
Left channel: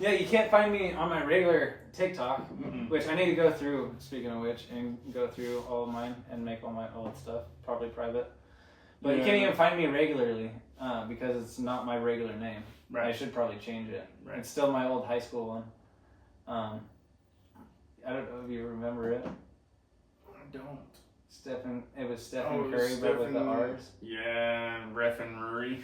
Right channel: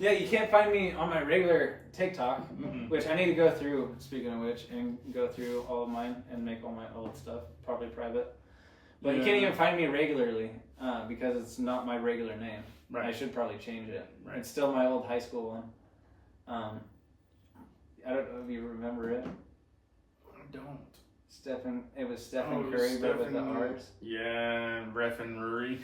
Yeah, you can't find me on my regular TikTok, Mm-mm. which I need to go through. Speaking of which, and go through all of mine and make all my old stuff probably private. But you can't Yeah. even find me regularly because it's not my regular name. I Right. should probably change it. Right. It's still my old high school one. I don't know if you remember it. I don't. It was Stephen Oh, Curry, but with the Stephen- R's. Yeah, referee.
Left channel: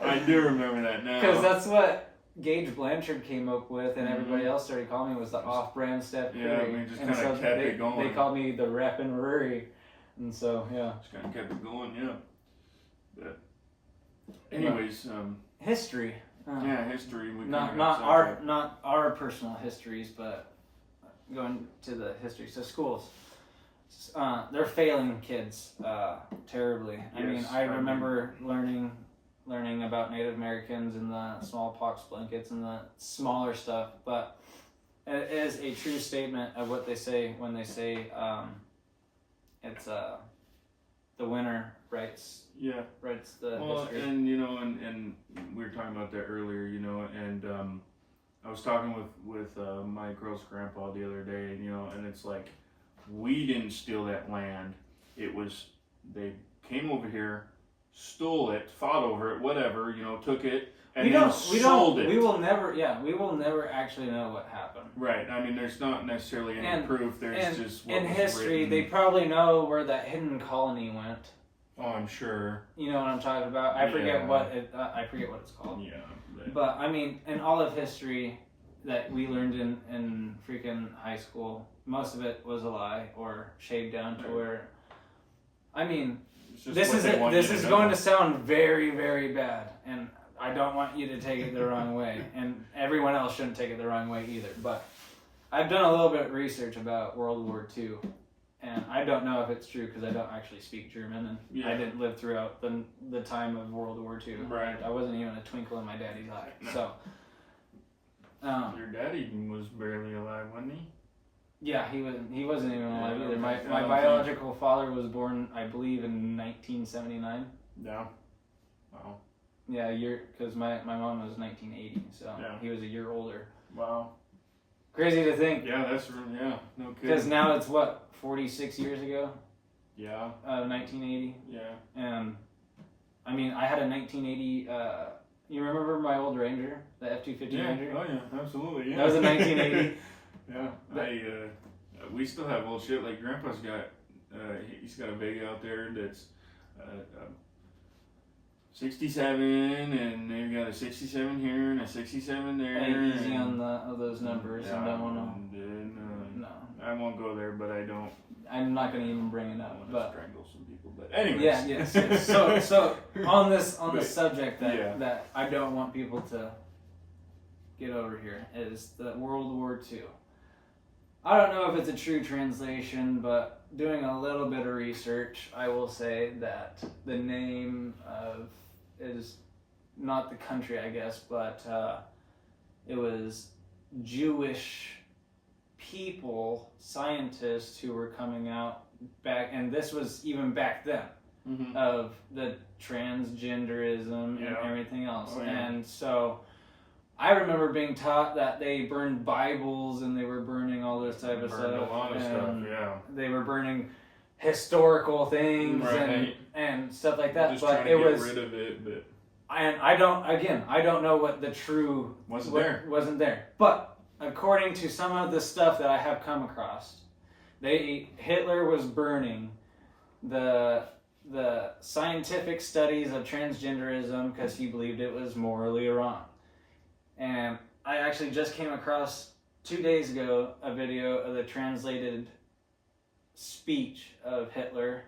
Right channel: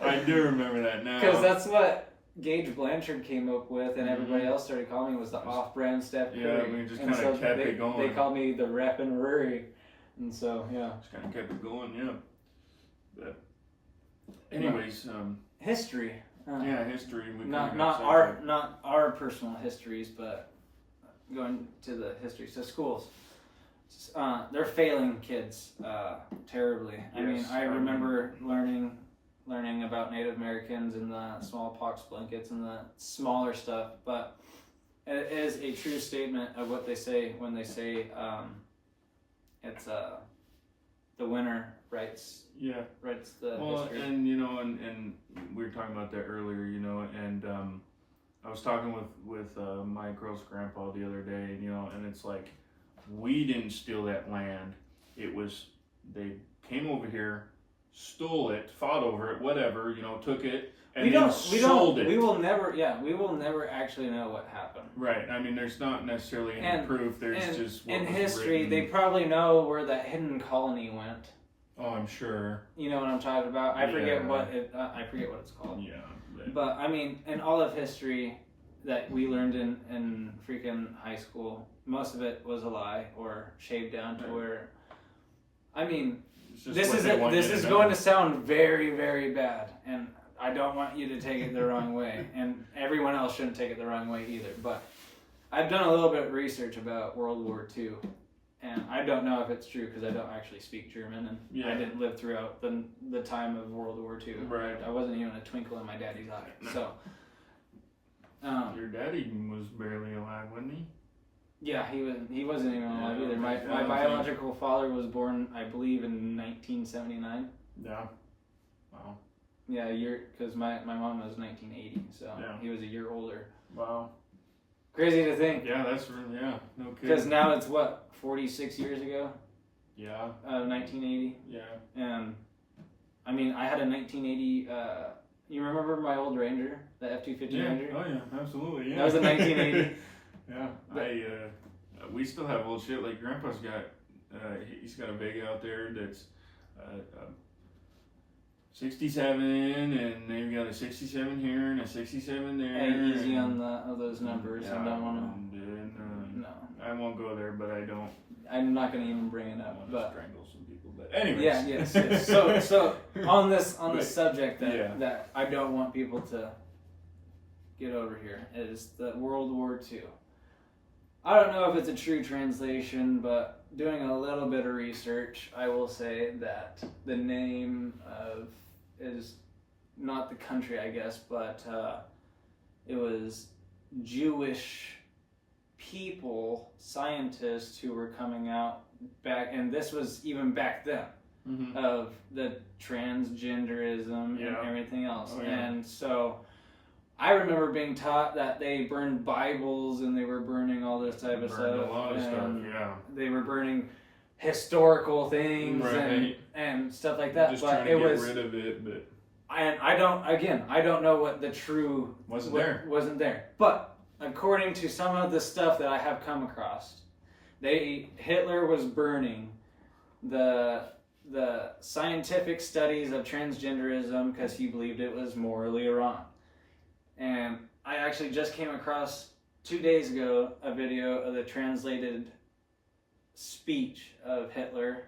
I do remember that now. Because that's what Gage Blanchard came up with, and everybody else started calling me was the off-brand Steph Curry. Yeah, we just And kinda kept it going. They called me the Rep and Rory, and so yeah. Just kind of kept it going, yeah. But, anyways, History. yeah, history. We Not kinda got our sidetracked. not our personal histories, but going to the history. So schools, they're failing kids terribly. I mean, Yes, I remember learning about Native Americans and the smallpox blankets and the smaller stuff, but it is a true statement of what they say when they say it's the winner writes Yeah. the Well, history. and you know, and we were talking about that earlier, you know, and I was talking with my girl's grandpa the other day, you know, and it's like, we didn't steal that land. It was, they came over here, stole it, fought over it, whatever, you know, took it, and then sold it. We will never actually know what happened. Right. I mean, there's not necessarily any proof. There's just what in was history. written. They probably know where that hidden colony went. Oh, I'm sure. You know what I'm talking about? I forget what it's called. Yeah. But I mean, in all of history that we learned in freaking high school, most of it was a lie or shaved down to where. I mean, this is going to sound very, very bad, and I don't want you to take it the wrong way, and everyone else shouldn't take it the wrong way either. But I've done a little bit of research about World War II, and I don't know if it's true because I don't actually speak German, and I didn't live throughout the time of World War II. Right. I wasn't even a twinkle in my daddy's eye. No. So. Your daddy was barely alive, wasn't he? Yeah, he wasn't even alive either. My okay. biological father was born, I believe, in 1979. Yeah. Wow. Yeah, because my mom was 1980, so he was a year older. Wow. Crazy to think. Yeah, that's really, no kidding. Because now it's 46 years ago? Yeah. 1980. Yeah. And I mean, I had a 1980. You remember my old Ranger, the F-250 Ranger? Oh yeah, absolutely. Yeah. That was a 1980. Yeah. We still have old shit. Like Grandpa's got, he's got a Vega out there that's 67, and they've got a 67 here and a 67 there. Hey, easy on those numbers. I don't want to. No, I won't go there, but I don't. I'm not going to even bring it I up. want to But strangle some people. But anyways. Yes. So on this subject that I don't want people to get over here is the World War II. I don't know if it's a true translation, but doing a little bit of research, I will say that the name is not the country, I guess, but it was Jewish people, scientists who were coming out back, and this was even back then, of the transgenderism and everything else. Oh, yeah. And so I remember being taught that they burned Bibles and they were burning all this type of stuff. A lot of stuff, yeah. They were burning historical things and stuff like that. Just but trying to get rid of it, but and I don't know what the true wasn't there. But according to some of the stuff that I have come across, Hitler was burning the scientific studies of transgenderism because he believed it was morally wrong. And I actually just came across 2 days ago a video of the translated speech of Hitler,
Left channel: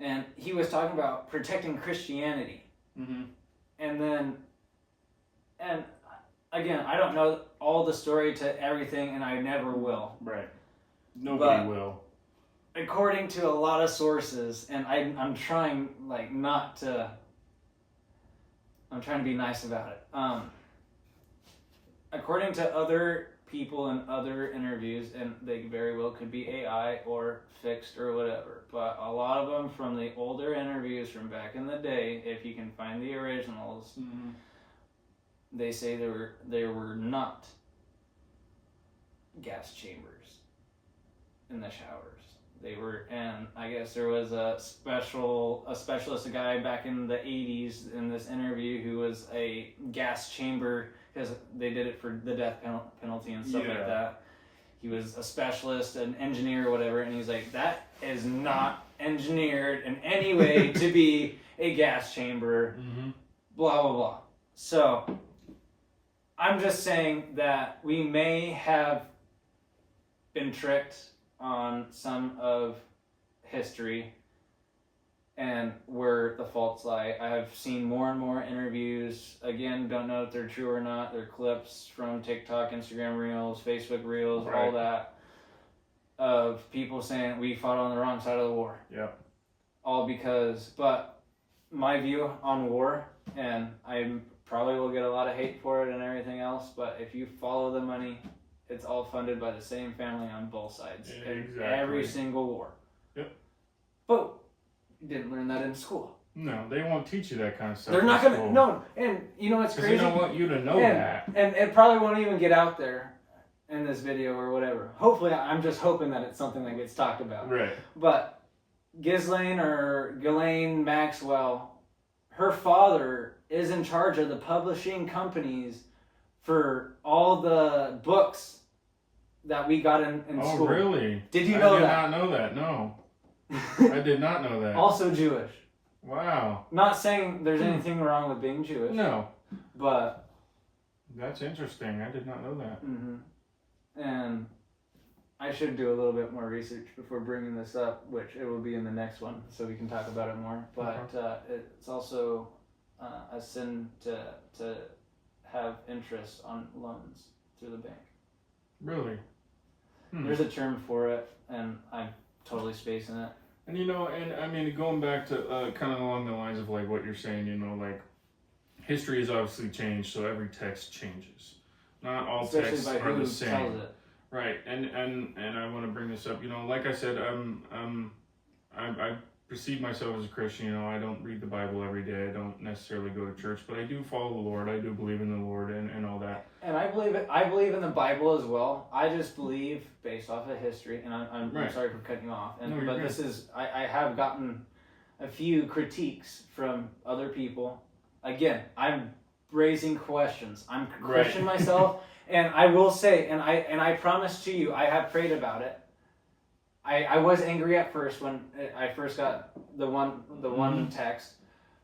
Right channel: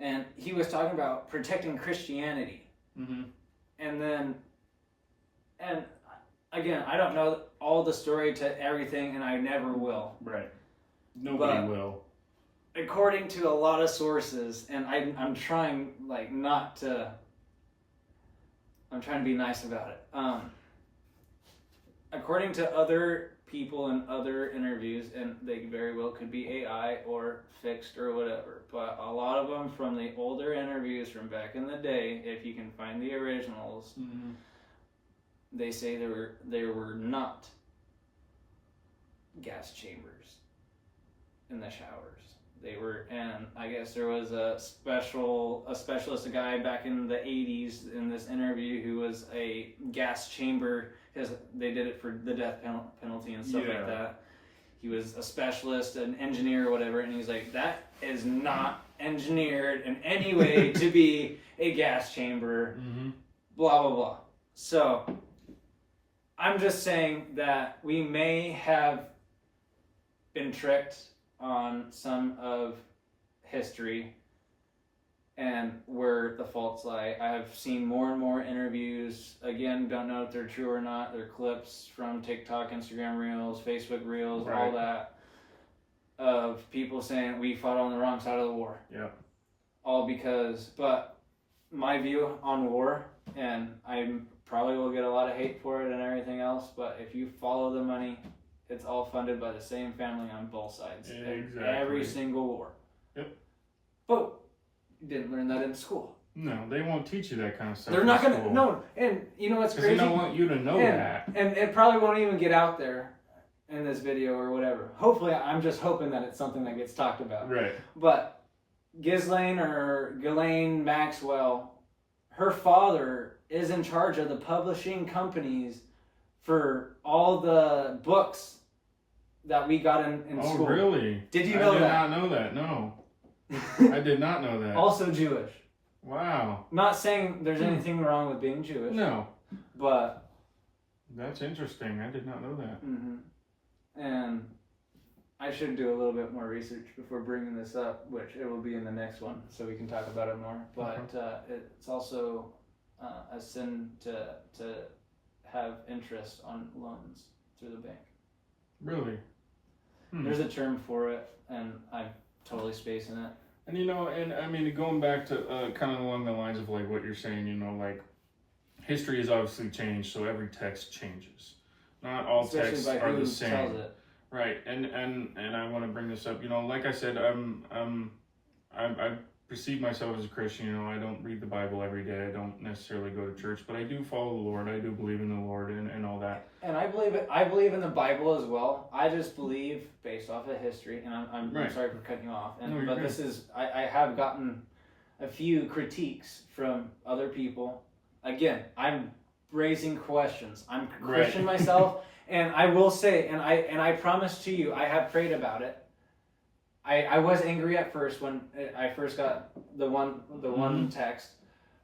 and he was talking about protecting Christianity. And again, I don't know all the story to everything, and I never will. Right. Nobody will. According to a lot of sources, and I'm trying not to. I'm trying to be nice about it. According to other people in other interviews, and they very well could be AI or fixed or whatever, but a lot of them from the older interviews from back in the day, if you can find the originals, they say there were not gas chambers in the showers. They were, and I guess there was a specialist, a guy back in the 80s in this interview who was a gas chamber, because they did it for the death penalty and stuff like that. He was a specialist, an engineer or whatever, and he's like, that is not engineered in any way to be a gas chamber, blah, blah, blah. So, I'm just saying that we may have been tricked on some of history and where the faults lie. I have seen more and more interviews. Again, don't know if they're true or not. They're clips from TikTok, Instagram Reels, Facebook Reels, all that, of people saying we fought on the wrong side of the war. Yep. All because, but my view on war, and I probably will get a lot of hate for it and everything else, but if you follow the money, it's all funded by the same family on both sides. Exactly. Every single war. Yep. But you didn't learn that in school. No, they won't teach you that kind of stuff. They're not in gonna school. no, and you know what's Because crazy? they don't want you to know that. And it probably won't even get out there in this video or whatever. Hopefully, I'm just hoping that it's something that gets talked about. Right. But Ghislaine or Ghislaine Maxwell, her father is in charge of the publishing companies for all the books that we got in school. Oh, really? Did you know that? I did not know that, no. I did not know that. Also Jewish. Wow. Not saying there's anything wrong with being Jewish. No. But That's interesting. I did not know that. and I should do a little bit more research before bringing this up, which it will be in the next one, so we can talk about it more. But it's also a sin to have interest on loans through the bank. Really? There's a term for it, and I'm totally spacing it. And and I mean, going back to kind of along the lines of like what you're saying, like history has obviously changed, so every text changes. Not all Especially texts by are who the same. tells it. Right, and I want to bring this up. Like I said, I perceive myself as a Christian. I don't read the Bible every day. I don't necessarily go to church, but I do follow the Lord. I do believe in the Lord and all that. And I believe in the Bible as well. I just believe based off of history, and I'm Right. sorry for cutting you off. No, you're But good. this is I have gotten a few critiques from other people. Again, I'm raising questions. I'm a Christian myself, and I will say, and I promise to you, I have prayed about it. I was angry at first when I first got the one text.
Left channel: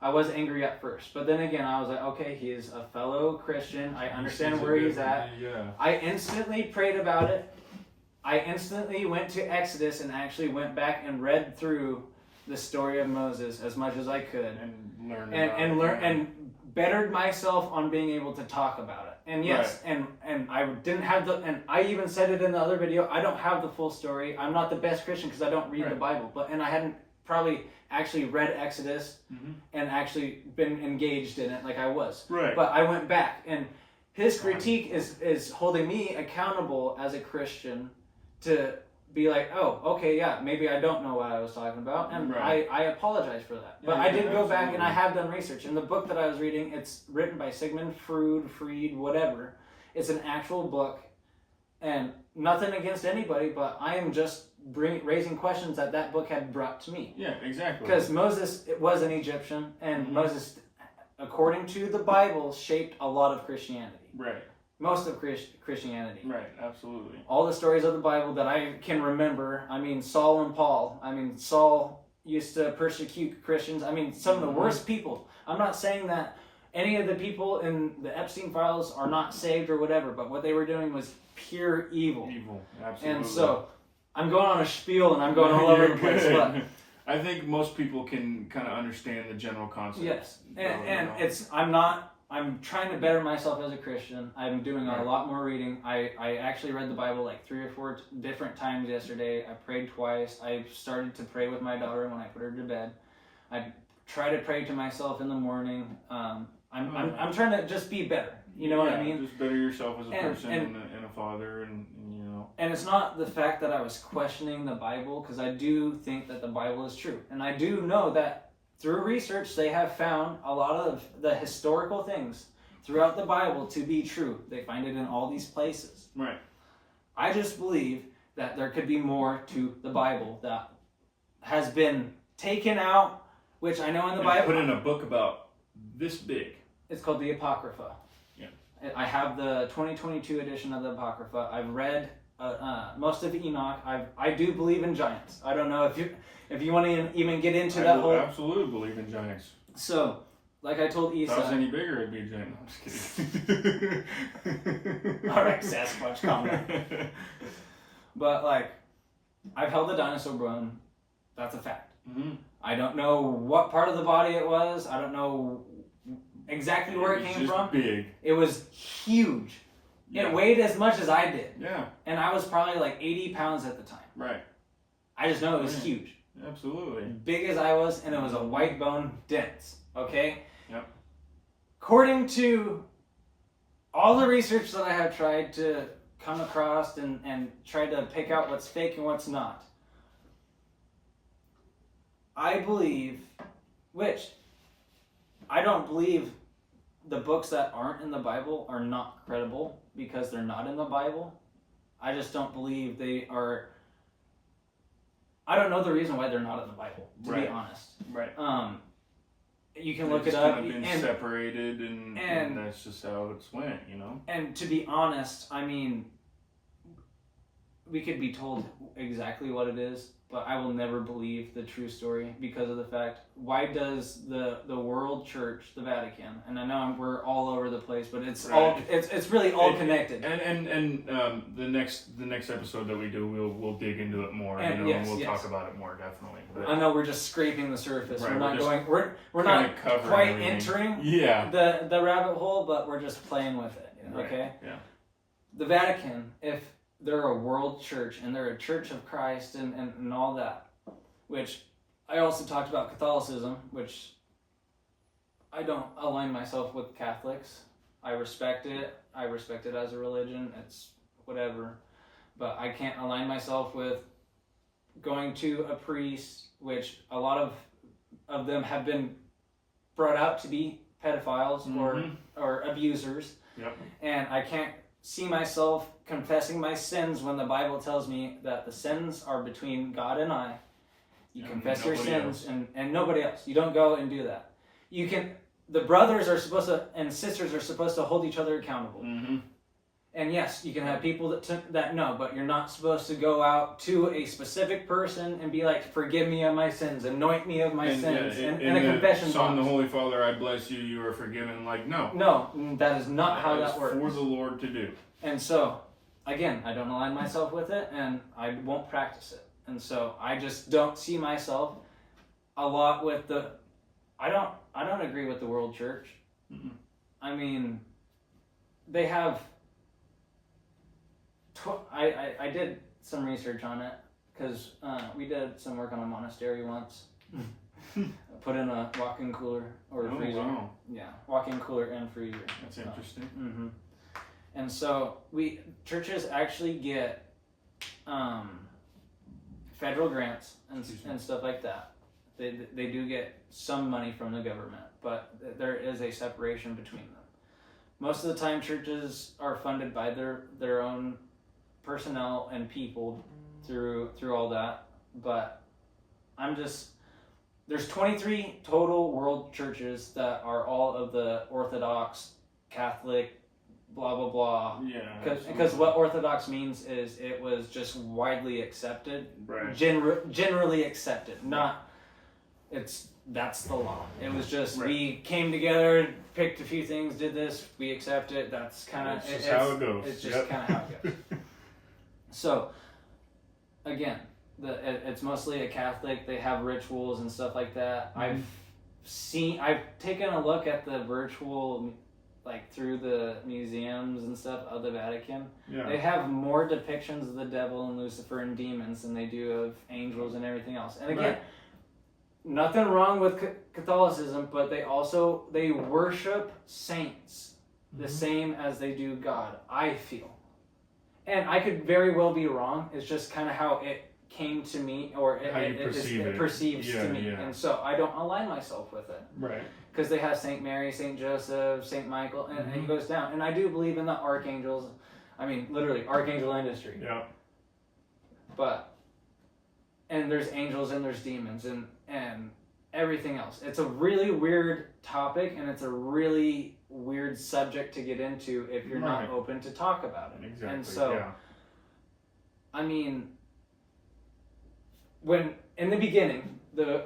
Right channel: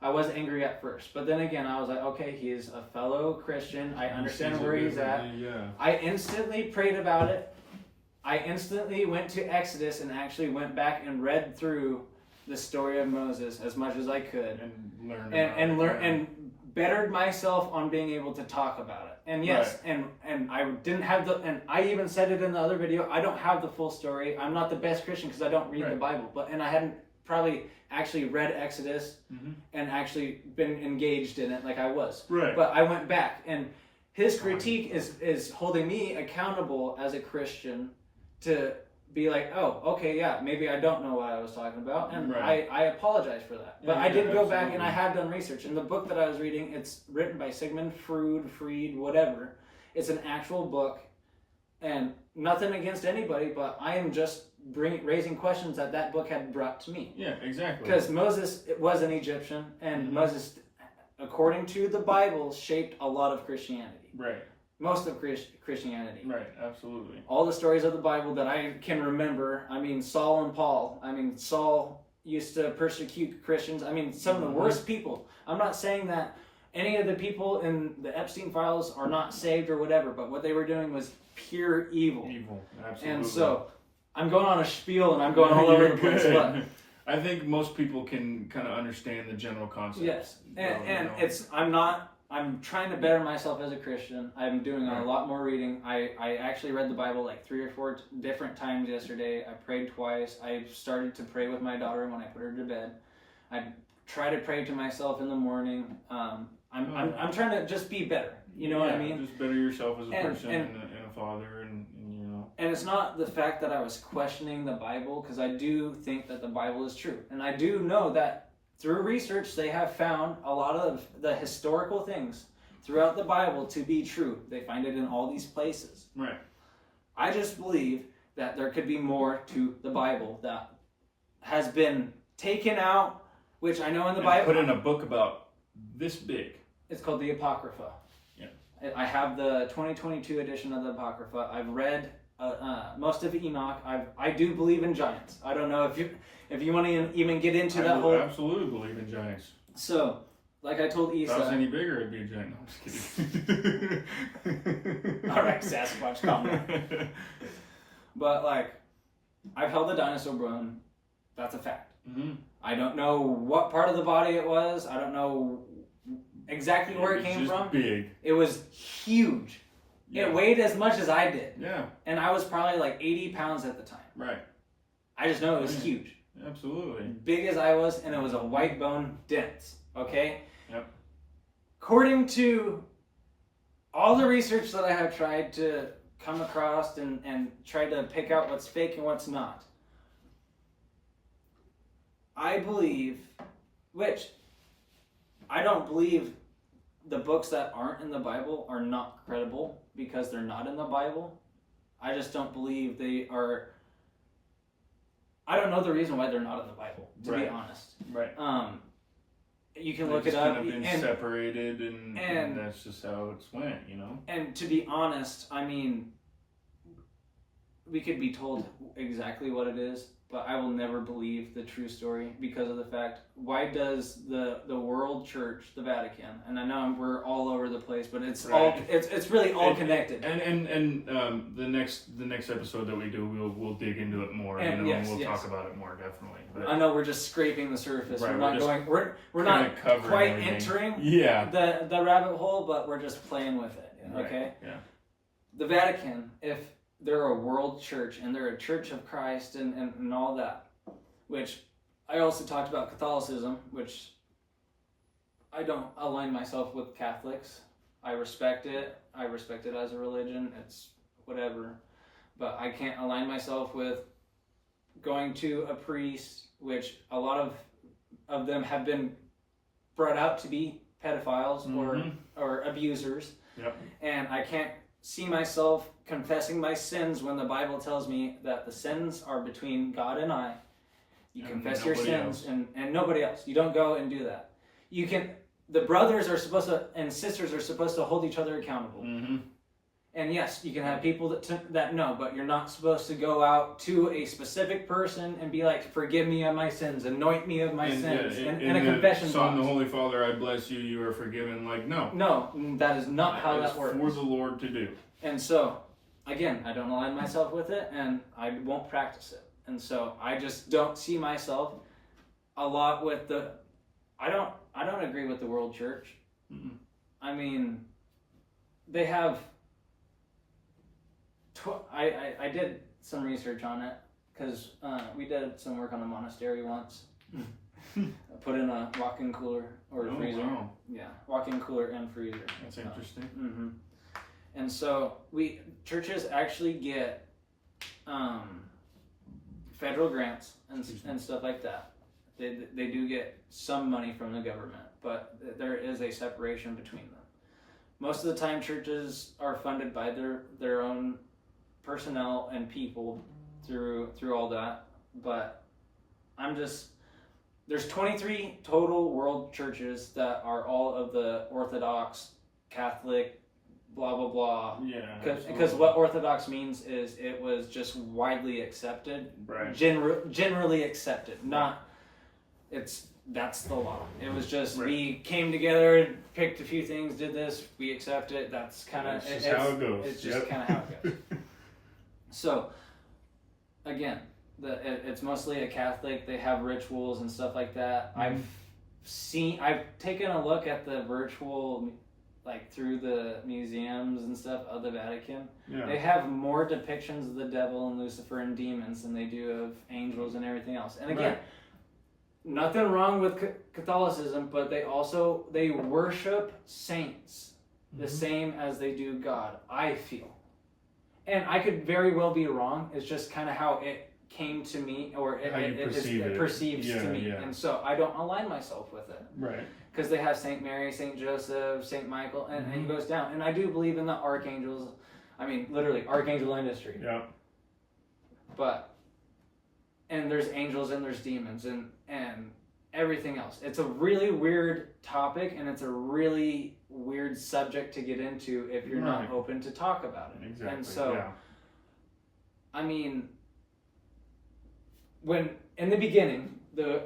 I was angry at first, but then again, I was like, okay, he is a fellow Christian. I understand where he's at. Yeah. I instantly prayed about it. I instantly went to Exodus and actually went back and read through the story of Moses as much as I could, And learn and bettered myself on being able to talk about it. And yes, and I didn't have and I even said it in the other video, I don't have the full story. I'm not the best Christian because I don't read the Bible, and I hadn't probably actually read Exodus and actually been engaged in it like I was. Right. But I went back, and his critique is holding me accountable as a Christian to be like, oh, okay, yeah, maybe I don't know what I was talking about, and Right. I apologize for that. But Yeah, I did go back, absolutely. and I have done research. In the book that I was reading, it's written by Sigmund Freud, whatever. It's an actual book, and nothing against anybody, but I am just raising questions that book had brought to me. Yeah, exactly. Because Moses was an Egyptian, and Moses, according to the Bible, shaped a lot of Christianity. Right. Most of Christianity. Right. Absolutely. All the stories of the Bible that I can remember. I mean, Saul and Paul. I mean, Saul used to persecute Christians. I mean, some of the worst people. I'm not saying that any of the people in the Epstein files are not saved or whatever, but what they were doing was pure evil. Evil. Absolutely. And so, I'm going on a spiel and I'm going all over the place. But I think most people can kind of understand the general concept. yes, and So, it's I'm trying to better myself as a Christian. I'm doing a lot more reading. I actually read the Bible like 3 or 4 different times yesterday. I prayed twice. I started to pray with my daughter when I put her to bed. I try to pray to myself in the morning. I'm trying to just be better. You know what I mean? Just better yourself as a person and a father, and And it's not the fact that I was questioning the Bible, because I do think that the Bible is true. And I do know that through research, they have found a lot of the historical things throughout the Bible to be true. They find it in all these places. Right. I just believe that there could be more to the Bible that has been taken out, which I know in the Bible. Put in a book about this big. It's called the Apocrypha. Yeah. I have the 2022 edition of the Apocrypha. I've read most of Enoch. I do believe in giants. I don't know if you want to even get into that whole. I absolutely believe in giants. So, like I told If I was Isa. any bigger, it'd be a giant. No, I'm just kidding. All right, Sasquatch, calm down. But like, I've held a dinosaur bone. That's a fact. Mm-hmm. I don't know what part of the body it was. I don't know exactly where it came from. Big. It was huge. Yeah. It weighed as much as I did. Yeah. And I was probably like 80 pounds at the time. Right. I just know it was Yeah. huge. Absolutely. Big as I was, and it was a white bone, dense. Okay? Yep. According to all the research that I have tried to come across and try to pick out what's fake and what's not, I believe, which I don't believe the books that aren't in the Bible are not credible because they're not in the Bible. I just don't believe they are. I don't know the reason why they're not in the Bible, to be honest. Right. You can They've look it just up. kind of been separated, and that's just how it's went, you know? And to be honest, I mean, we could be told exactly what it is, but I will never believe the true story because of the fact, why does the world church, the Vatican, and I know we're all over the place, but it's all it's really all connected. And the next episode that we do, we'll dig into it more, and, and we'll yes. talk about it more, definitely. But I know we're just scraping the surface. Right, We're not going. We're not covering quite everything. entering the rabbit hole, but we're just playing with it. Okay. Right. Yeah. The Vatican, if they're a world church and they're a church of Christ and all that, which I also talked about Catholicism, which I don't align myself with Catholics. I respect it. I respect it as a religion. It's whatever. But I can't align myself with going to a priest, which a lot of them have been brought out to be pedophiles or abusers. Yep. And I can't see myself confessing my sins when the Bible tells me that the sins are between God and I. You confess your sins and nobody else. You don't go and do that. The brothers are supposed to, and sisters are supposed to hold each other accountable. Mm-hmm. And yes, you can have people that know, but you're not supposed to go out to a specific person and be like, forgive me of my sins, anoint me of my sins, in a confession box. Son, the Holy Father, I bless you, you are forgiven. Like, no. No, that is not how that works. It's for the Lord to do. And so, again, I don't align myself with it, and I won't practice it. And so, I just don't see myself a lot with the... I don't agree with the world church. Mm-mm. I mean, they have... I did some research on it because we did some work on a monastery once. Put in a walk-in cooler or freezer. Wow. Yeah, walk-in cooler and freezer. That's interesting. Mm-hmm. And so churches actually get federal grants and stuff like that. They do get some money from the government, but there is a separation between them. Most of the time, churches are funded by their own personnel and people through all that. But there's 23 total world churches that are all of the Orthodox, Catholic, blah blah blah. Yeah. Because what Orthodox means is it was just widely accepted, right? Generally accepted. That's the law. It was just we came together, picked a few things, did this, we accept it. That's kind of it's how it goes. It's just kind of how it goes. So, again, it's mostly a Catholic. They have rituals and stuff like that. Mm-hmm. I've taken a look at the virtual, like through the museums and stuff of the Vatican. Yeah. They have more depictions of the devil and Lucifer and demons than they do of angels and everything else. And again, nothing wrong with Catholicism, but they worship saints the same as they do God, I feel. And I could very well be wrong. It's just kind of how it came to me, or it perceives to me. Yeah. And so I don't align myself with it. Right. Because they have St. Mary, St. Joseph, St. Michael, and it goes down. And I do believe in the archangels. I mean, literally, archangel industry. Yeah. And there's angels and there's demons and everything else. It's a really weird topic, and it's a really weird subject to get into if you're not open to talk about it. Exactly. And so, I mean, when in the beginning, the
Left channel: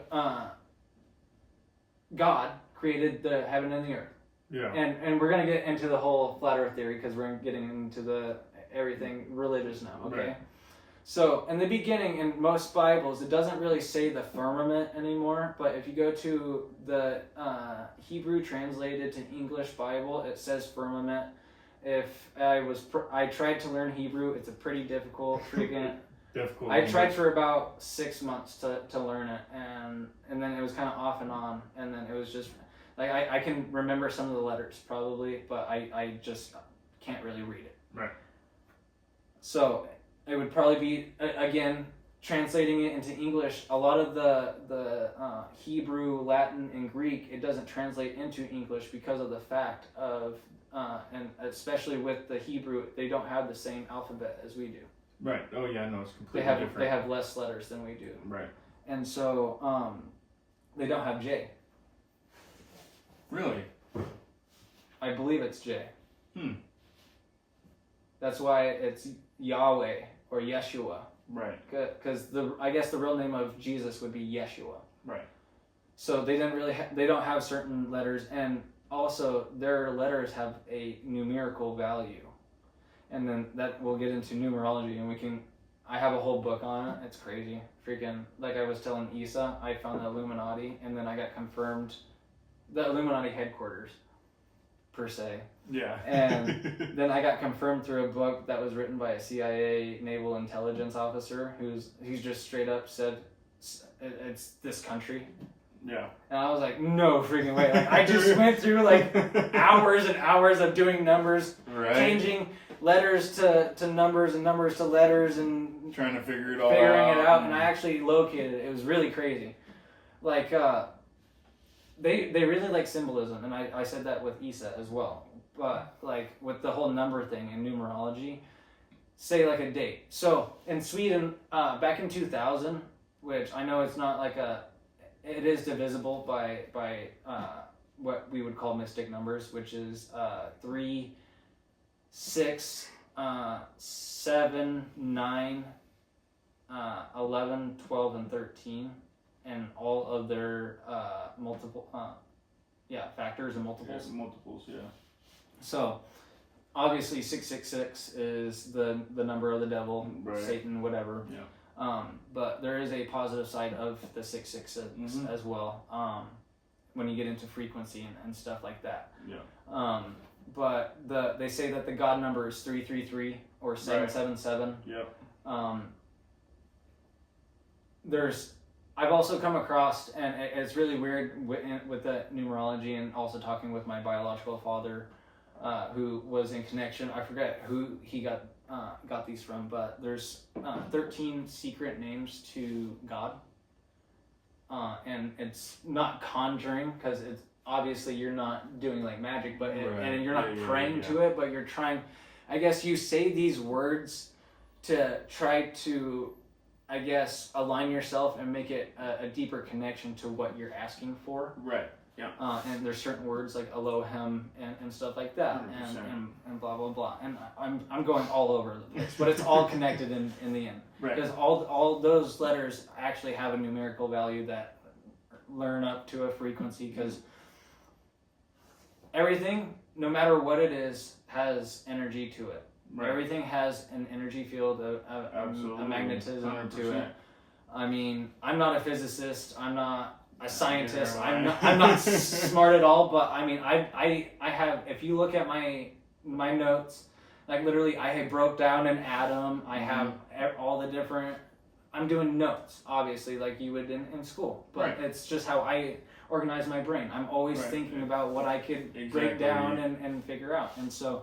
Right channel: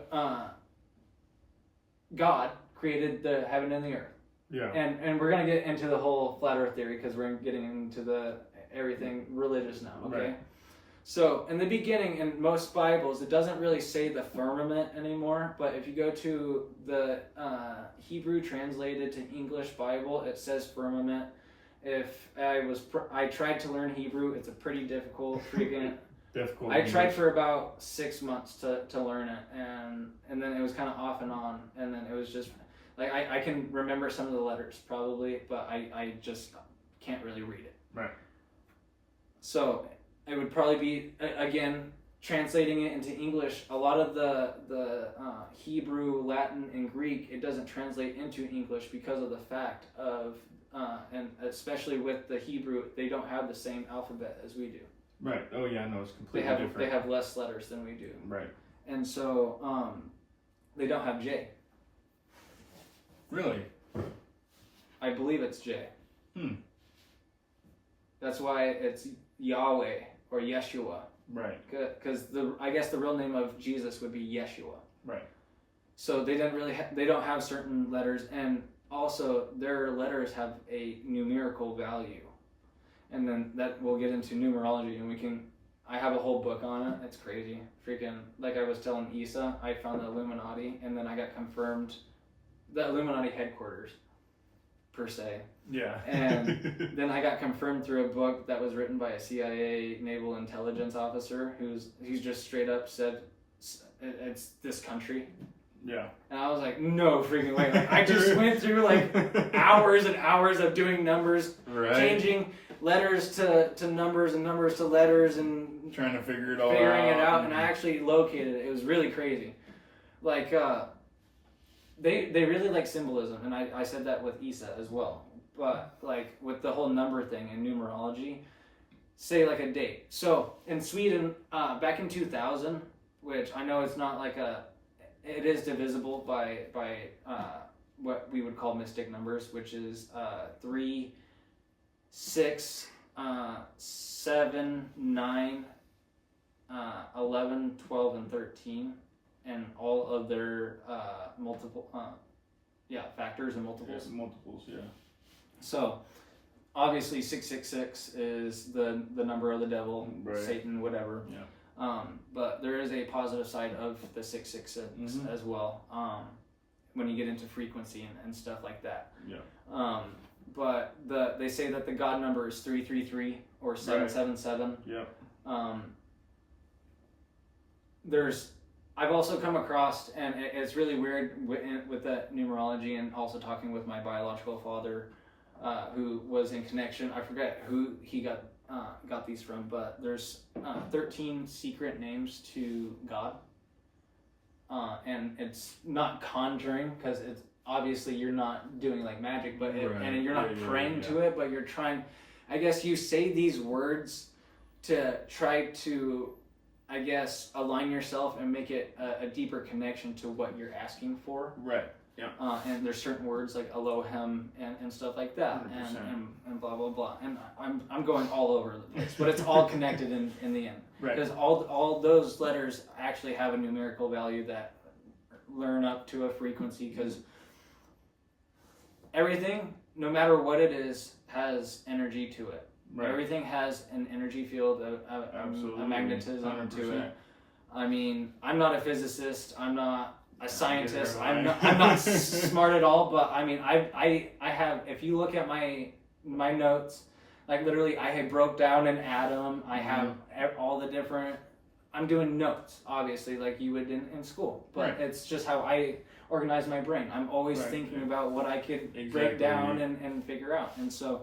God created the heaven and the earth. Yeah. And we're gonna get into the whole flat earth theory because we're getting into the everything religious now. Okay. Right. So, in the beginning, in most Bibles, it doesn't really say the firmament anymore, but if you go to the Hebrew translated to English Bible, it says firmament. If I tried to learn Hebrew, it's a pretty difficult, difficult. I tried for about 6 months to learn it, and then it was kind of off and on, and then it was just, like, I can remember some of the letters, probably, but I just can't really read it. Right. So, it would probably be, again, translating it into English, a lot of the Hebrew, Latin, and Greek, it doesn't translate into English because of the fact of, and especially with the Hebrew, they don't have the same alphabet as we do. Right. Oh yeah, no, it's completely different. They have less letters than we do. Right. And so they don't have J. Really? I believe it's J. That's why it's Yahweh or Yeshua. Right. Because I guess the real name of Jesus would be Yeshua. Right. So they didn't really they don't have certain letters, and also their letters have a numerical value. And then that we'll get into numerology, and I have a whole book on it. It's crazy. Freaking, like I was telling Issa, I found the Illuminati, and then I got confirmed the Illuminati headquarters, per se. Yeah. And then I got confirmed through a book that was written by a CIA naval intelligence officer he's just straight up said it's this country. Yeah. And I was like, no freaking way. Like, I just went through like hours and hours of doing numbers, changing letters to numbers and numbers to letters and trying to figure it all figuring it out. And I actually located it. It was really crazy. Like, they really like symbolism. And I said that with Issa as well. But like with the whole number thing and numerology, say like a date. So in Sweden, back in 2000, which I know it's not like it is divisible by what we would call mystic numbers, which is 3, 6, 7, 9, 11, 12, and 13, and all of their multiple factors and multiples. Yeah, multiples, yeah. So obviously 666 is the number of the devil, Satan, whatever. Yeah. But there is a positive side of the 666 as well. When you get into frequency and stuff like that. Yeah. But they say that the God number is 333 or 777. Yep. I've also come across, and it's really weird with that numerology, and also talking with my biological father, who was in connection. I forget who he got these from, but there's 13 secret names to God, and it's not conjuring because it's obviously you're not doing like magic, but and you're not praying to it, but you're trying. I guess you say these words to try to, I guess, align yourself and make it a deeper connection to what you're asking for. Right. Yeah. And there's certain words like Elohim and stuff like that, and blah blah blah. And I'm going all over the place, but it's all connected in the end. Right. Because all those letters actually have a numerical value that learn up to a frequency. Because everything, no matter what it is, has energy to it. Right. Everything has an energy field, a magnetism 100%. To it. I mean, I'm not a physicist. I'm not a scientist. I'm not smart at all. But I mean, I have. If you look at my notes, like literally, I had broke down an atom. I have all the different. I'm doing notes, obviously, like you would in school. But it's just how I organize my brain. I'm always thinking about what I could break down and figure out. And so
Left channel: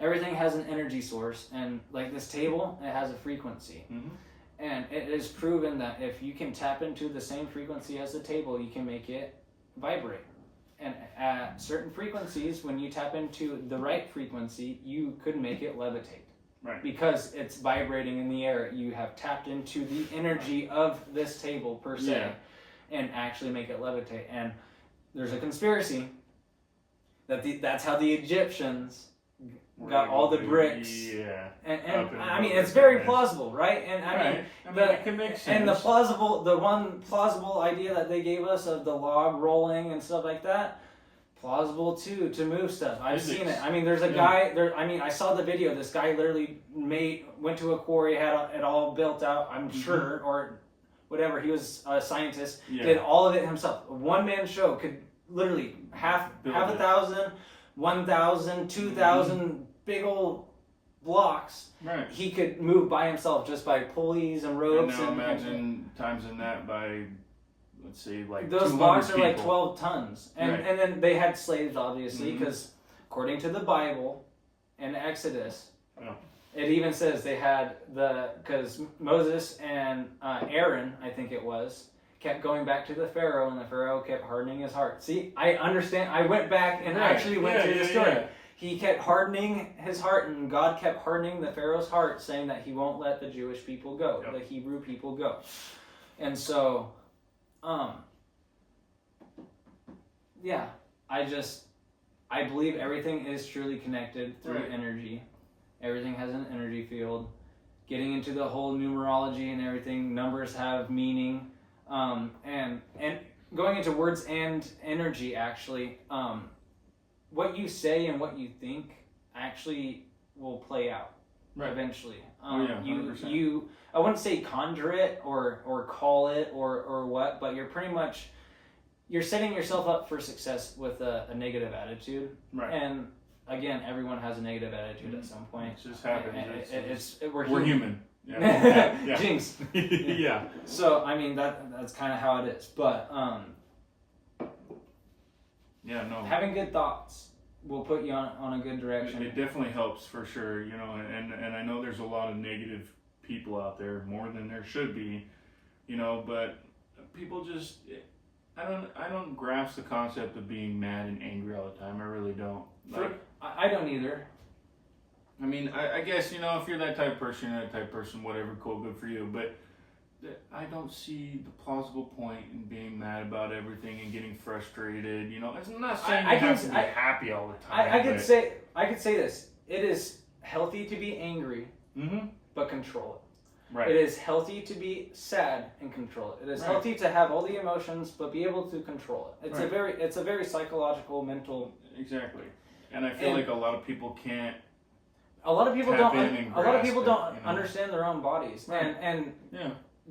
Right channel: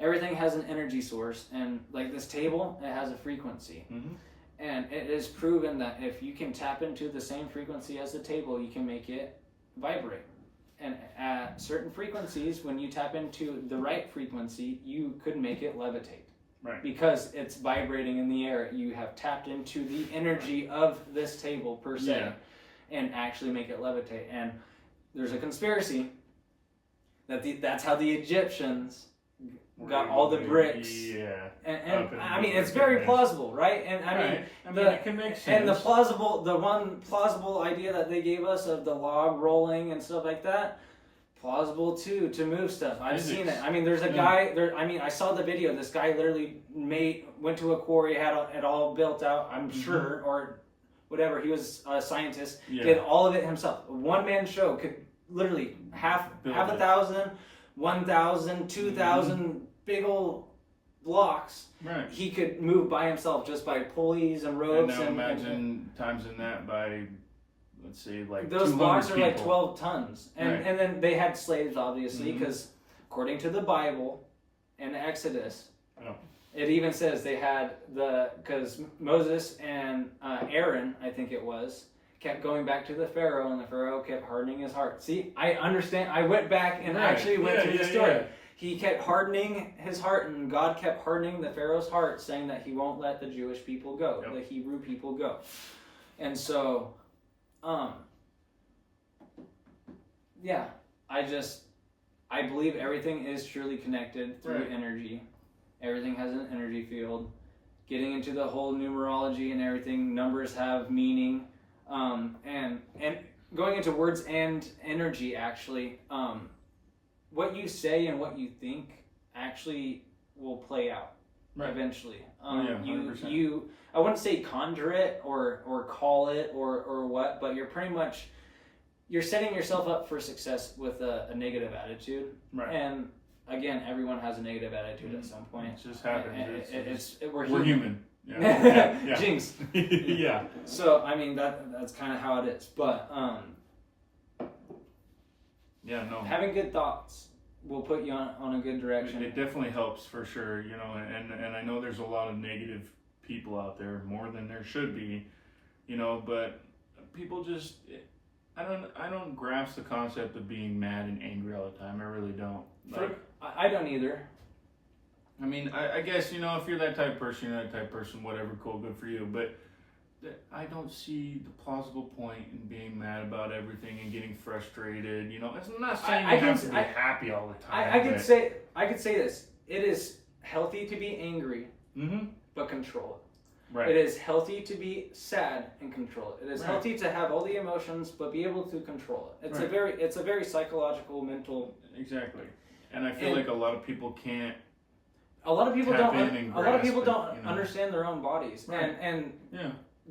everything has an energy source. And like this table, it has a frequency. And it is proven that if you can tap into the same frequency as the table, you can make it vibrate. And at certain frequencies, when you tap into the right frequency, you could make it levitate. Right. Because it's vibrating in the air. You have tapped into the energy of this table, per se, and actually make it levitate. And there's a conspiracy that that's how the Egyptians got all the bricks. Yeah. And I mean, it's very plausible, right? And I mean, it can make sense. And the one plausible idea that they gave us of the log rolling and stuff like that, plausible too, to move stuff. I've seen it. I mean, there's a guy there. I mean, I saw the video. This guy literally went to a quarry, had it all built out, I'm sure, or whatever. He was a scientist, did all of it himself. A one-man show could literally half 1,000, 1,000, 2,000 big old blocks. Right. He could move by himself just by pulleys and ropes. And now imagine timesing that by, let's say, like those blocks are like 12 tons. And then they had slaves, obviously, because according to the Bible in Exodus, it even says they had because Moses and Aaron, I think it was, kept going back to the Pharaoh, and the Pharaoh kept hardening his heart. See, I understand. I went back and actually went through the story. Yeah. He kept hardening his heart, and God kept hardening the Pharaoh's heart, saying that he won't let the Jewish people go, the Hebrew people go. And so, yeah, I believe everything is truly connected through energy. Everything has an energy field. Getting into the whole numerology and everything, numbers have meaning. And going into words and energy, actually, what you say and what you think actually will play out eventually. You I wouldn't say conjure it or call it or what, but you're setting yourself up for success with a negative attitude. Right. And again, everyone has a negative attitude at some point. It just happens. We're human. Yeah. Jinx. Yeah. So I mean that's kind of how it is. But having good thoughts will put you on a good direction. It definitely helps for sure, you know, and I know there's a lot of negative people out there, more than there should be, you know, but people just, I don't grasp the concept of being mad and angry all the time. I really don't. Like, I don't either. I mean, I guess, you know, if you're that type of person, you're that type of person, whatever, cool, good for you, but I don't see the plausible point in being mad about everything and getting frustrated. You know, I'm not saying you have to be happy all the time. I could say this. It is healthy to be angry, but control it. Right. It is healthy to be sad and control it. It is healthy to have all the emotions, but be able to control it. It's a very psychological, mental. Exactly. And I feel like a lot of people can't. A lot of people don't understand their own bodies, and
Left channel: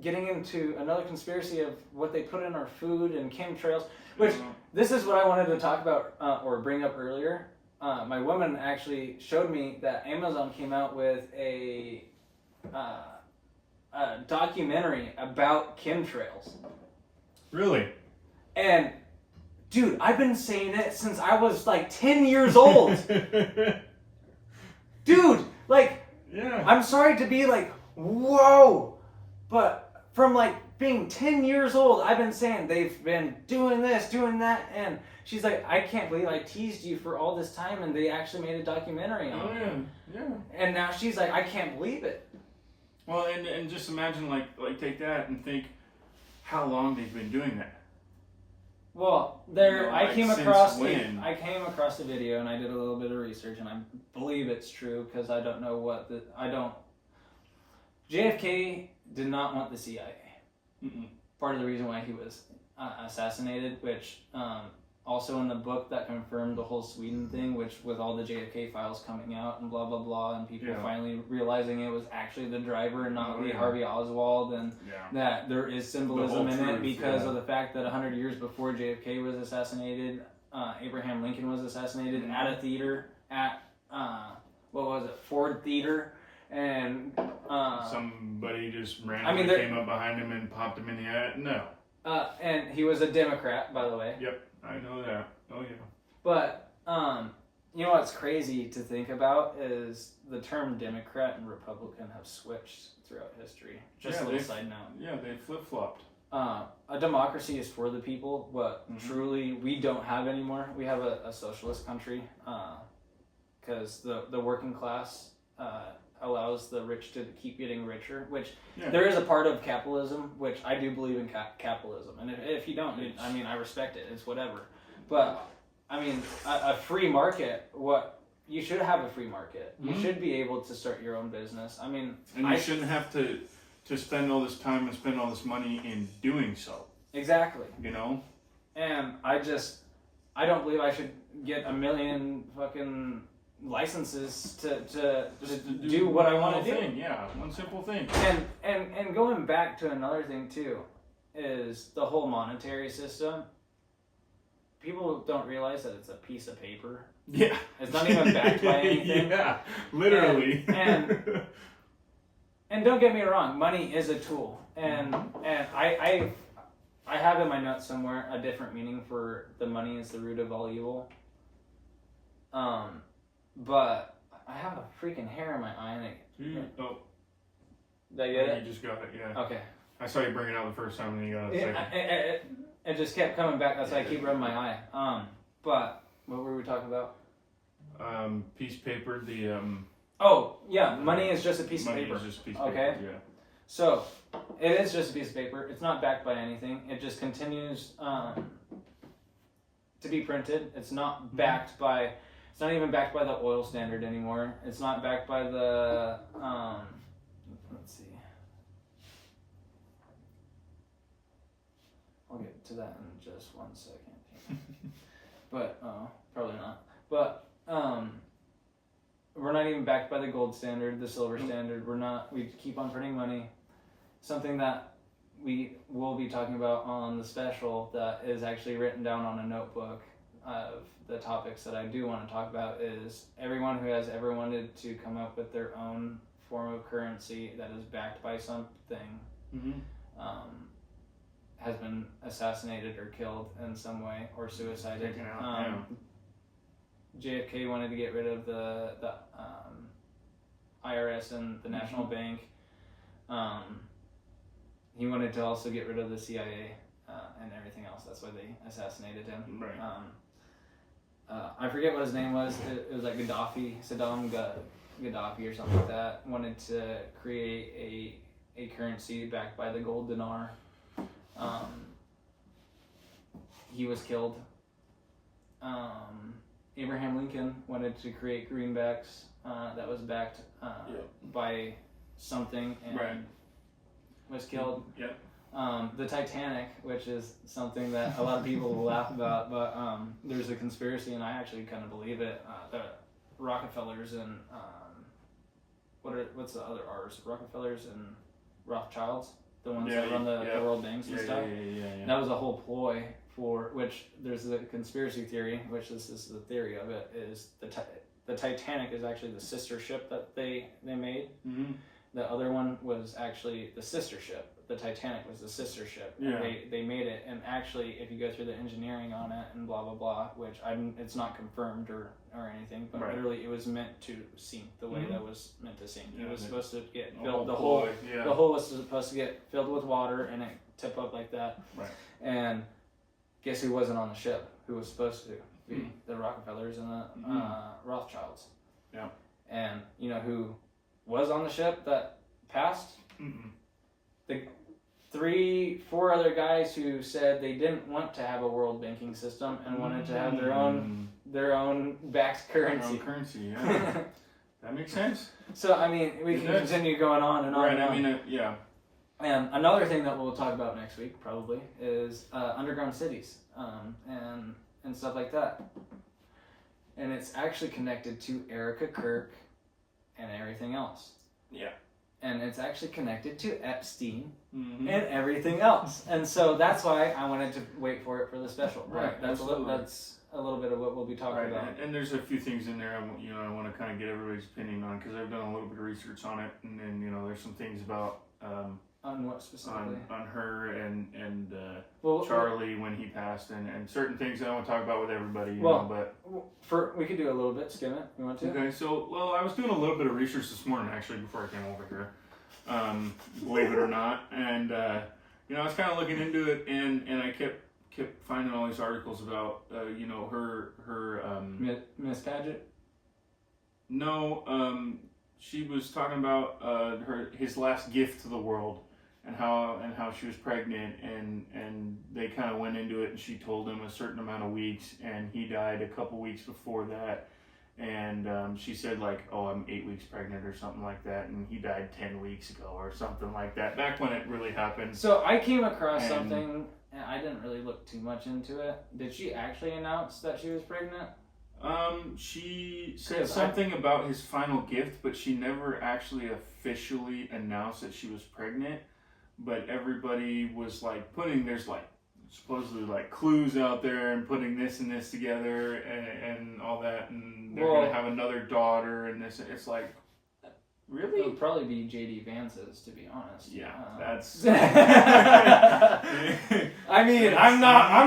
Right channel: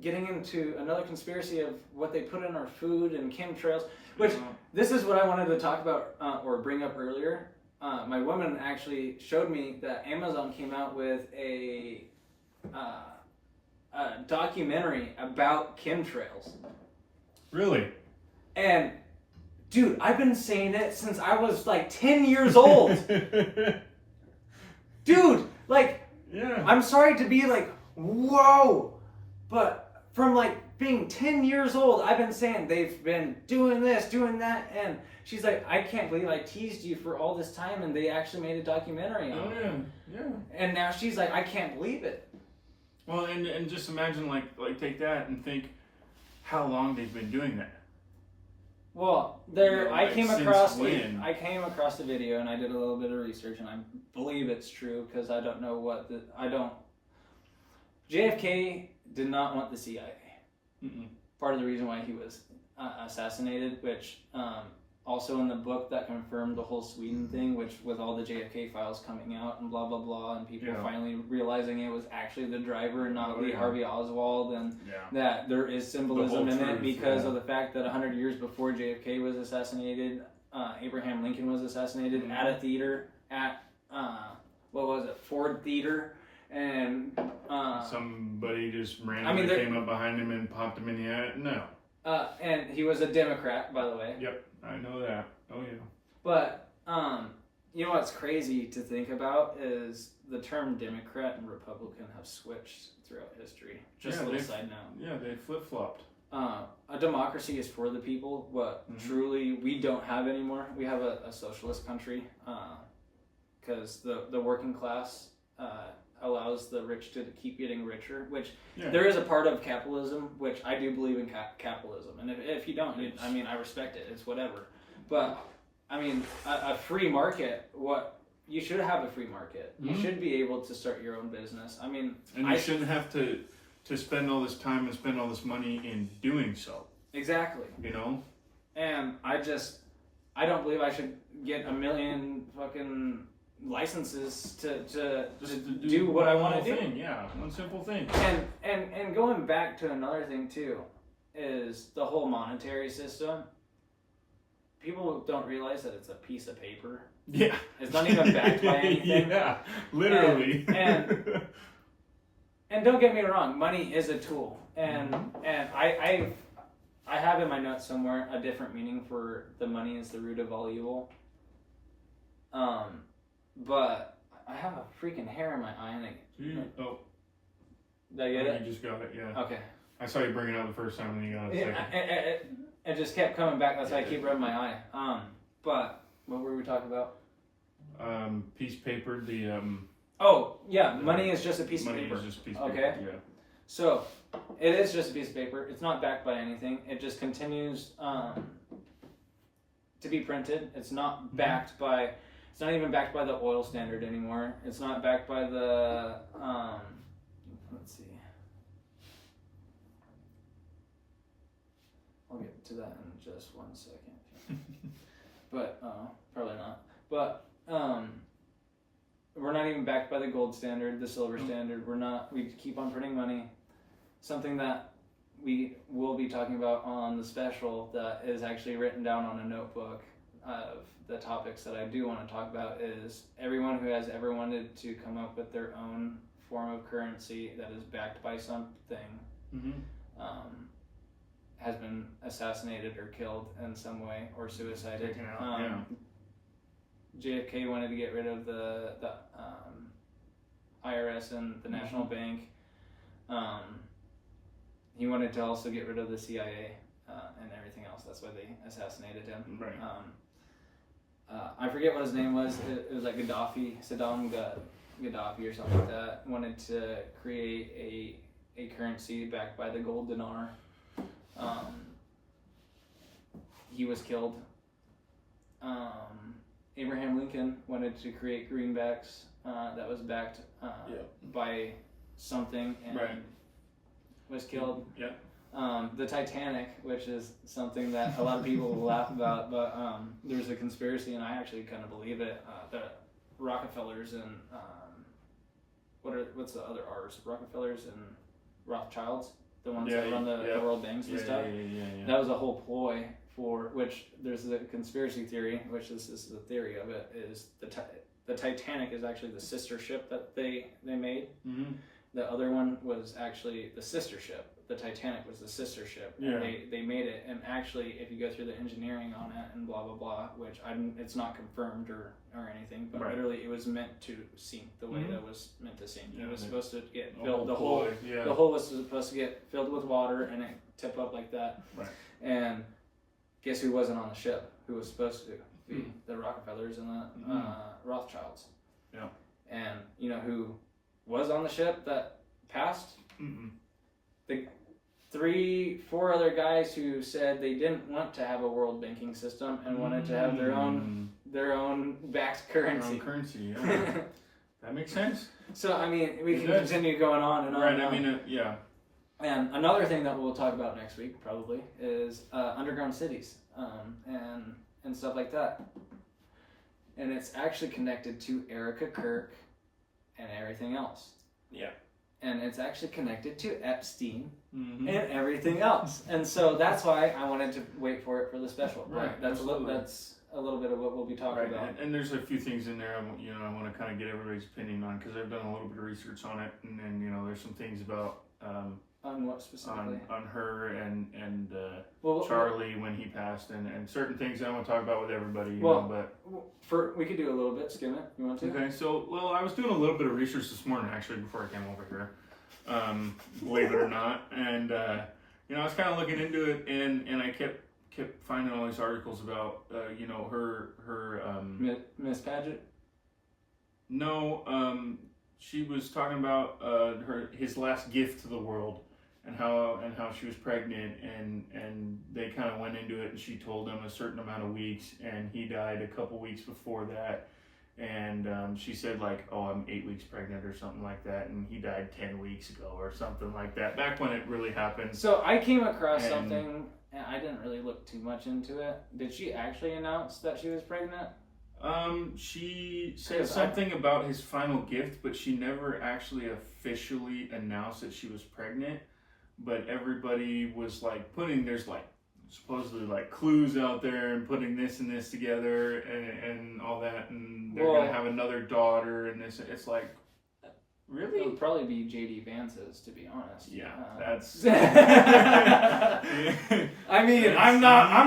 getting into another conspiracy of what they put in our food and chemtrails, which this is what I wanted to talk about or bring up earlier. My woman actually showed me that Amazon came out with a documentary about chemtrails. Really? And dude, I've been saying it since I was like 10 years old. Dude, like, I'm sorry to be like, whoa, but from like being 10 years old, I've been saying they've been doing this, doing that, and she's like, I can't believe I teased you for all this time, and they actually made a documentary on it. Yeah. And now she's like, I can't believe it. Well, and just imagine, like take that and think how long they've been doing that. Well, I came across the video, and I did a little bit of research, and I believe it's true because I don't know JFK did not want the CIA. Part of the reason why he was assassinated, which also in the book that confirmed the whole Sweden thing, which with all the JFK files coming out and blah blah blah, and people finally realizing it was actually the driver and not Lee Harvey Oswald, and that there is symbolism in it because of the fact that 100 years before JFK was assassinated, Abraham Lincoln was assassinated at a theater at Ford Theater. And somebody just randomly came up behind him and popped him in the eye. No. And he was a Democrat, by the way. Yep, I know that. Oh yeah. But you know what's crazy to think about is the term Democrat and Republican have switched throughout history. Just a little side note. Yeah, they flip-flopped. A democracy is for the people, but truly we don't have anymore. We have a socialist country because the working class allows the rich to keep getting richer, which there is a part of capitalism, which I do believe in capitalism. And if you don't, I mean, I respect it. It's whatever. But, I mean, a free market, you should have a free market. You should be able to start your own business. I mean... And you shouldn't have to spend all this time and spend all this money in doing so. Exactly. You know? And I don't believe I should get 1 million fucking licenses to do what I want to do. Yeah, one simple thing. And going back to another thing too, is the whole monetary system. People don't realize that it's a piece of paper. Yeah. It's not even backed by anything. Yeah, literally. And don't get me wrong, money is a tool. And I have in my notes somewhere a different meaning for the money is the root of all evil. But I have a freaking hair in my eye. And did I get it? You just got it, yeah. Okay. I saw you bring it out the first time and you got it second. It just kept coming back. That's why I keep rubbing my eye. But what were we talking about? Piece of paper, the Oh, yeah, money is just a piece of money paper. is just a piece of Okay. paper, yeah. So, it is just a piece of paper. It's not backed by anything. It just continues to be printed. It's not backed by, it's not even backed by the oil standard anymore. It's not backed by the, let's see. I'll get to that in just 1 second. But, probably not. But, we're not even backed by the gold standard, the silver standard. We keep on printing money. Something that we will be talking about on the special that is actually written down on a notebook of the topics that I do want to talk about is everyone who has ever wanted to come up with their own form of currency that is backed by something has been assassinated or killed in some way or suicided. Taken out, JFK wanted to get rid of the IRS and the National Bank. He wanted to also get rid of the CIA and everything else. That's why they assassinated him. Right. I forget what his name was. It was like Saddam Gaddafi or something like that. Wanted to create a currency backed by the gold dinar. He was killed. Abraham Lincoln wanted to create greenbacks that was backed by something and was killed. Yep. The Titanic, which is something that a lot of people laugh about, but there's a conspiracy, and I actually kind of believe it. The Rockefellers and what's the other R's? Rockefellers and Rothschilds, the ones that run the world banks and stuff. Yeah. That was a whole ploy for which there's a conspiracy theory, which this is the theory of it, is the Titanic is actually the sister ship that they made. Mm-hmm. The other one was actually the sister ship. The Titanic was the sister ship. Yeah. They made it, and actually, if you go through the engineering on it and blah blah blah, which it's not confirmed or anything, but literally it was meant to sink the way that was meant to sink. It was supposed to get filled. The whole was supposed to get filled with water and it tip up like that. Right. And guess who wasn't on the ship? Who was supposed to be the Rockefellers and the Rothschilds? Yeah. And you know who was on the ship that passed? The 3-4 other guys who said they didn't want to have a world banking system and wanted to have their own backed currency. Yeah. That makes sense. So I mean, we can continue going on and on. Right. And on. I mean, yeah. And another thing that we'll talk about next week probably is underground cities and stuff like that. And it's actually connected to Erica Kirk and everything else. Yeah. And it's actually connected to Epstein and everything else. And so that's why I wanted to wait for it for the special. Right. That's a little bit of what we'll be talking about. And there's a few things in there I want to kind of get everybody's opinion on because I've done a little bit of research on it. And then, there's some things about... on what specifically? On her and Charlie when he passed and certain things I want to talk about with everybody, but... we could do a little bit, skim it. You want to? Okay, so, I was doing a little bit of research this morning, actually, before I came over here. Believe it or not. And, I was kind of looking into it, and I kept finding all these articles about, her... Miss Paget? No, she was talking about his last gift to the world. And how she was pregnant, and they kind of went into it, and she told him a certain amount of weeks, and he died a couple weeks before that, and she said I'm 8 weeks pregnant or something like that, and he died 10 weeks ago or something like that, back when it really happened. So I came across something, and I didn't really look too much into it. Did she actually announce that she was pregnant? She said something about his final gift, but she never actually officially announced that she was pregnant. But everybody was there's supposedly clues out there and putting this and this together and all that, and they're gonna have another daughter and this. It's really? It would probably be JD Vance's, to be honest. Yeah, that's. I mean, I'm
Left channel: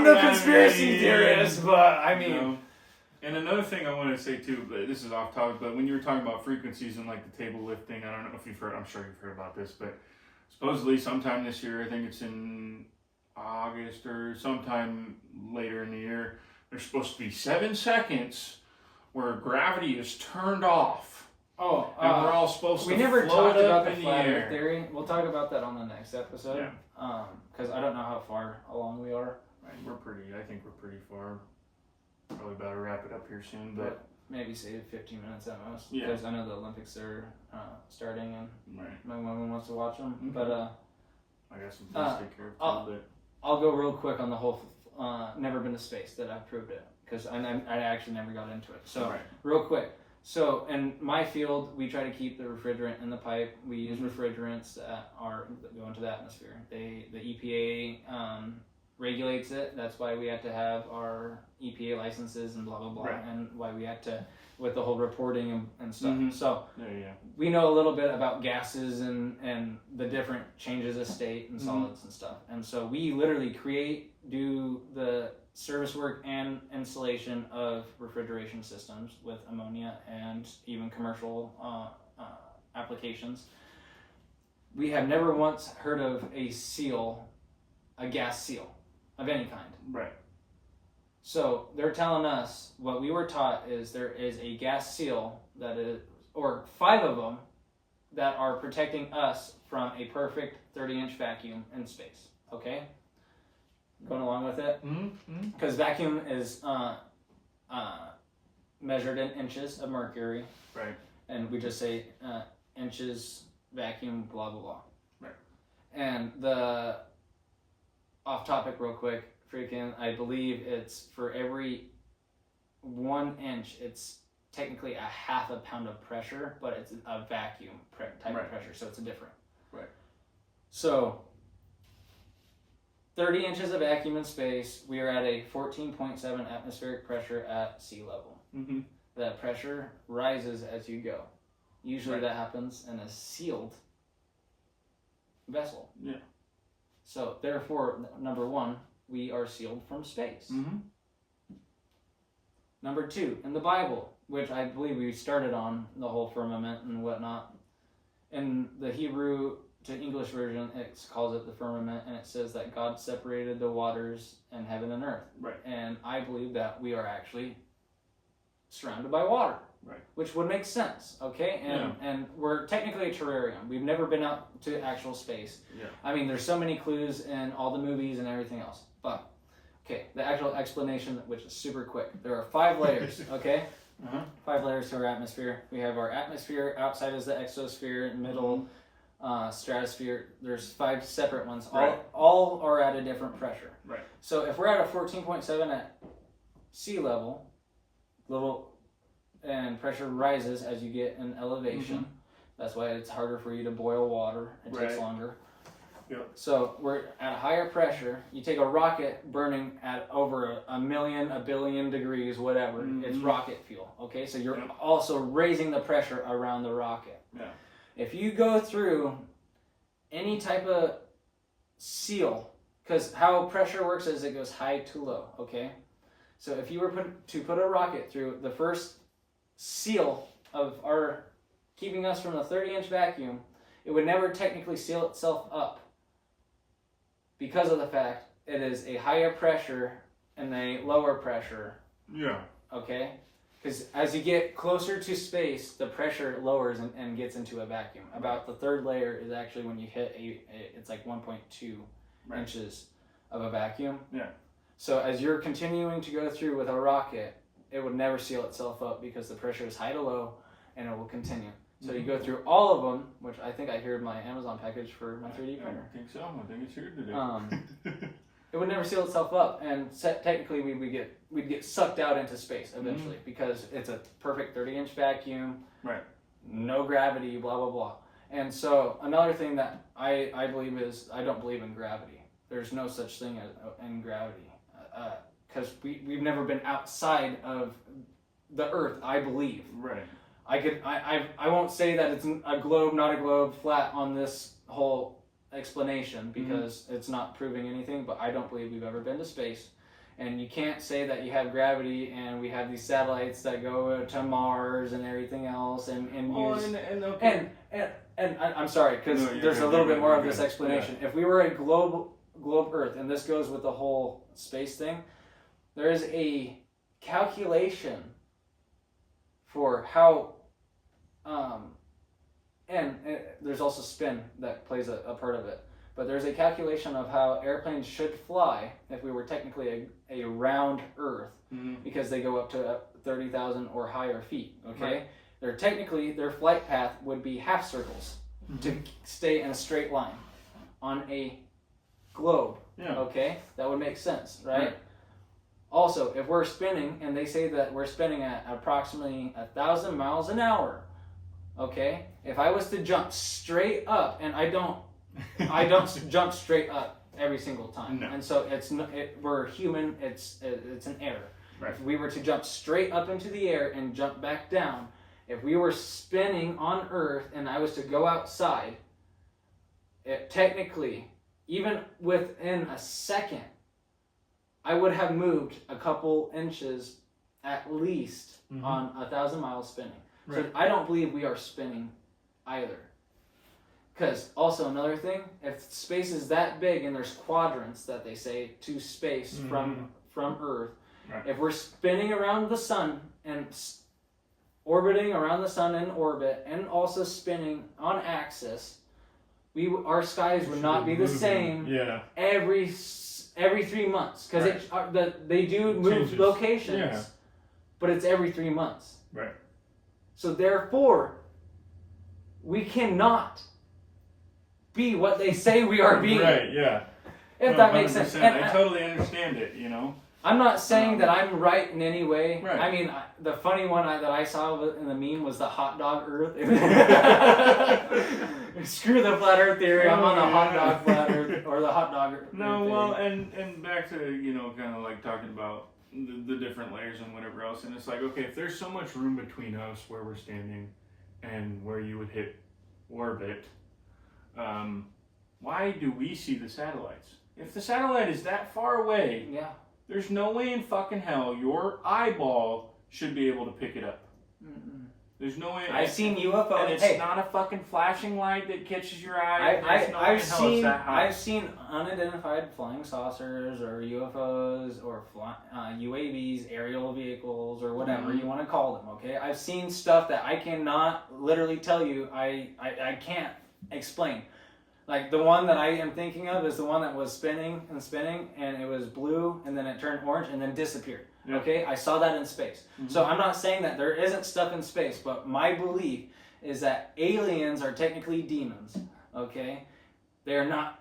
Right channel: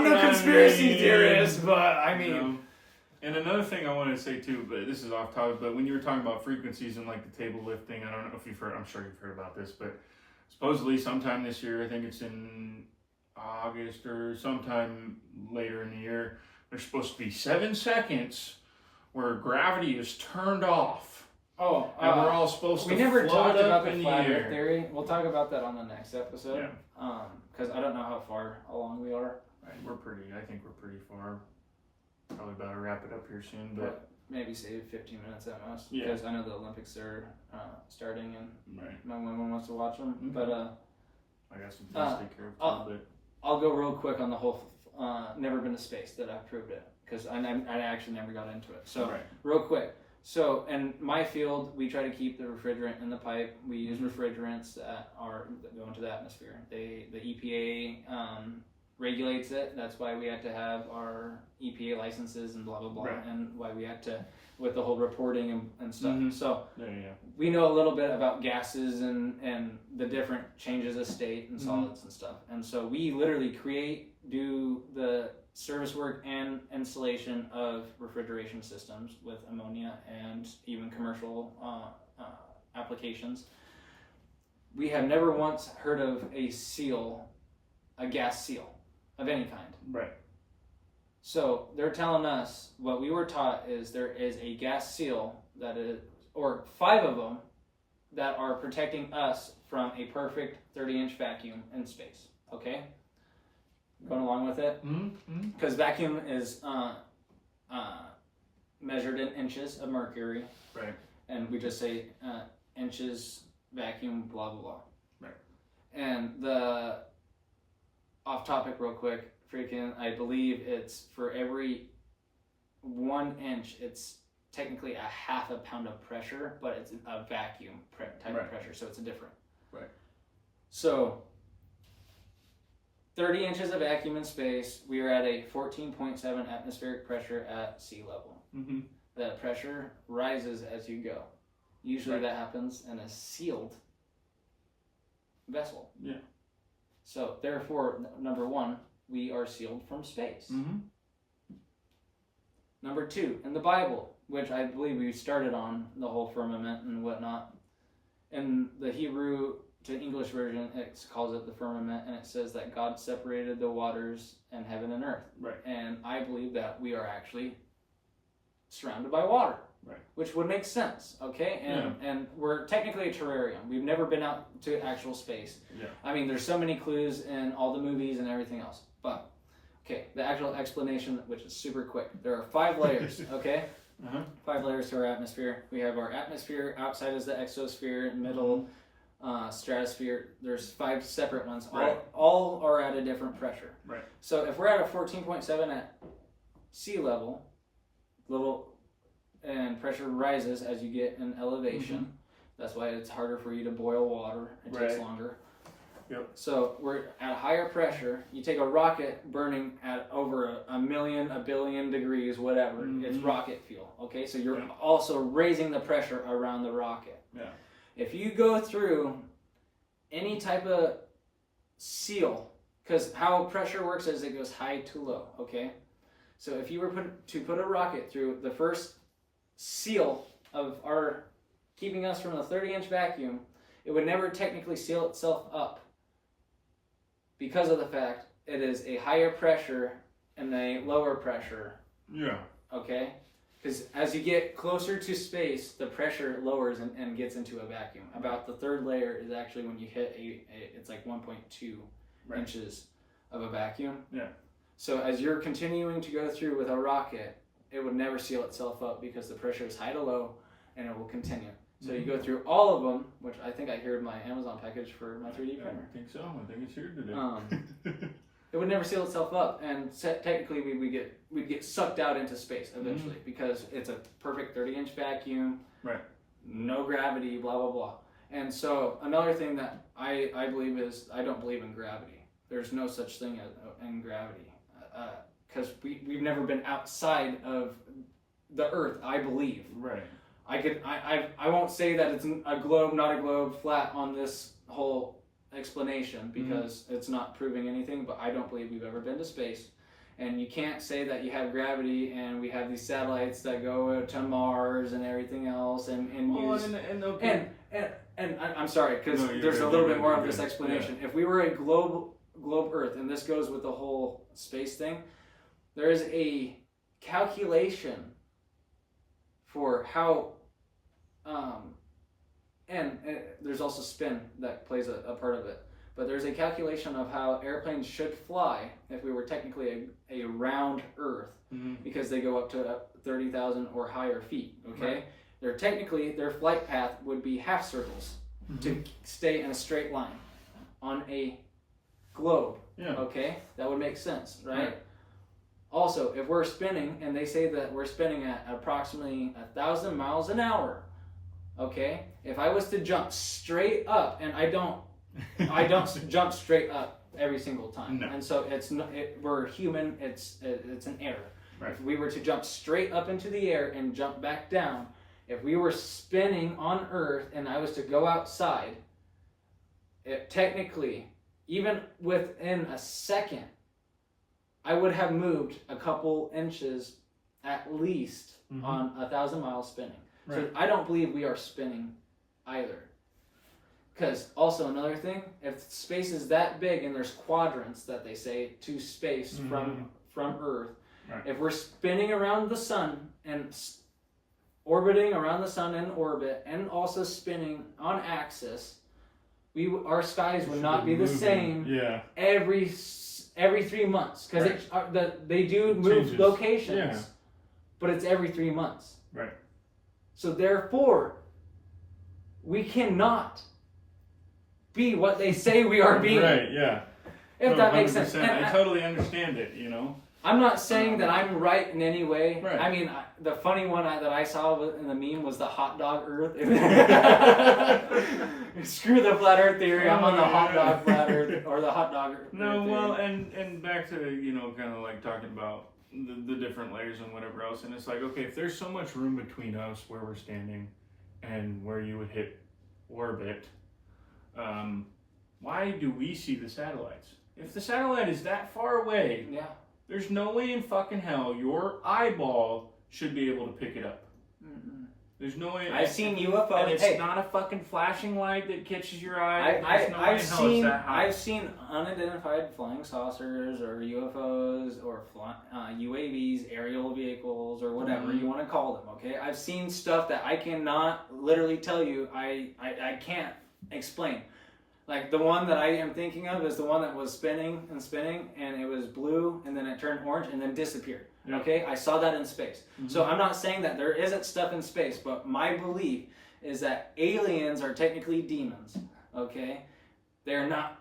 no conspiracy theorist, but I mean. And another thing I wanted to say too, but this is off topic, but when you were talking about frequencies and like the table lifting, I don't know if you've heard, I'm sure you've heard about this, but supposedly sometime this year, I think it's in August or sometime later in the year, there's supposed to be 7 seconds where gravity is turned off. Oh, and we're all supposed to we never float talked up about in the the flat air. Earth theory. We'll talk about that on the next episode. Because I don't know how far along we are. Right, I think we're pretty far. Probably about to wrap it up here soon, but maybe save 15 minutes at most. Yeah. Because I know the Olympics are starting and right. my woman wants to watch them. Okay. But I got some things to take care of too. I'll go real quick on the whole never been to space that I've proved it. Because I actually never got into it. So real quick. So in my field, we try to keep the refrigerant in the pipe. We use refrigerants that go into the atmosphere. The EPA regulates it. That's why we had to have our EPA licenses and blah blah blah, and why we had to with the whole reporting and stuff. So we know a little bit about gases and the different changes of state and solids and stuff. And so we literally do the service work and installation of refrigeration systems with ammonia and even commercial applications. We have never once heard of a gas seal of any kind. Right. So they're telling us what we were taught is there is a gas seal that is, or 5 of them that are protecting us from a perfect 30-inch vacuum in space. Okay? Going along with it? Because vacuum is measured in inches of mercury. Right. And we just say inches, vacuum, blah, blah, blah. Right. And the off topic real quick, I believe it's for every 1 inch, it's technically a half a pound of pressure, but it's a vacuum type of pressure, so it's a different. Right. So 30 inches of vacuum in space, we are at a 14.7 atmospheric pressure at sea level. That pressure rises as you go. Usually that happens in a sealed vessel. Yeah. So therefore, number 1, we are sealed from space. Number 2, in the Bible, which I believe we started on the whole firmament and whatnot, in the Hebrew to English version, it calls it the firmament, and it says that God separated the waters and heaven and earth. Right. And I believe that we are actually surrounded by water. Right. Which would make sense, okay? And we're technically a terrarium. We've never been out to actual space. Yeah. I mean, there's so many clues in all the movies and everything else. But, okay, the actual explanation, which is super quick. There are 5 layers, okay? 5 layers to our atmosphere. We have our atmosphere, outside is the exosphere, middle, stratosphere. There's 5 separate ones. All are at a different pressure. Right. So if we're at a 14.7 at sea level, and pressure rises as you get in elevation. That's why it's harder for you to boil water. It takes longer. Yep. So we're at a higher pressure. You take a rocket burning at over a billion degrees, whatever. It's rocket fuel. Okay, so you're also raising the pressure around the rocket. Yeah. If you go through any type of seal, because how pressure works is it goes high to low. Okay, so if you were to put a rocket through the first seal of our keeping us from the 30-inch vacuum, it would never technically seal itself up because of the fact it is a higher pressure and a lower pressure. Yeah. Okay? Because as you get closer to space, the pressure lowers and gets into a vacuum. About the 3rd layer is actually when you hit it's like 1.2 inches of a vacuum. Yeah. So as you're continuing to go through with a rocket, it would never seal itself up because the pressure is high to low and it will continue. So you go through all of them, which I think I hear in my Amazon package for my 3D printer. I think so. I think it's here today. It would never seal itself up, and technically we'd get sucked out into space eventually because it's a perfect 30-inch vacuum, no gravity, blah blah blah. And so another thing that I believe is I don't believe in gravity. There's no such thing in gravity because we've never been outside of the Earth. I believe. Right. I won't say that it's a globe, not a globe, flat on this whole explanation because it's not proving anything, but I don't believe we've ever been to space. And you can't say that you have gravity and we have these satellites that go to Mars and everything else and I'm sorry, because there's a little bit more of this explanation. If we were a globe Earth, and this goes with the whole space thing, there is a calculation for how, and there's also spin that plays a part of it. But there's a calculation of how airplanes should fly if we were technically a round Earth, because they go up to 30,000 or higher feet. Okay, their flight path would be half circles to stay in a straight line on a globe. Okay, that would make sense, right? Also, if we're spinning, and they say that we're spinning at approximately 1,000 miles an hour. Okay, if I was to jump straight up, and I don't jump straight up every single time, and so we're human. It's an error. Right. If we were to jump straight up into the air and jump back down, if we were spinning on Earth and I was to go outside, technically, even within a second, I would have moved a couple inches at least on 1,000 miles spinning. Right. So I don't believe we are spinning either. Because also another thing, if space is that big and there's quadrants that they say to space from Earth, if we're spinning around the sun and orbiting around the sun in orbit and also spinning on axis, our skies would not be the same every 3 months, because they do move locations, but it's every 3 months. Right. So therefore, we cannot be what they say we are being. Right, yeah. If that makes sense. And I totally understand it, you know. I'm not saying that I'm right in any way. Right. I mean, the funny one that I saw in the meme was the hot dog Earth. Screw the flat Earth theory. I'm on the hot dog flat Earth, or the hot dog Earth theory. Well, and back to, you know, kind of like talking about the different layers and whatever else. And it's like, okay, if there's so much room between us where we're standing and where you would hit orbit, why do we see the satellites? If the satellite is that far away, there's no way in fucking hell your eyeball should be able to pick it up. There's no way. I've seen UFOs. And it's not a fucking flashing light that catches your eye. I've seen unidentified flying saucers or UFOs or UAVs, aerial vehicles, or whatever you want to call them. Okay, I've seen stuff that I cannot literally tell you. I can't explain. Like the one that I am thinking of is the one that was spinning, and it was blue, and then it turned orange, and then disappeared. Yeah. Okay, I saw that in space. So I'm not saying that there isn't stuff in space, but my belief is that aliens are technically demons. Okay, they are not.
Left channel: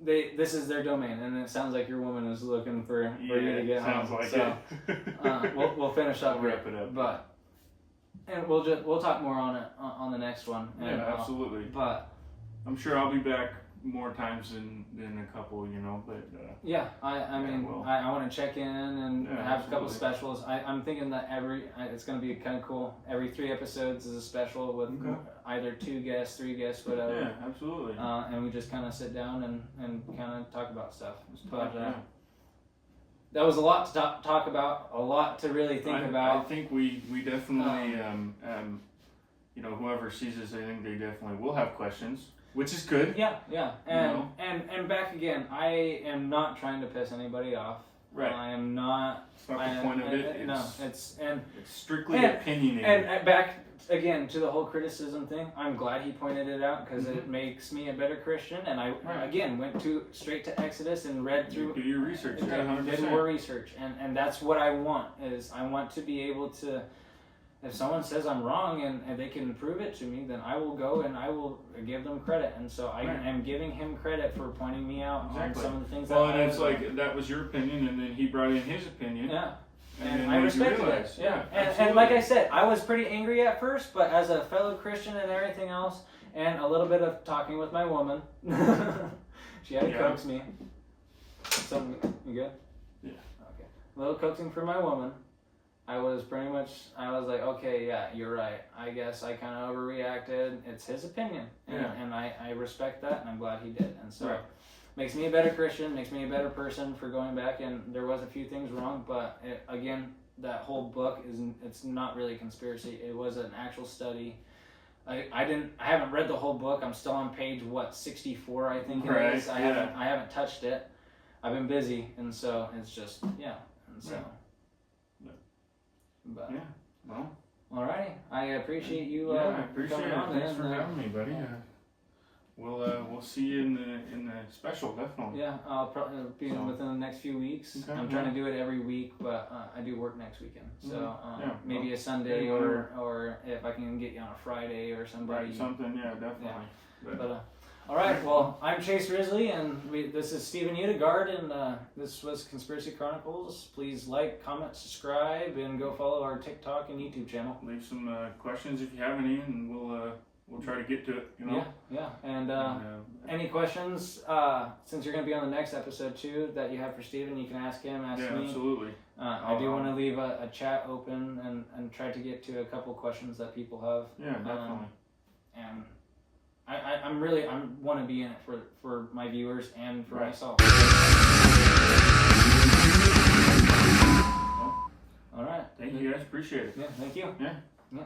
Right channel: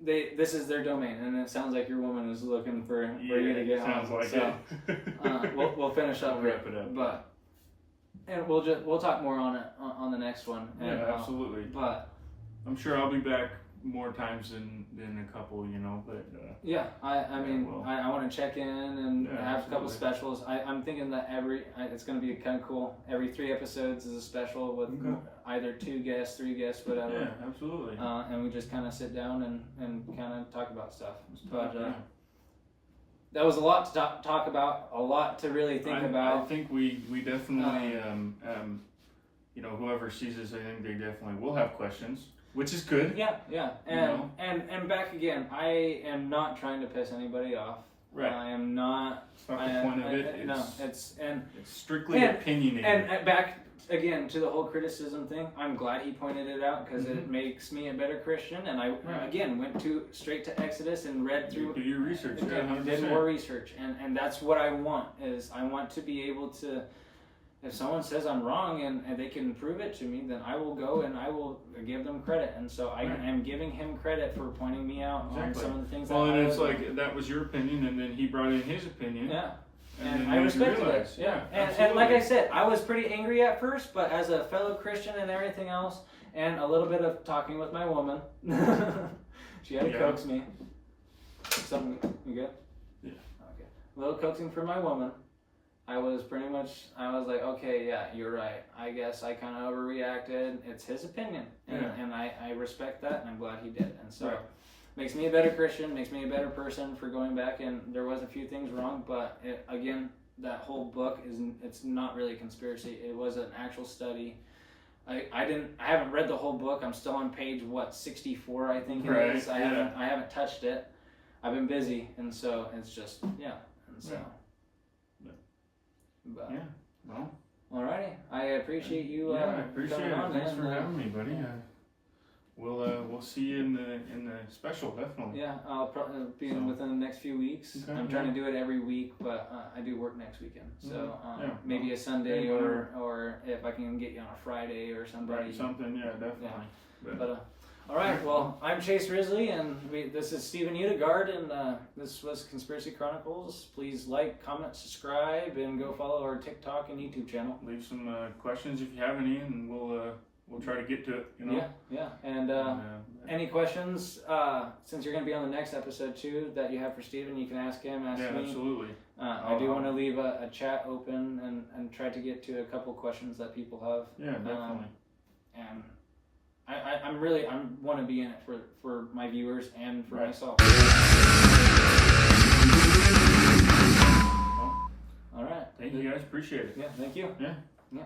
This is their domain, and it sounds like your woman is looking for you to get sounds home. Like so it. we'll finish up. We'll wrap it up. But and we'll talk more on it on the next one. And, absolutely. But I'm sure I'll be back more times than a couple, you know, but I mean, I want to check in and have a couple specials. I'm thinking that it's going to be kind of cool. Every 3 episodes is a special with either 2 guests, 3 guests, whatever. Yeah, absolutely. And we just kind of sit down and kind of talk about stuff. But that was a lot to talk about, a lot to really think about. I think we definitely, you know, whoever sees this, I think they definitely will have questions. Which is good. Yeah. And back again, I am not trying to piss anybody off. Right. I am not. It's not the point of it. It's strictly opinionated. And back again to the whole criticism thing. I'm glad he pointed it out because it makes me a better Christian. And I again went straight to Exodus and read through. Do your research. And did more research. And that's what I want. Is I want to be able to. If someone says I'm wrong and they can prove it to me, then I will go and I will give them credit. And so I am giving him credit for pointing me out on some of the things. Well, and it's like that was your opinion, and then he brought in his opinion. Yeah, and I respected it. Yeah, and like I said, I was pretty angry at first, but as a fellow Christian and everything else, and a little bit of talking with my woman, she had to coax me. Something, you good? Yeah. Okay. A little coaxing for my woman. I was like, okay, yeah, you're right. I guess I kind of overreacted. It's his opinion, and I respect that, and I'm glad he did. And so, makes me a better Christian, makes me a better person for going back, and there was a few things wrong, but again, that whole book it's not really a conspiracy. It was an actual study. I haven't read the whole book. I'm still on page 64, I think it is. I haven't touched it. I've been busy, and so it's just and so. But yeah. Well. Alrighty, I appreciate you. I appreciate coming it. on, Thanks man. for having me, buddy. We'll see you in the special, definitely. Yeah, I'll probably be within the next few weeks. Okay, I'm trying to do it every week, but I do work next weekend, so maybe a yeah, Sunday or if I can get you on a Friday or somebody. Right, something, yeah, definitely. But all right, well, I'm Chase Risley, and this is Steven Utigard, and this was Conspiracy Chronicles. Please like, comment, subscribe, and go follow our TikTok and YouTube channel. Leave some questions if you have any, and we'll try to get to it. Yeah. And any questions? Since you're going to be on the next episode too, that you have for Steven, you can ask him. Ask me. Absolutely. I do want to leave a chat open and try to get to a couple questions that people have. Yeah, definitely. And I want to be in it for my viewers and for myself. Well, all right. thank you guys. Appreciate it. Yeah. Thank you. Yeah. Yeah.